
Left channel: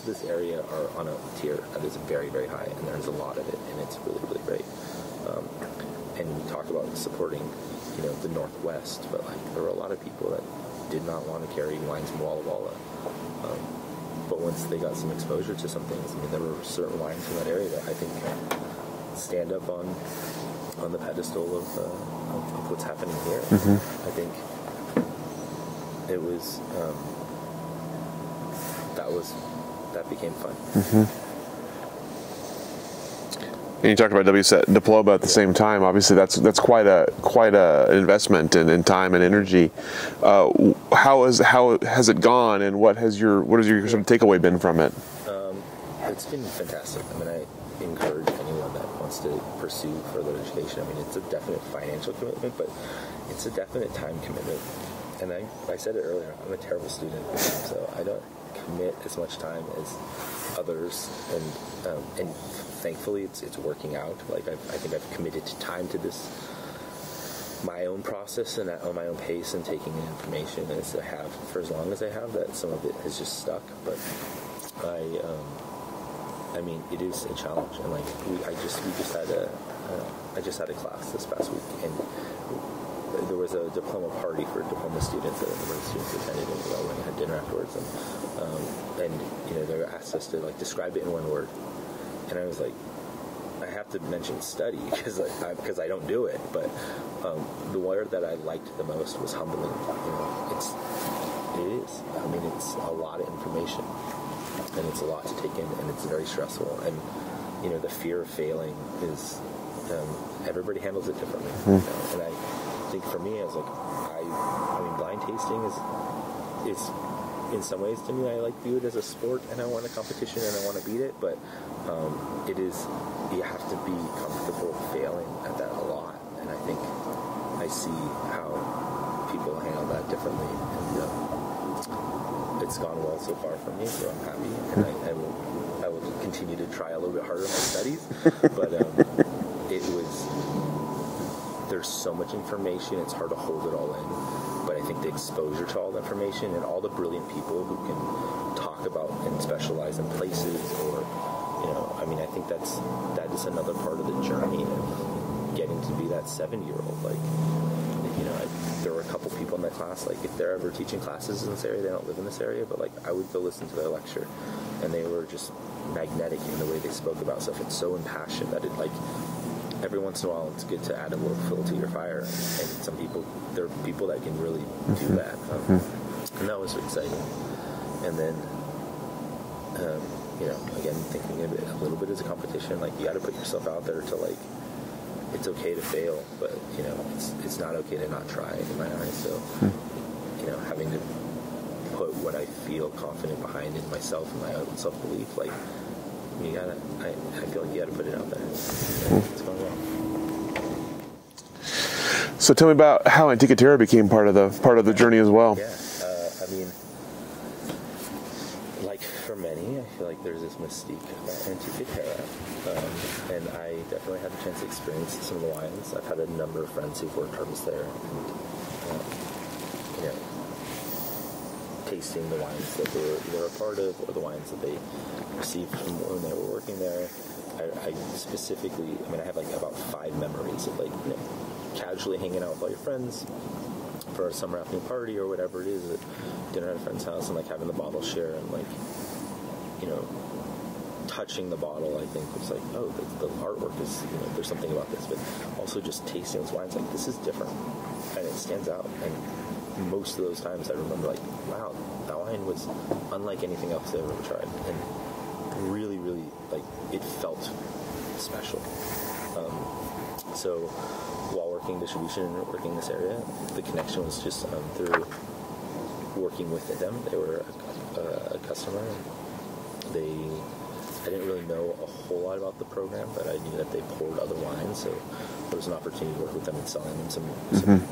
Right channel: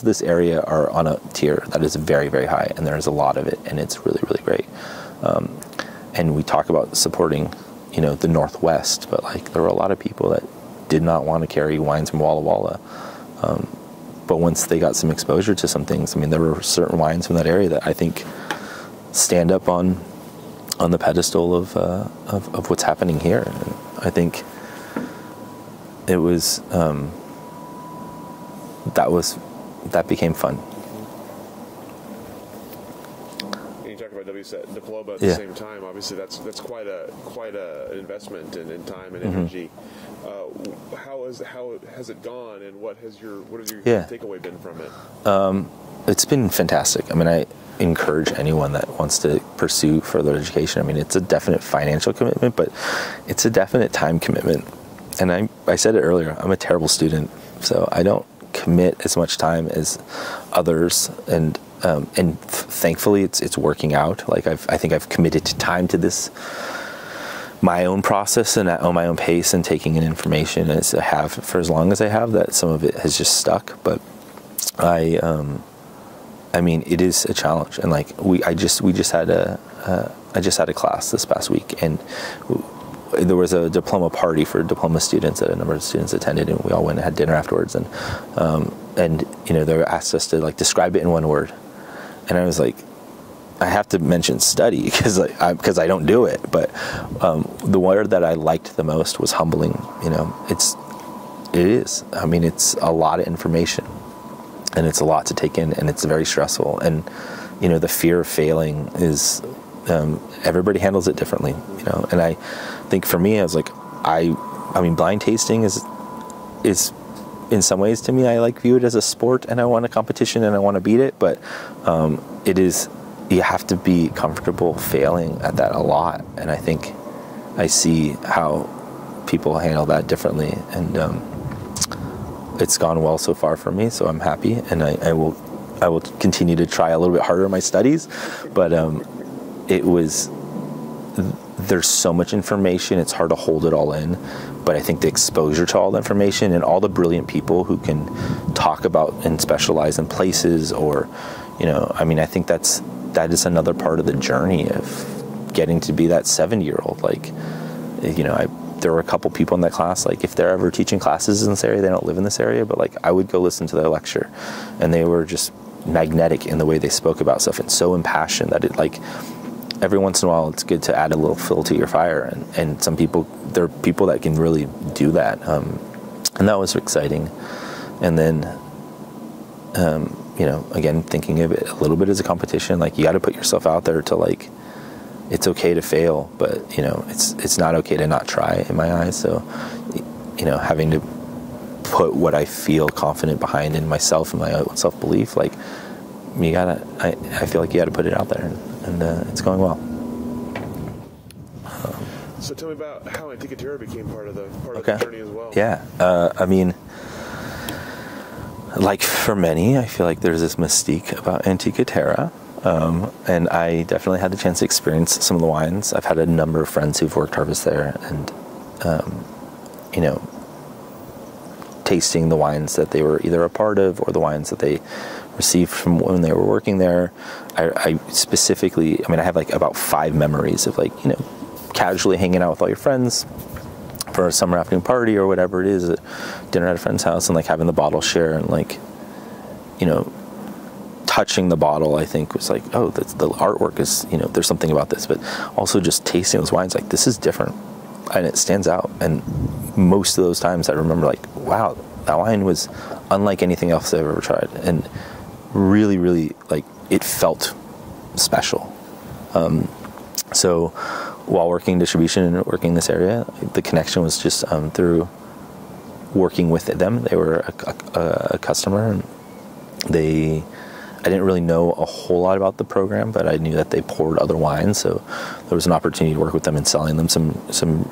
of this area are on a tier that is very, very high, and there's a lot of it, and it's really, really great. And we talk about supporting, the Northwest, but like there were a lot of people that did not want to carry wines from Walla Walla. But once they got some exposure to some things, I mean, there were certain wines from that area that I think stand up on the pedestal of what's happening here. I think it was that became fun. And you talked about WSET Diploma at the same time. Obviously, that's quite a investment in time and energy. How has it gone, and what has your takeaway been from it? It's been fantastic. I mean, I encourage anyone that wants to pursue further education. I mean, it's a definite financial commitment, but it's a definite time commitment. And I said it earlier, I'm a terrible student, so I don't commit as much time as others, and thankfully it's working out. Like I think I've committed time to this, my own process and at my own pace, and taking in information as I have for as long as I have. That some of it has just stuck, but I mean, it is a challenge, and like I just had a class this past week, and there was a diploma party for diploma students that a number of students attended, and we all went and had dinner afterwards, and they asked us to like describe it in one word, and I was like, I have to mention study because I don't do it, but the word that I liked the most was humbling. It is. I mean, it's a lot of information, and it's a lot to take in, and it's very stressful, and the fear of failing is everybody handles it differently. And I think for me, I was like, I mean, blind tasting is in some ways, to me, I view it as a sport, and I want a competition and I want to beat it, but it is, you have to be comfortable failing at that a lot, and I think I see how people handle that differently, and it's gone well so far for me, so I'm happy, and I will continue to try a little bit harder in my studies, but there's so much information, it's hard to hold it all in, but I think the exposure to all the information and all the brilliant people who can talk about and specialize in places, or I mean, I think that is another part of the journey of getting to be that 7-year-old. Like, there were a couple people in that class, like if they're ever teaching classes in this area, they don't live in this area, but like I would go listen to their lecture, and they were just magnetic in the way they spoke about stuff, and so impassioned that it, like, every once in a while it's good to add a little fuel to your fire, and some people, there are people that can really do that, and that was exciting. And then again, thinking of it a little bit as a competition, like you got to put yourself out there to, like, it's okay to fail, but it's not okay to not try, in my eyes. So having to put what I feel confident behind in myself and my own self-belief, like, I feel like you got to put it out there, and it's going well. So tell me about how Antica Terra became part of the journey as well. Yeah, I mean, like for many, I feel like there's this mystique about Antica Terra, and I definitely had the chance to experience some of the wines. I've had a number of friends who've worked harvest there, and tasting the wines that they were either a part of or the wines that they received from when they were working there. I specifically, I have like about 5 memories of, like, casually hanging out with all your friends for a summer afternoon party or whatever it is, at dinner at a friend's house, and like having the bottle share, and like, touching the bottle, I think was like, oh, the artwork is, there's something about this, but also just tasting those wines, like, this is different, and it stands out. And most of those times I remember, like, wow, that wine was unlike anything else I've ever tried, and really, really, like, it felt special. So while working distribution and working in this area, the connection was just through working with them. They were a customer, and I didn't really know a whole lot about the program, but I knew that they poured other wines, so there was an opportunity to work with them and selling them some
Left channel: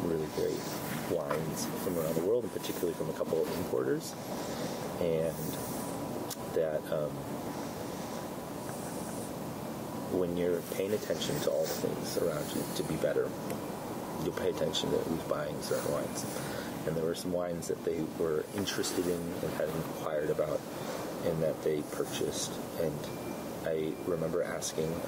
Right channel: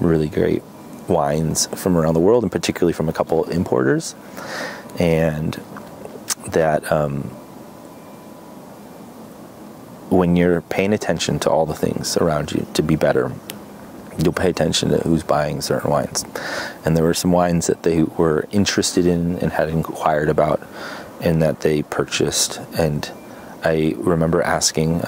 really great wines from around the world, and particularly from a couple of importers. And that when you're paying attention to all the things around you to be better, you'll pay attention to who's buying certain wines. And there were some wines that they were interested in and had inquired about, and that they purchased. And I remember asking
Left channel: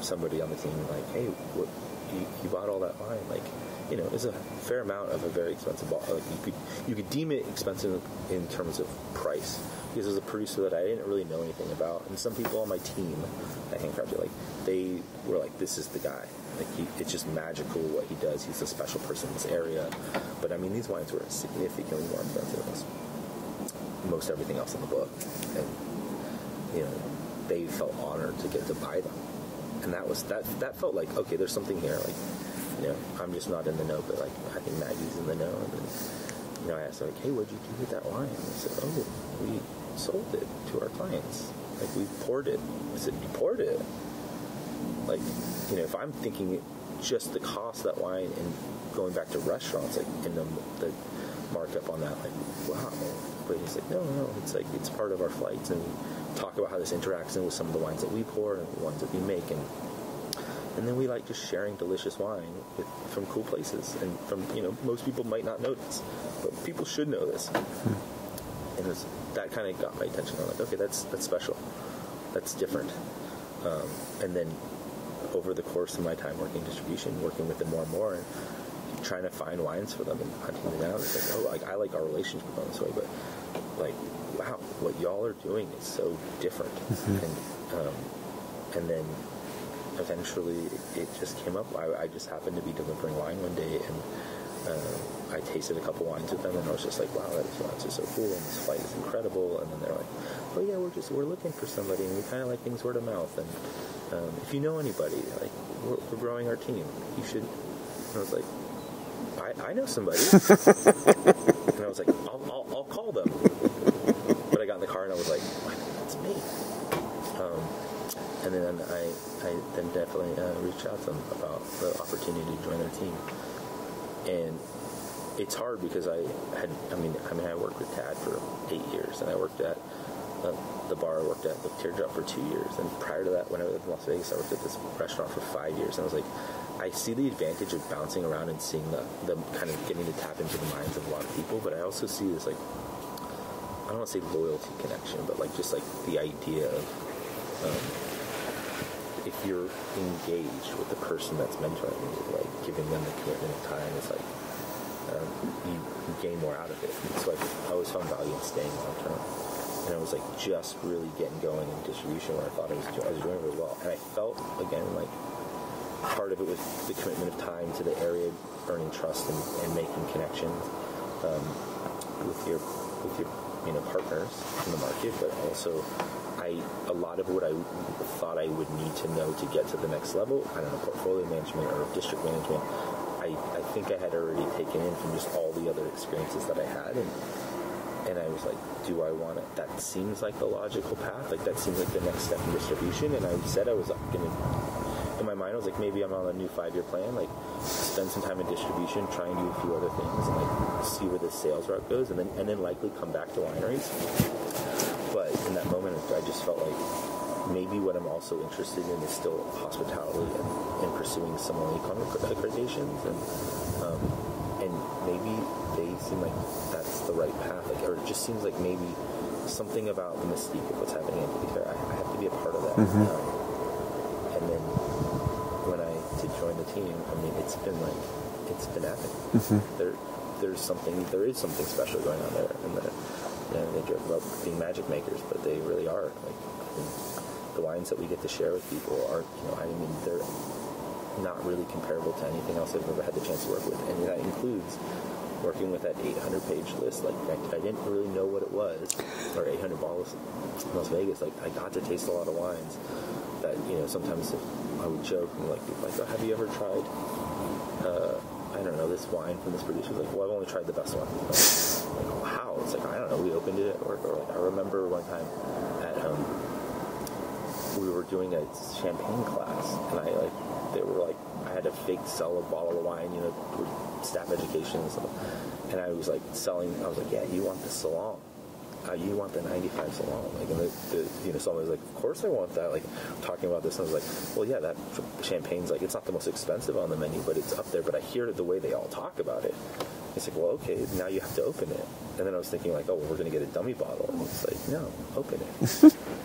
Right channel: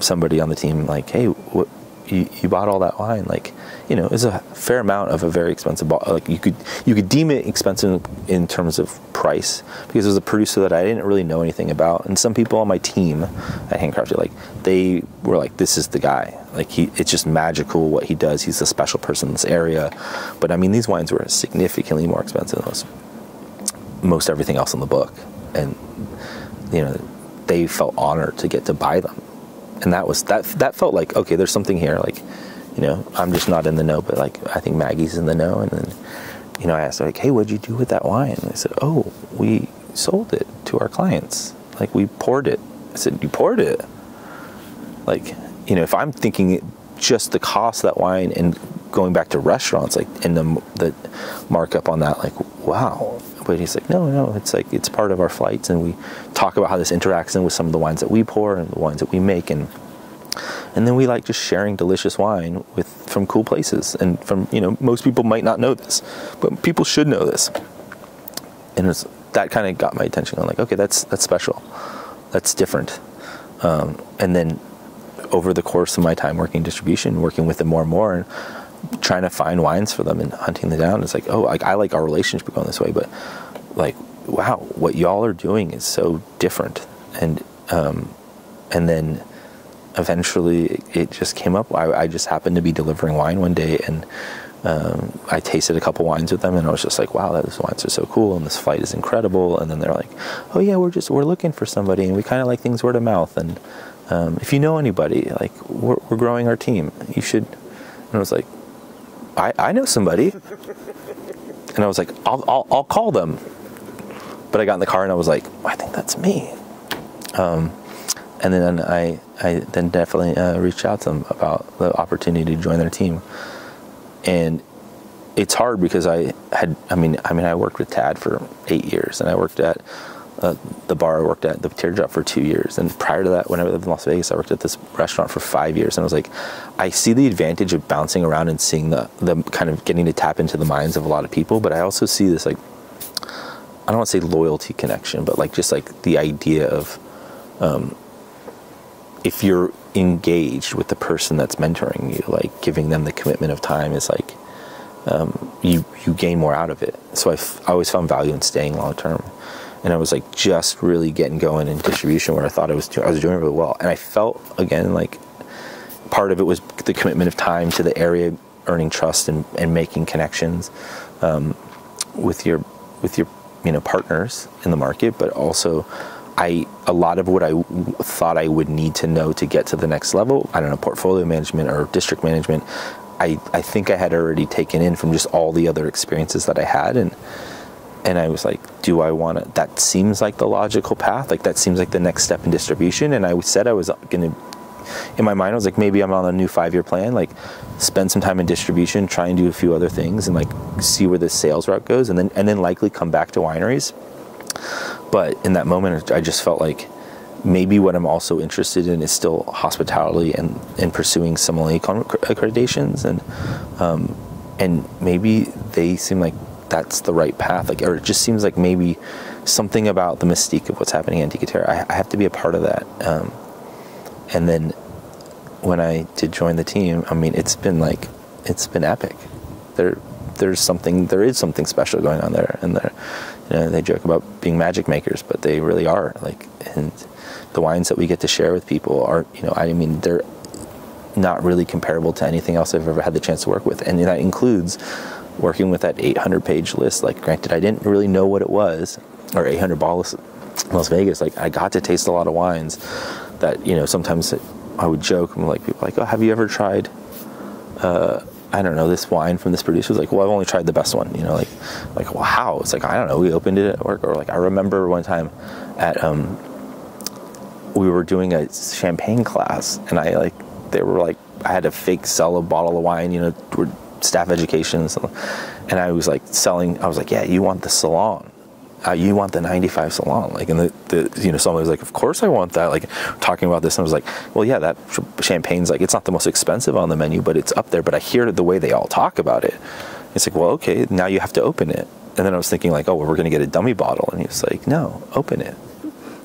somebody on the team, like, hey, what, you bought all that wine? Like, you know, it's a fair amount of a very expensive bottle. Like, you could deem it expensive in terms of price, because it was a producer that I didn't really know anything about. And some people on my team at Handcrafted, like, they were like, this is the guy. Like, it's just magical what he does. He's a special person in this area. But I mean, these wines were significantly more expensive than most everything else in the book. And, you know, they felt honored to get to buy them. And that felt like, okay, there's something here. Like, you know, I'm just not in the know, but like, I think Maggie's in the know. And then, you know, I asked her, like, hey, what'd you do with that wine? And they said, oh, we sold it to our clients. Like, we poured it. I said, you poured it? Like, you know, if I'm thinking just the cost of that wine and going back to restaurants, like, and the markup on that, like, wow. But he's like, no, it's like, it's part of our flights, and we talk about how this interacts in with some of the wines that we pour and the wines that we make, and then we like just sharing delicious wine from cool places, and from, you know, most people might not know this, but people should know this. And that kind of got my attention. I'm like, okay, that's special, that's different. And then over the course of my time working distribution, working with them more and more, and trying to find wines for them and hunting them down, it's like, oh, like, I like our relationship going this way, but like, wow, what y'all are doing is so different. And then eventually it just came up. I just happened to be delivering wine one day, and I tasted a couple wines with them, and I was just like, wow, those wines are so cool, and this flight is incredible. And then they're like, oh yeah, we're looking for somebody, and we kind of like things word of mouth, and if you know anybody, like, we're growing our team, you should. And I was like, I know somebody. And I was like, I'll call them. But I got in the car and I was like, I think that's me. And then I then definitely reached out to them about the opportunity to join their team. And it's hard because I worked with Tad for 8 years, and I worked at the bar I worked at, the Teardrop, for 2 years. And prior to that, when I lived in Las Vegas, I worked at this restaurant for 5 years. And I was like, I see the advantage of bouncing around and seeing the kind of getting to tap into the minds of a lot of people. But I also see this, like, I don't want to say loyalty connection, but like, just like the idea of if you're engaged with the person that's mentoring you, like, giving them the commitment of time is like, you gain more out of it. So I always found value in staying long term. And I was like just really getting going in distribution, where I thought I was doing really well. And I felt, again, like part of it was the commitment of time to the area, earning trust and making connections with your partners in the market. But also, a lot of what I thought I would need to know to get to the next level, I don't know, portfolio management or district management, I think I had already taken in from just all the other experiences that I had. And I was like, do I want to, that seems like the logical path. Like, that seems like the next step in distribution. And I said I was going to, in my mind, I was like, maybe I'm on a new 5-year plan, like spend some time in distribution, try and do a few other things, and like see where the sales route goes, and then likely come back to wineries. But in that moment, I just felt like maybe what I'm also interested in is still hospitality and pursuing sommelier accreditations. And maybe they seem like that's the right path, like, or it just seems like maybe something about the mystique of what's happening in Antica Terra, I have to be a part of that. And then when I did join the team, I mean, it's been epic. There is something special going on there, and they joke about being magic makers, but they really are. Like, and the wines that we get to share with people are, they're not really comparable to anything else I've ever had the chance to work with, and that includes working with that 800-page list. Like, granted, I didn't really know what it was, or 800 bottles Las Vegas. Like, I got to taste a lot of wines that, sometimes I would joke, and like people like, oh, have you ever tried, I don't know, this wine from this producer? Like, well, I've only tried the best one, you know, like, well, how? It's like, I don't know, we opened it at work, or like, I remember one time at, we were doing a champagne class, and they were like, I had to fake sell a bottle of wine, you know, staff education, and I was like selling, I was like, yeah, you want the Salon. You want the 95 Salon, like, and the you know, someone was like, of course I want that, like, talking about this, and I was like, well, yeah, that champagne's like, it's not the most expensive on the menu, but it's up there, but I hear the way they all talk about it. It's like, well, okay, now you have to open it. And then I was thinking like, oh, well, we're going to get a dummy bottle, and he was like, no, open it.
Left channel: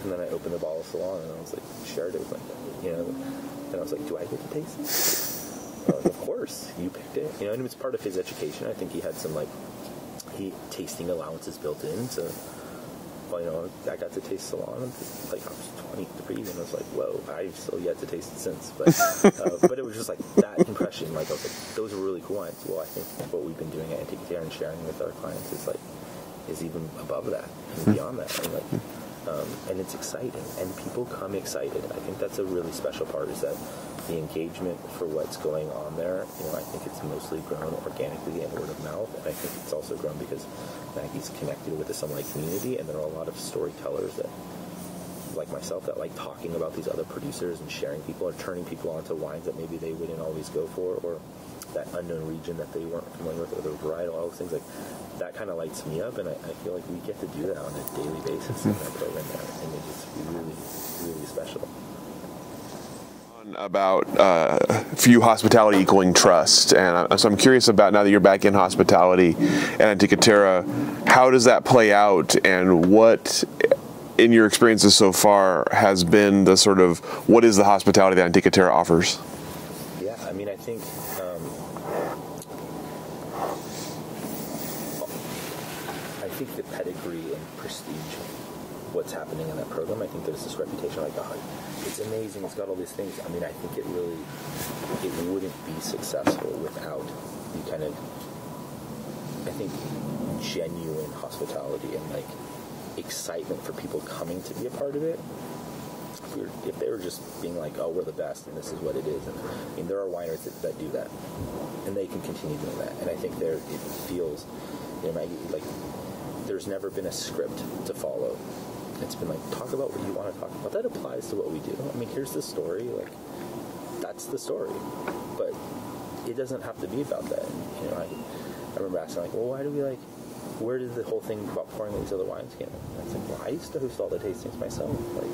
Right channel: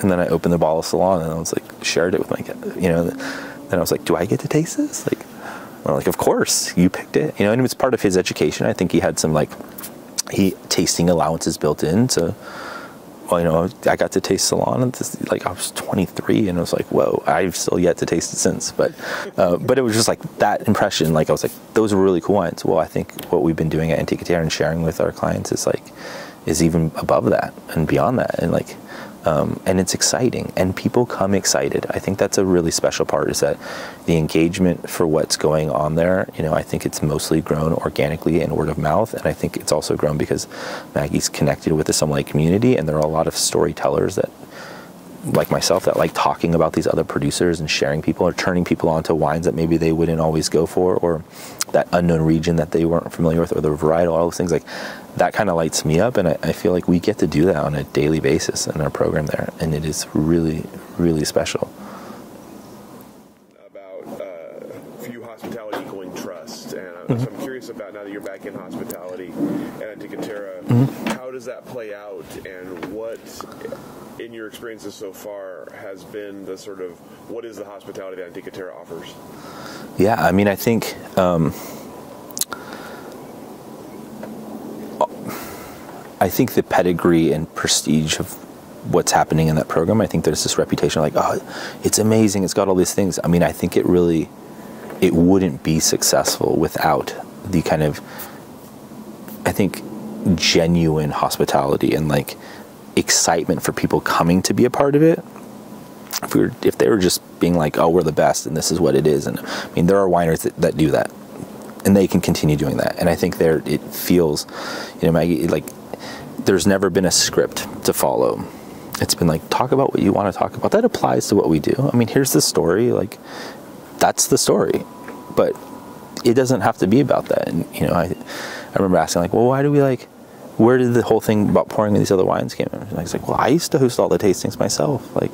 And then I opened the bottle of Salon, and I was like, shared it with my, you know, then I was like, do I get to taste this? Like, well, like, of course, you picked it, you know, and it was part of his education. I think he had some like, tasting allowances built in, so, well, you know, I got to taste Salon, and this, like, I was 23, and I was like, whoa, I've still yet to taste it since, but but it was just like that impression, like, I was like, those were really cool wines. Well, I think what we've been doing at Antica Terra and sharing with our clients is even above that and beyond that, and like, and it's exciting, and people come excited. I think that's a really special part, is that the engagement for what's going on there, you know, I think it's mostly grown organically and word of mouth, and I think it's also grown because Maggie's connected with the sommelier community, and there are a lot of storytellers that, like myself, that like talking about these other producers and sharing people, or turning people on to wines that maybe they wouldn't always go for, or that unknown region that they weren't familiar with, or the varietal, all those things, like, that kind of lights me up, and I feel like we get to do that on a daily basis in our program there, and it is really, really special. About for you, hospitality equaling trust, and so I'm curious about, now that you're back in hospitality at Antica Terra, how does that play out, and what, in your experiences so far, has been the sort of, what is the hospitality that Antica Terra offers? Yeah, I mean, I think the pedigree and prestige of what's happening in that program, I think there's this reputation like, oh, it's amazing, it's got all these things. I mean, I think it wouldn't be successful without the kind of, I think, genuine hospitality and like excitement for people coming to be a part of it. If they were just being like, oh, we're the best and this is what it is, and I mean, there are wineries that do that, and they can continue doing that, and I think it feels, you know, Maggie, like, there's never been a script to follow. It's been like, talk about what you want to talk about. That applies to what we do. I mean, here's the story, like, that's the story, but it doesn't have to be about that. And, you know, I remember asking, like, well, why do we, like, where did the whole thing about pouring these other wines came in? And I was like, well, I used to host all the tastings myself. Like,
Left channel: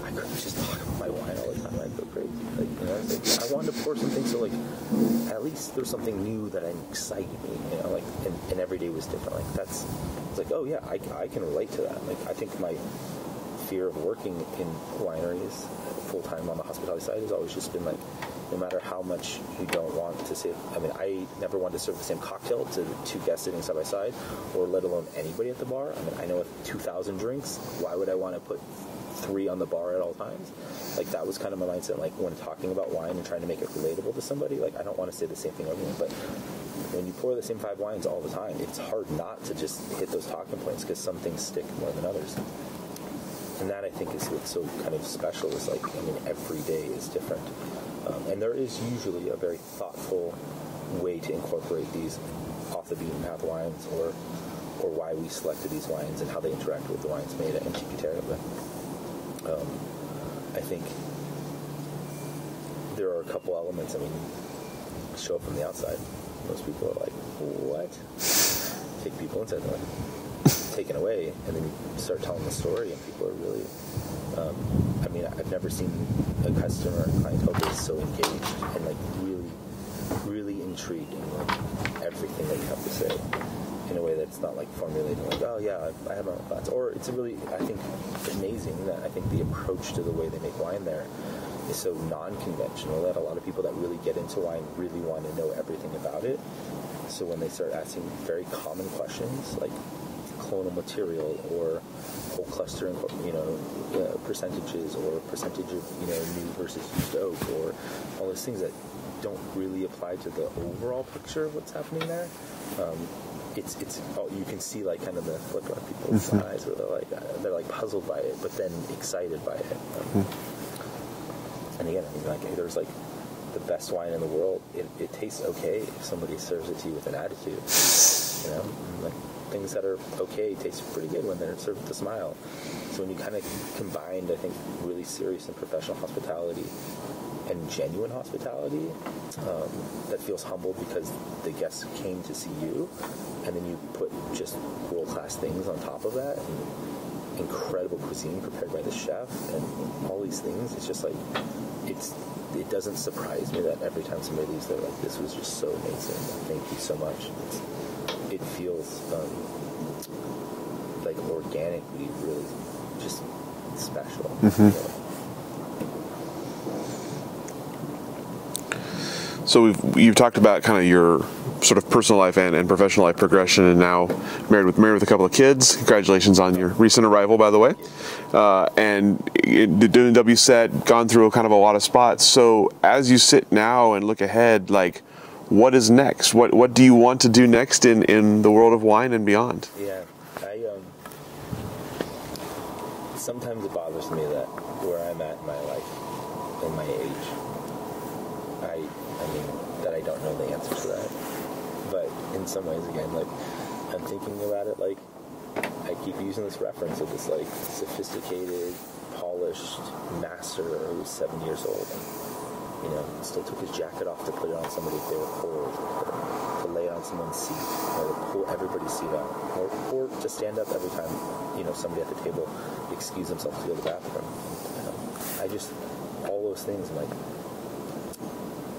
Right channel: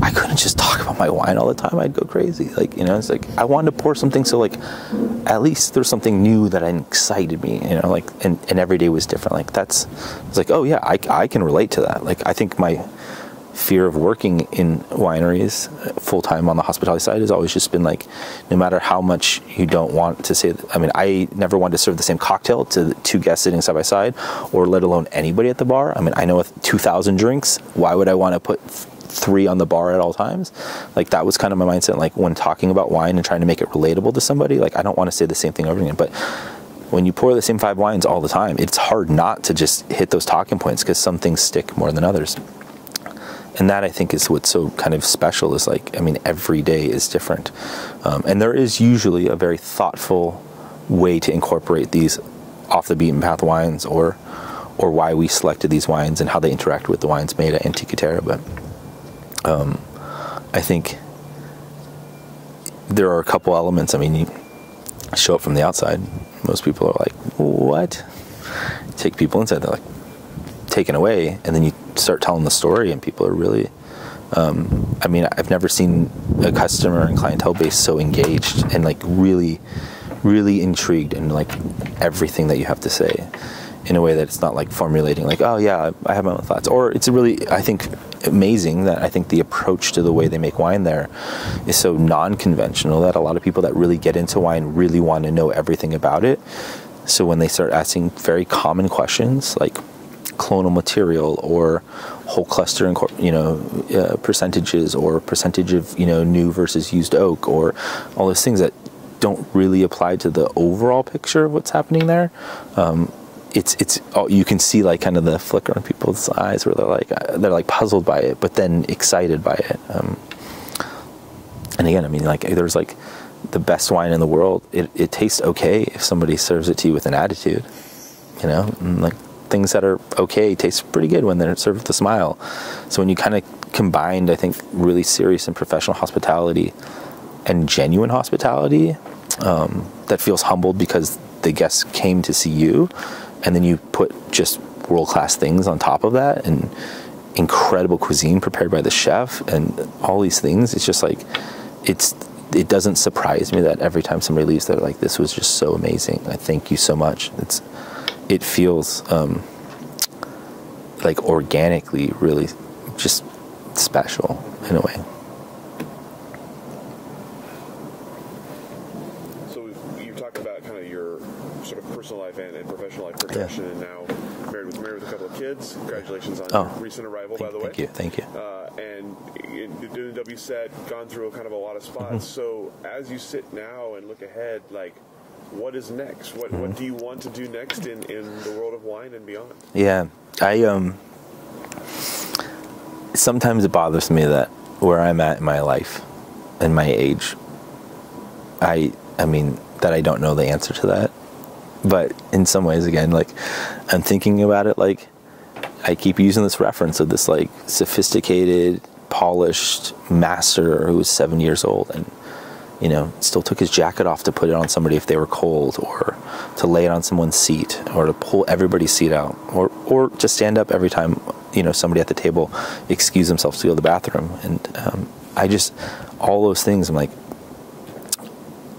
I couldn't just talk about my wine all the time. I'd go crazy. Like, you know, it's like, I wanted to pour something so, like, at least there's something new that excited me, you know, like, and every day was different. Like, it's like, oh yeah, I can relate to that. Like, I think my fear of working in wineries full-time on the hospitality side has always just been like, no matter how much you don't want to say, I mean, I never wanted to serve the same cocktail to the two guests sitting side by side, or let alone anybody at the bar. I mean, I know with 2,000 drinks, why would I want to put 3 on the bar at all times? Like, that was kind of my mindset, like, when talking about wine and trying to make it relatable to somebody. Like, I don't want to say the same thing over again, but when you pour the same 5 wines all the time, it's hard not to just hit those talking points, because some things stick more than others. And that, I think, is what's so kind of special, is like, I mean, every day is different, and there is usually a very thoughtful way to incorporate these off the beaten path wines, or why we selected these wines and how they interact with the wines made at Antica Terra. But I think there are a couple elements. I mean, you show up from the outside, most people are like, what? Take people inside, they're like taken away, and then you start telling the story, and people are really, I mean, I've never seen a customer and clientele base so engaged and like really, really intrigued in like everything that you have to say, in a way that it's not like formulating like, oh yeah, I have my own thoughts. Or it's really, I think, amazing that I think the approach to the way they make wine there is so non-conventional that a lot of people that really get into wine really want to know everything about it. So when they start asking very common questions like clonal material, or whole cluster and, you know, percentages, or percentage of, you know, new versus used oak, or all those things that don't really apply to the overall picture of what's happening there, it's you can see like kind of the flicker in people's eyes where they're like puzzled by it, but then excited by it. And again, I mean, like, there's like the best wine in the world. It tastes okay if somebody serves it to you with an attitude, you know, and like things that are okay taste pretty good when they're served with a smile. So when you kind of combined, I think, really serious and professional hospitality and genuine hospitality, that feels humbled because the guests came to see you, and then you put just world-class things on top of that, and incredible cuisine prepared by the chef, and all these things. It's just like, it doesn't surprise me that every time somebody leaves, they're like, this was just so amazing. I thank you so much. It feels like organically really just special in a way. So you've talked about kind of your sort of personal life and professional life progression, and now married with a couple of kids. Congratulations on your recent arrival, by the way. Thank you. And doing WSET, gone through kind of a lot of spots. So as you sit now and look ahead, like, what is next? What do you want to do next in the world of wine and beyond? Yeah, sometimes it bothers me that where I'm at in my life and my age, I mean, that I don't know the answer to that. But in some ways, again, like, I'm thinking about it, like, I keep using this reference of this, like, sophisticated, polished master who was 7 years old and, you know, still took his jacket off to put it on somebody if they were cold, or to lay it on someone's seat, or to pull everybody's seat out, or to stand up every time, you know, somebody at the table excused themselves to go to the bathroom. And all those things, I'm like,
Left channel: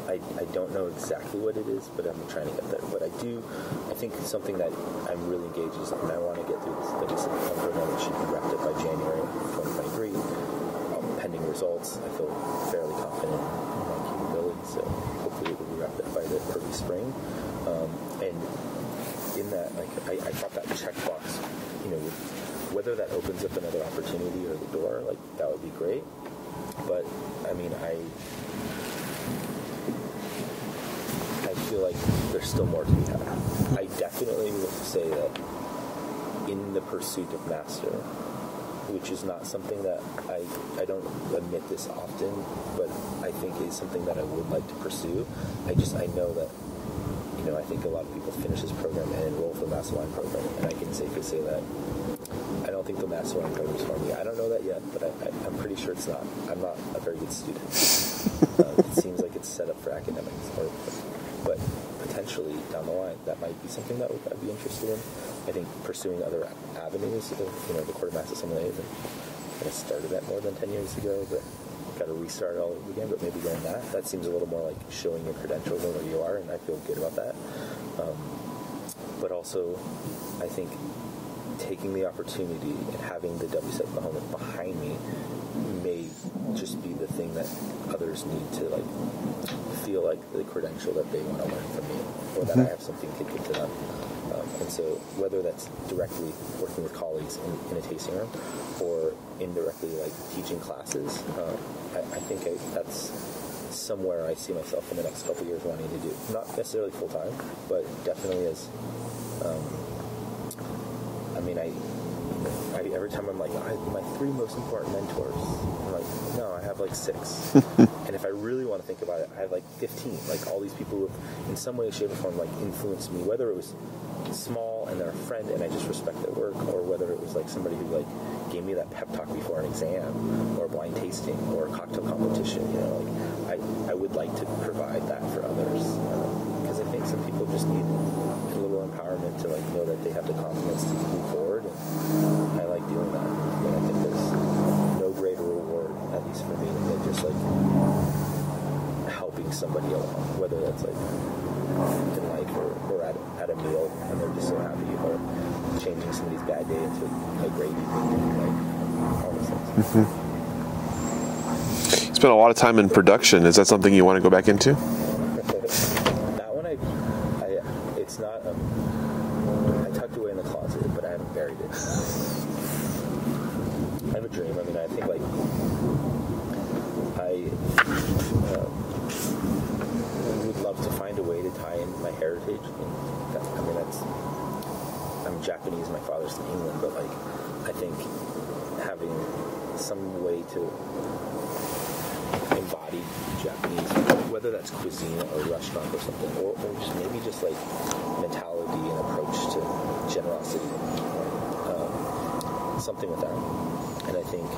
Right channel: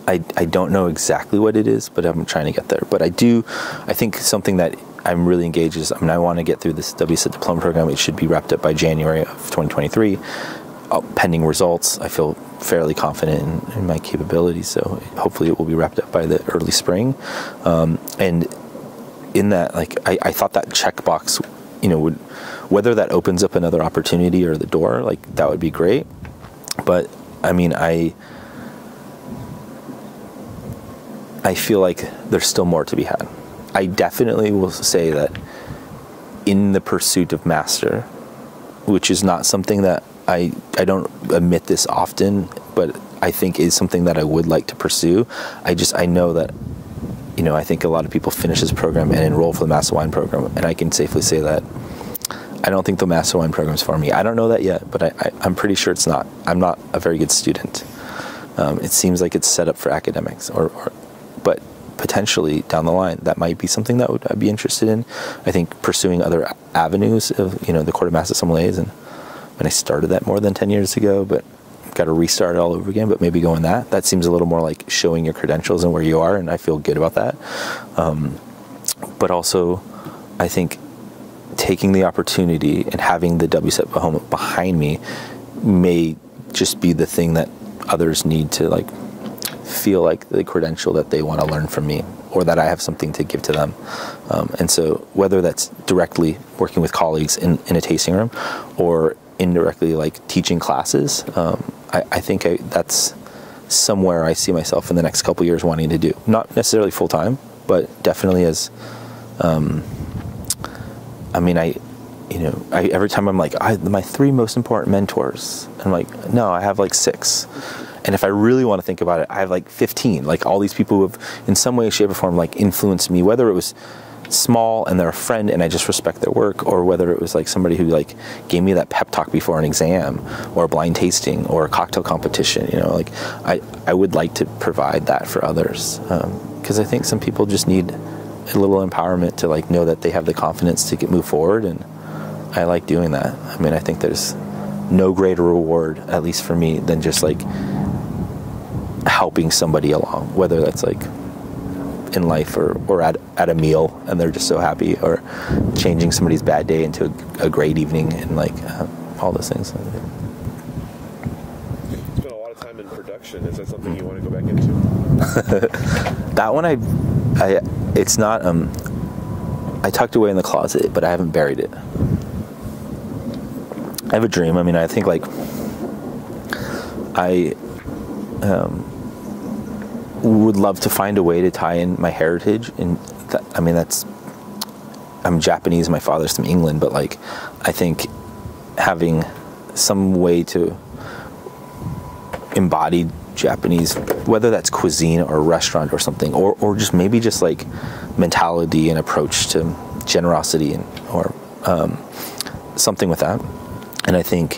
I don't know exactly what it is, but I'm trying to get there. But I think something that I'm really engaged is, I want to get through this WSET diploma program. It should be wrapped up by January of 2023. Pending results, I feel fairly confident in my capabilities, so hopefully it will be wrapped up by the early spring. And in that, like, I thought that checkbox, you know, whether that opens up another opportunity or the door, like, that would be great. But I mean, I feel like there's still more to be had. I definitely will say that in the pursuit of master, which is not something that I don't admit this often, but I think is something that I would like to pursue. I know that, you know, I think a lot of people finish this program and enroll for the Master Wine program, and I can safely say that I don't think the Master Wine program is for me. I don't know that yet, but I'm pretty sure it's not. I'm not a very good student. It seems like it's set up for academics, but potentially down the line, that might be something that I'd be interested in. I think pursuing other avenues of, you know, the Court of Master Sommeliers, and I started that more than 10 years ago, but got to restart it all over again. But maybe going that seems a little more like showing your credentials and where you are, and I feel good about that. But also, I think taking the opportunity and having the WSET behind me may just be the thing that others need to, like, feel like the credential that they want to learn from me, or that I have something to give to them. And so whether that's directly working with colleagues in a tasting room, or indirectly, like, teaching classes, I think that's somewhere I see myself in the next couple of years wanting to do. Not necessarily full time, but definitely as, every time I'm like, my 3 most important mentors, I'm like, no, I have like 6. And if I really want to think about it, I have like 15. Like, all these people who have, in some way, shape, or form, like, influenced me, whether it was small and they're a friend and I just respect their work, or whether it was like somebody who, like, gave me that pep talk before an exam, or a blind tasting, or a cocktail competition. You know, like, I would like to provide that for others, because I think some people just need a little empowerment to, like, know that they have the confidence to move forward, and I like doing that. I mean, I think there's no greater reward, at least for me, than just, like, helping somebody along, whether that's, like, in life or at a meal and they're just so happy, or changing somebody's bad day into a great evening, and, like, all those things. Mm-hmm. You spent a lot of time in production. Is that something you want to go back into? That one, it's not, I tucked away in the closet, but I haven't buried it. I have a dream. I mean, I think, like, I would love to find a way to tie in my heritage, and I'm Japanese, my father's from England, but, like, I think having some way to embodied Japanese, whether that's cuisine or restaurant or something, or just maybe just like mentality and approach to generosity or something with that. And I think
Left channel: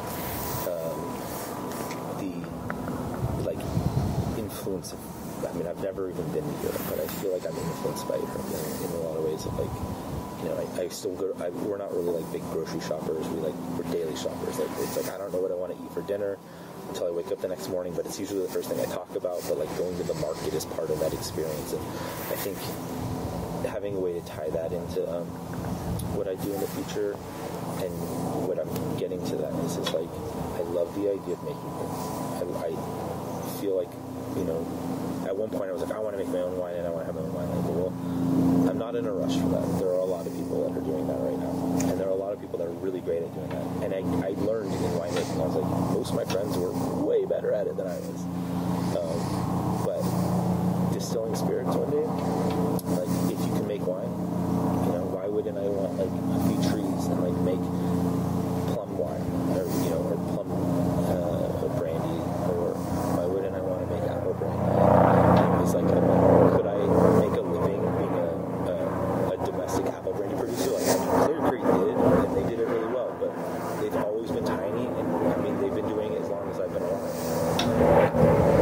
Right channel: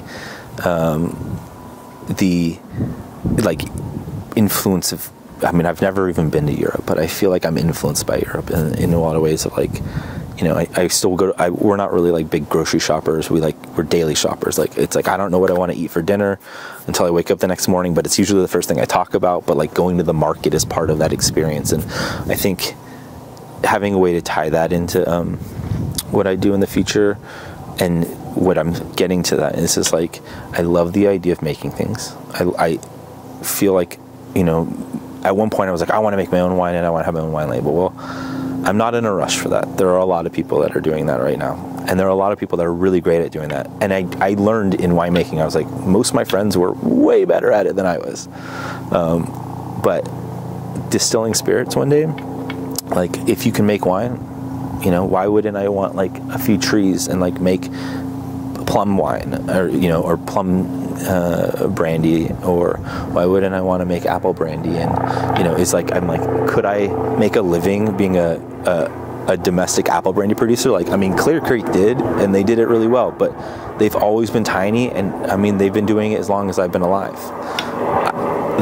the like influence of, I mean, I've never even been to Europe, but I feel like I'm influenced by Europe in a lot of ways of like, you know, I still go to, we're not really like big grocery shoppers. We're daily shoppers. Like, it's like, I don't know what I want to eat for dinner until I wake up the next morning, but it's usually the first thing I talk about. But like going to the market is part of that experience. And I think having a way to tie that into what I do in the future and what I'm getting to that is just like, I love the idea of making things. I feel like, you know, at one point I was like, I want to make my own wine and I want to have my own wine label. Well, I'm not in a rush for that. There are a lot of people that are doing that right now. And there are a lot of people that are really great at doing that. And I learned in winemaking, I was like, most of my friends were way better at it than I was. But distilling spirits one day, like if you can make wine, you know, why wouldn't I want like a few trees and like make plum wine or, you know, or plum brandy, or why wouldn't I want to make apple brandy? And, you know, it's like, I'm like, could I make a living being a domestic apple brandy producer? Like, I mean, Clear Creek did, and they did it really well, but they've always been tiny. And I mean, they've been doing it as long as I've been alive.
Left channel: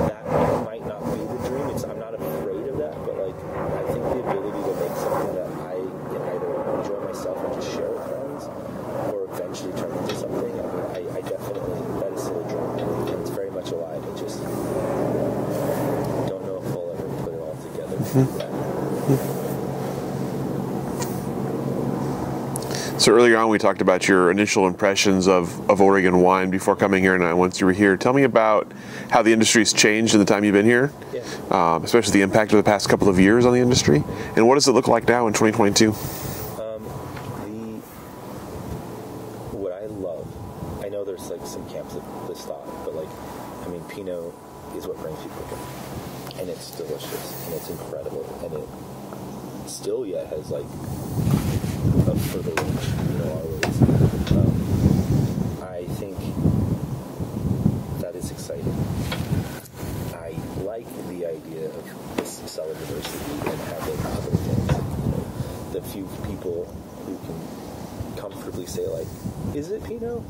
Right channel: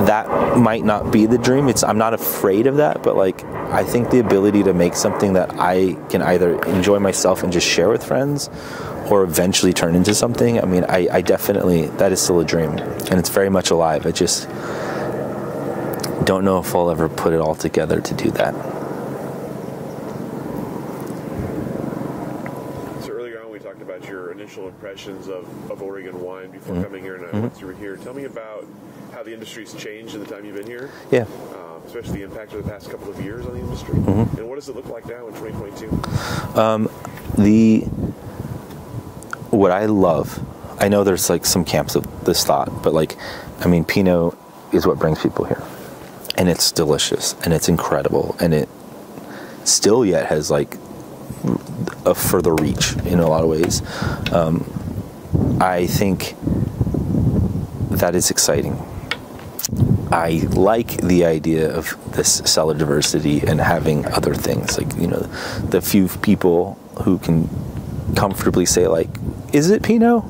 That might not be the dream. I'm not afraid of that, but like, I think the ability to make something that I can either enjoy myself and just share with friends, or eventually turn into something. I mean, I definitely, that is still a dream, and it's very much alive. I just don't know if I'll ever put it all together to do that. So earlier on, we talked about your initial impressions of Oregon wine before coming here, and once you were here. Tell me about how the industry's changed in the time you've been here. Yeah. Especially the impact of the past couple of years on the industry. And what does it look like now in 2022? What I love, I know there's like some camps of this thought, but like, I mean, Pinot is what brings people here, and it's delicious and it's incredible, and it still yet has like a further reach in a lot of ways. I think that is exciting. I like the idea of this cellar diversity and having other things, like, you know, the few people who can comfortably say like, is it Pinot?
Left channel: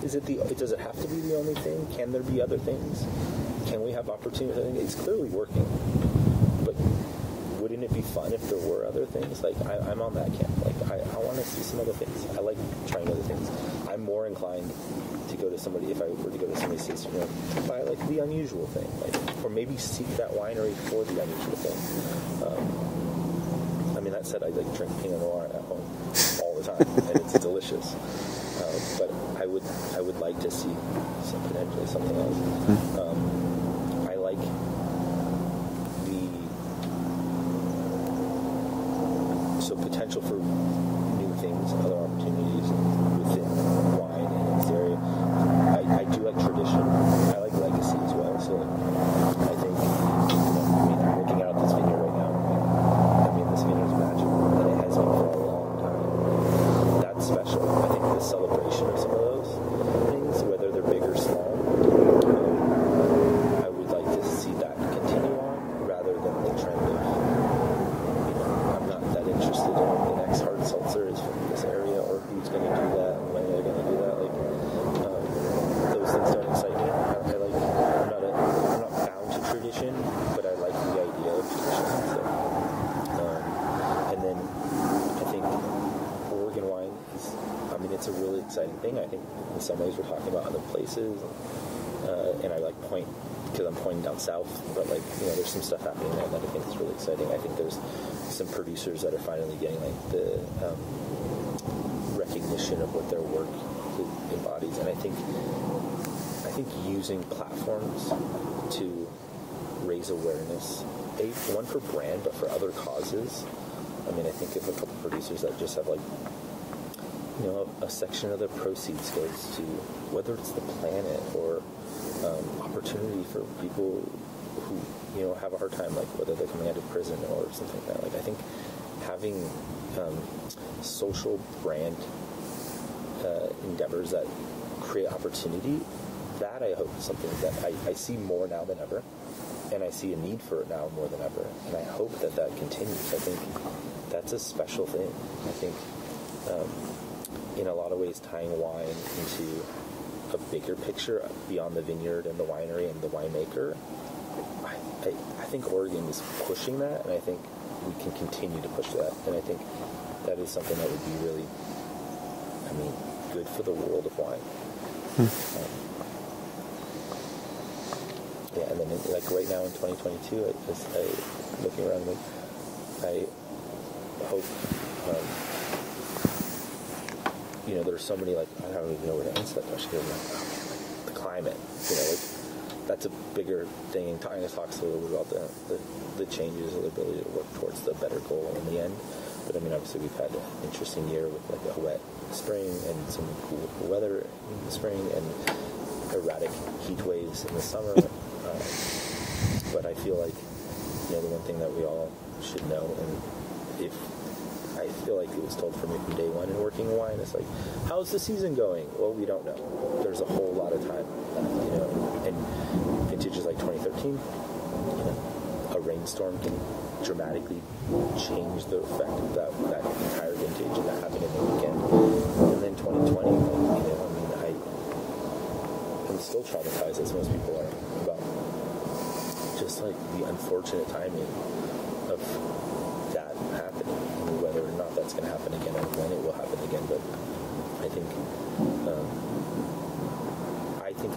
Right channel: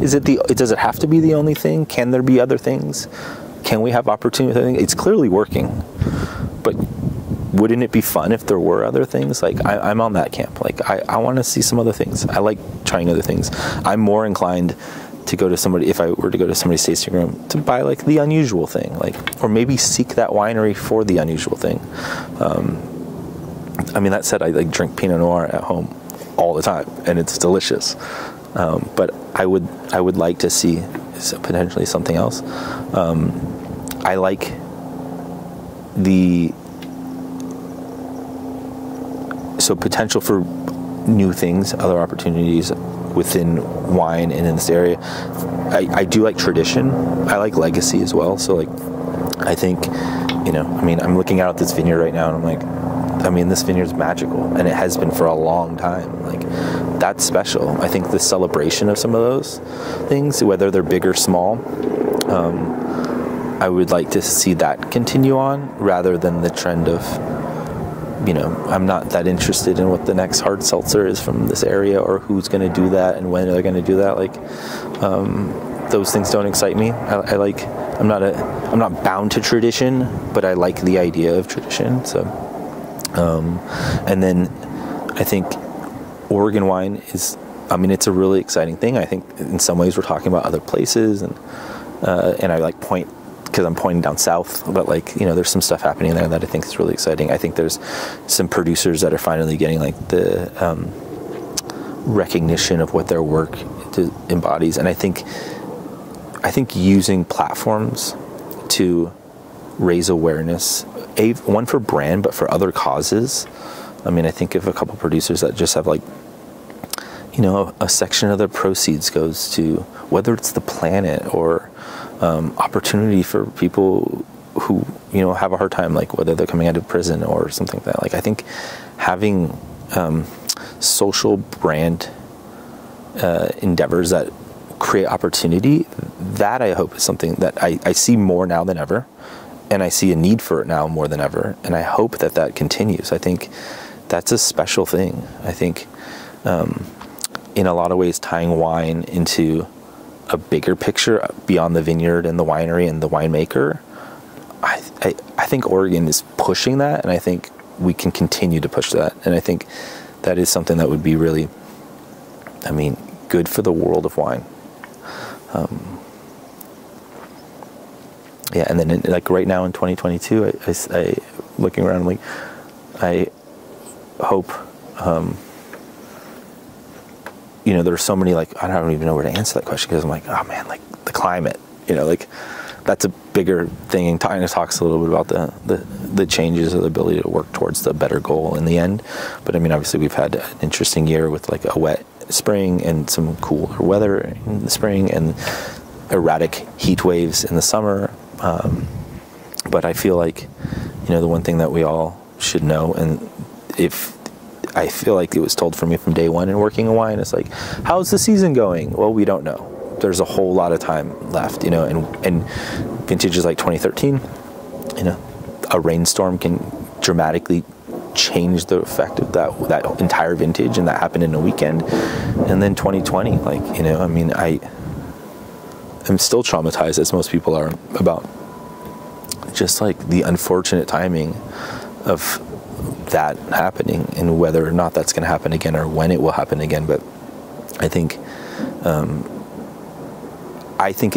Does it have to be the only thing? Can there be other things? Can we have opportunity? It's clearly working, but wouldn't it be fun if there were other things? Like, I'm on that camp. Like, I want to see some other things. I like trying other things. I'm more inclined to go to somebody, if I were to go to somebody's tasting room, to buy like the unusual thing, like, or maybe seek that winery for the unusual thing. I mean, that said, I like drink Pinot Noir at home all the time, and it's delicious. But I would like to see potentially something else. I like so potential for new things, other opportunities within wine and in this area. I do like tradition. I like legacy as well. So like, I think, you know, I mean, I'm looking out at this vineyard right now and I'm like, I mean, this vineyard's magical, and it has been for a long time. Like, that's special. I think the celebration of some of those things, whether they're big or small, I would like to see that continue on rather than the trend of, you know, I'm not that interested in what the next hard seltzer is from this area or who's going to do that and when they're going to do that. Like, those things don't excite me. I'm not bound to tradition, but I like the idea of tradition. So, and then I think Oregon wine is, I mean, it's a really exciting thing. I think in some ways we're talking about other places, and I like point, because I'm pointing down south, but like, you know, there's some stuff happening there that I think is really exciting. I think there's some producers that are finally getting like the recognition of what their work embodies, and I think using platforms to raise awareness, one for brand, but for other causes. I mean, I think of a couple producers that just have like, you know, a section of their proceeds goes to, whether it's the planet or opportunity for people who, you know, have a hard time, like whether they're coming out of prison or something like that. Like, I think having social brand endeavors that create opportunity, that I hope is something that I see more now than ever, and I see a need for it now more than ever, and I hope that that continues. I think that's a special thing. I think in a lot of ways tying wine into a bigger picture beyond the vineyard and the winery and the winemaker, I think Oregon is pushing that, and I think we can continue to push that. And I think that is something that would be really, I mean, good for the world of wine. Yeah, and then like right now in 2022, I looking around, like I hope, you know, there's so many, like, I don't even know where to answer that question, because I'm like, oh man, like the climate, you know, like that's a bigger thing. And talks a little bit about the changes of the ability to work towards the better goal in the end. But I mean, obviously we've had an interesting year with like a wet spring and some cooler weather in the spring and erratic heat waves in the summer. But I feel like, you know, the one thing that we all should know, and if I feel like it was told for me from day one in working in wine, it's like, how's the season going? Well, we don't know. There's a whole lot of time left, you know, and vintages like 2013, you know, a rainstorm can dramatically change the effect of that entire vintage, and that happened in a weekend. And then 2020, like, you know, I mean, I'm still traumatized, as most people are, about just like the unfortunate timing of that happening, and whether or not that's going to happen again or when it will happen again. But I think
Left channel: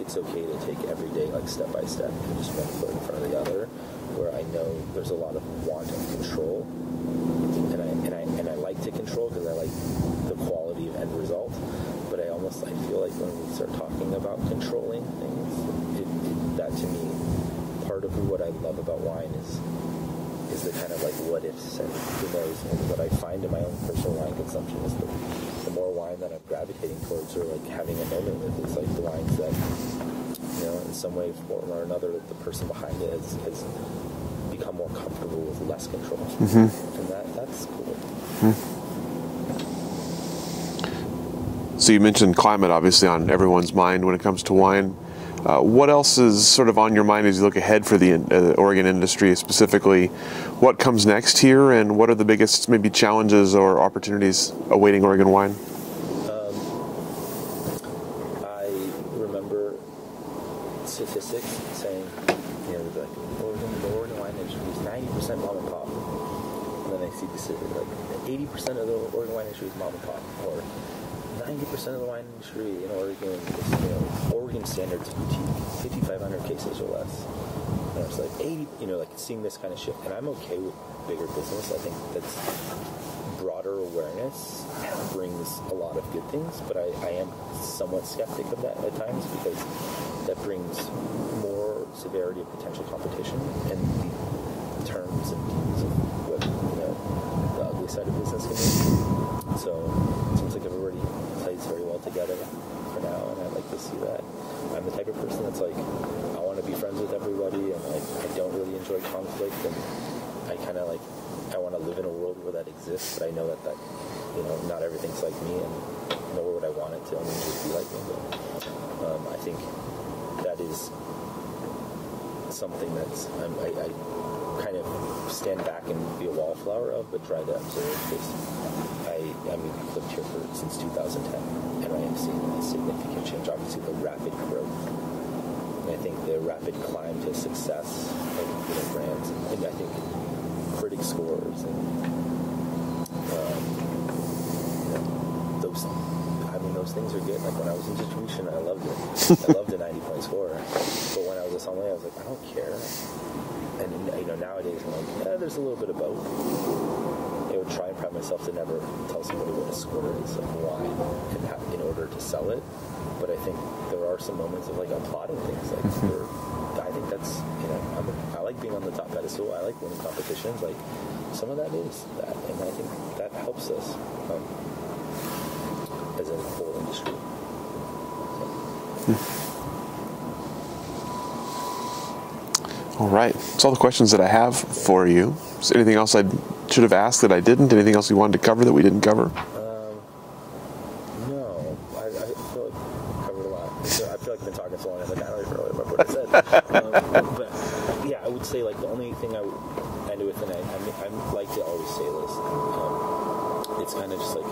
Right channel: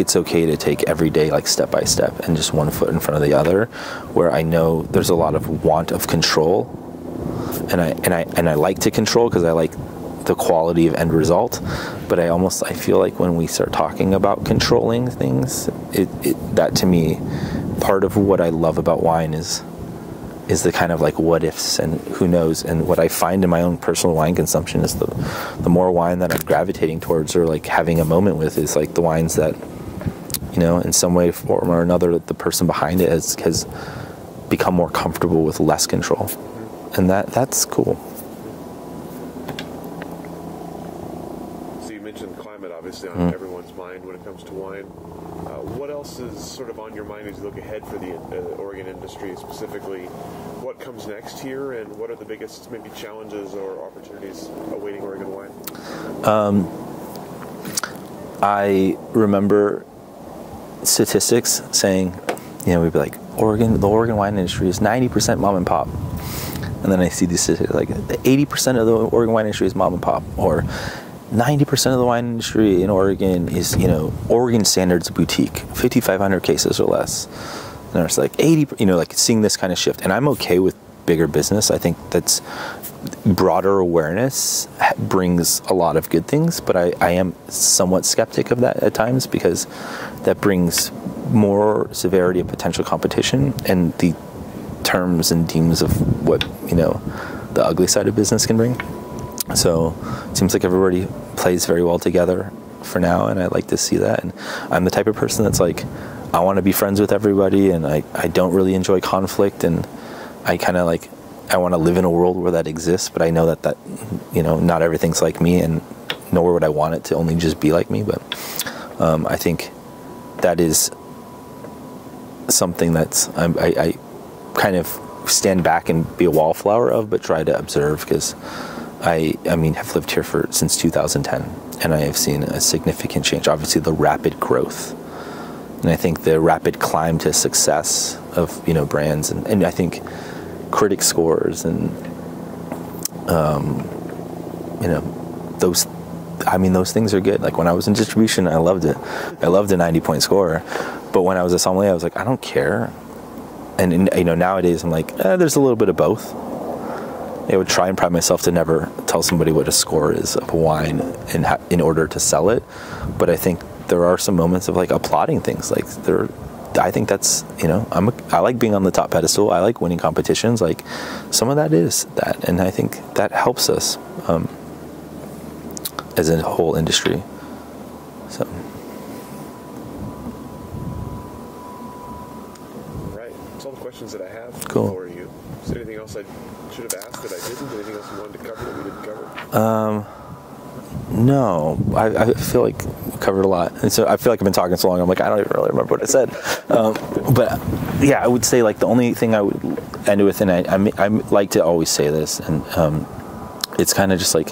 it's okay to take every day like step by step and just one foot in front of the other, where I know there's a lot of want of control, and I like to control because I like the quality of end result. But I feel like when we start talking about controlling things, that to me, part of what I love about wine is the kind of like what ifs and who knows. And what I find in my own personal wine consumption is the more wine that I'm gravitating towards or like having a moment with is like the wines that, you know, in some way, form or another, the person behind it has become more comfortable with less control. Mm-hmm. And that's cool. Mm-hmm. So you mentioned climate, obviously, on everyone's mind when it comes to wine. What else is sort of on your mind as you look ahead for the Oregon industry specifically? What comes next here, and what are the biggest maybe challenges or opportunities awaiting Oregon wine? I remember statistics saying, you know, we'd be like, the Oregon wine industry is 90% mom and pop. And then I see these statistics like 80% of the Oregon wine industry is mom and pop, or 90% of the wine industry in Oregon is, you know, Oregon standards boutique, 5,500 cases or less. And it's like 80, you know, like seeing this kind of shift. And I'm okay with bigger business. I think that's broader awareness brings a lot of good things, but I am somewhat skeptic of that at times, because that brings more severity of potential competition and the terms and themes of what, you know, the ugly side of business can bring. So it seems like everybody plays very well together for now, and I like to see that. And I'm the type of person that's like, I want to be friends with everybody, and I don't really enjoy conflict, and I kind of like, I want to live in a world where that exists, but I know that you know, not everything's like me, and nor would I want it to only just be like me. But I think that is something that's I kind of stand back and be a wallflower of, but try to observe, because I mean, have lived here since 2010, and I have seen a significant change. Obviously, the rapid growth, and I think the rapid climb to success of, you know, brands, and I think critic scores and you know, those things are good. Like when I was in distribution, I loved it. I loved a 90-point score, but when I was a sommelier, I was like, I don't care. And you know, nowadays I'm like, there's a little bit of both. I would try and pride myself to never tell somebody what a score is of a wine in order to sell it. But I think there are some moments of like applauding things. Like I think that's, you know, I like being on the top pedestal. I like winning competitions. Like some of that is that, and I think that helps us as a whole industry. So. All right. That's all the questions that I have for you. Is there anything else I should have asked that I didn't? Anything else you wanted to cover that we didn't cover? No, I feel like we covered a lot. And so I feel like I've been talking so long, I'm like, I don't even really remember what I said. But yeah, I would say like the only thing I would end with, and I like to always say this, and it's kind of just like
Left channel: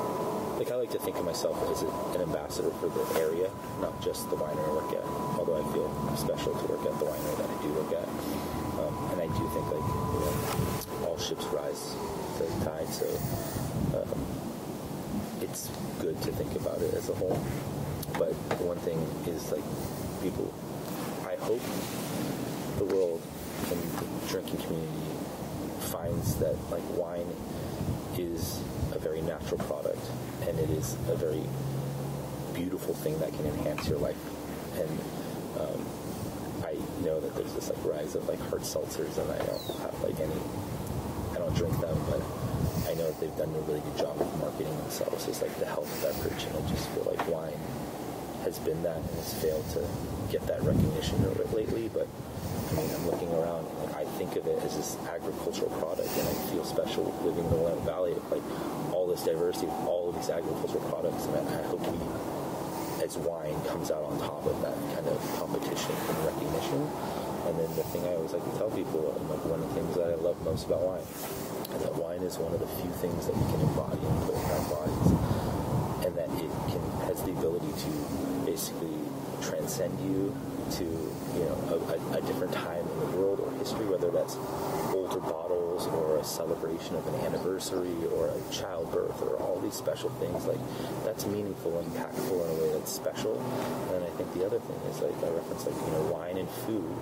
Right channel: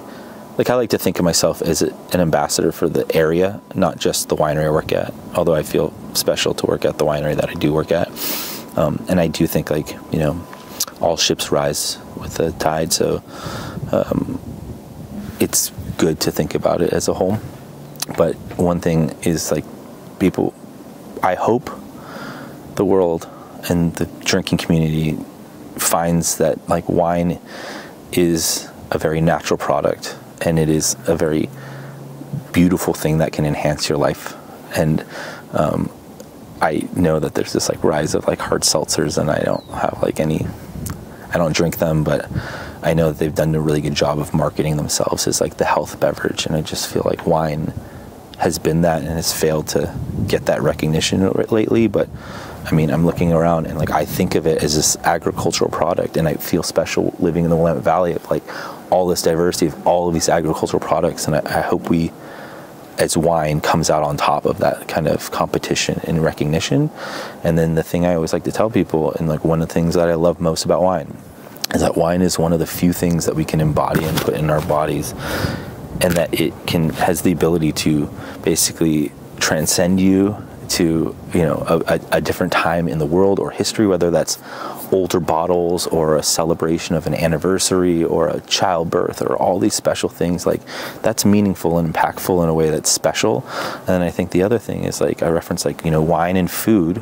I like to think of myself as an ambassador for the area, not just the winery I work at, although I feel special to work at the winery that I do work at. And I do think like, you know, all ships rise with the tide, so it's good to think about it as a whole. But one thing is like people, I hope the world and the drinking community finds that like wine is a very natural product, and it is a very beautiful thing that can enhance your life. And I know that there's this like rise of like hard seltzers, and I don't have like I don't drink them, but I know that they've done a really good job of marketing themselves as like the health beverage, and I just feel like wine has been that and has failed to get that recognition lately. But I mean, I'm looking around and like I think of it as this agricultural product, and I feel special living in the Willamette Valley of like all this diversity of all of these agricultural products, and I hope we, as wine, comes out on top of that kind of competition and recognition. And then the thing I always like to tell people, and like one of the things that I love most about wine, is that wine is one of the few things that we can embody and put in our bodies, and that it has the ability to basically transcend you to, you know, a different time in the world or history, whether that's older bottles or a celebration of an anniversary or a childbirth or all these special things. Like that's meaningful and impactful in a way that's special. And then I think the other thing is like I reference like, you know, wine and food,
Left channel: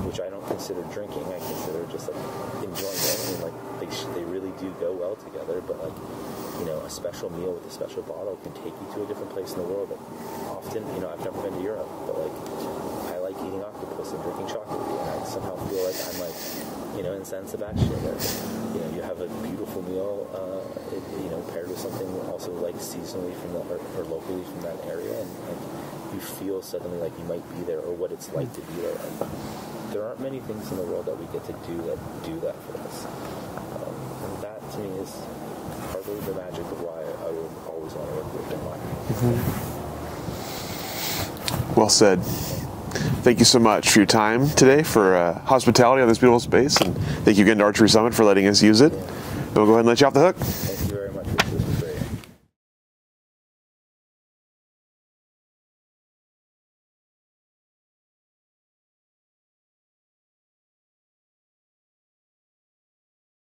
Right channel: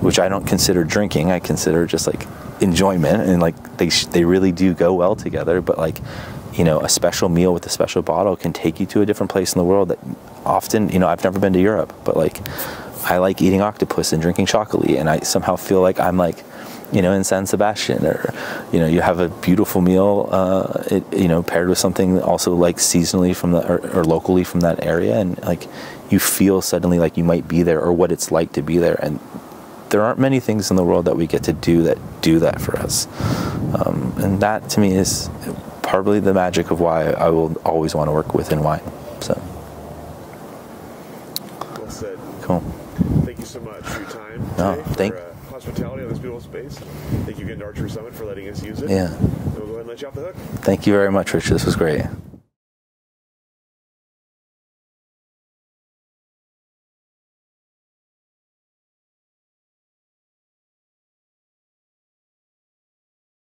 which I don't consider drinking. I consider just like enjoyment, and like they really do go well together. But like, you know, a special meal with a special bottle can take you to a different place in the world that often, you know, I've never been to Europe, but like I like eating octopus and drinking chocolate, and I somehow feel like I'm like, you know, in San Sebastian, or, you know, you have a beautiful meal, you know, paired with something also like seasonally from the, or locally from that area. And like, you feel suddenly like you might be there, or what it's like to be there. And there aren't many things in the world that we get to do that for us. And that to me is probably the magic of why I will always want to work within wine. So. Well said. Cool. Thank you so much for your time today, for hospitality on this beautiful space, and thank you again to Archery Summit for letting us use it. Yeah. We'll go ahead and let you off the hook. Thank you very much, Rich. This was great.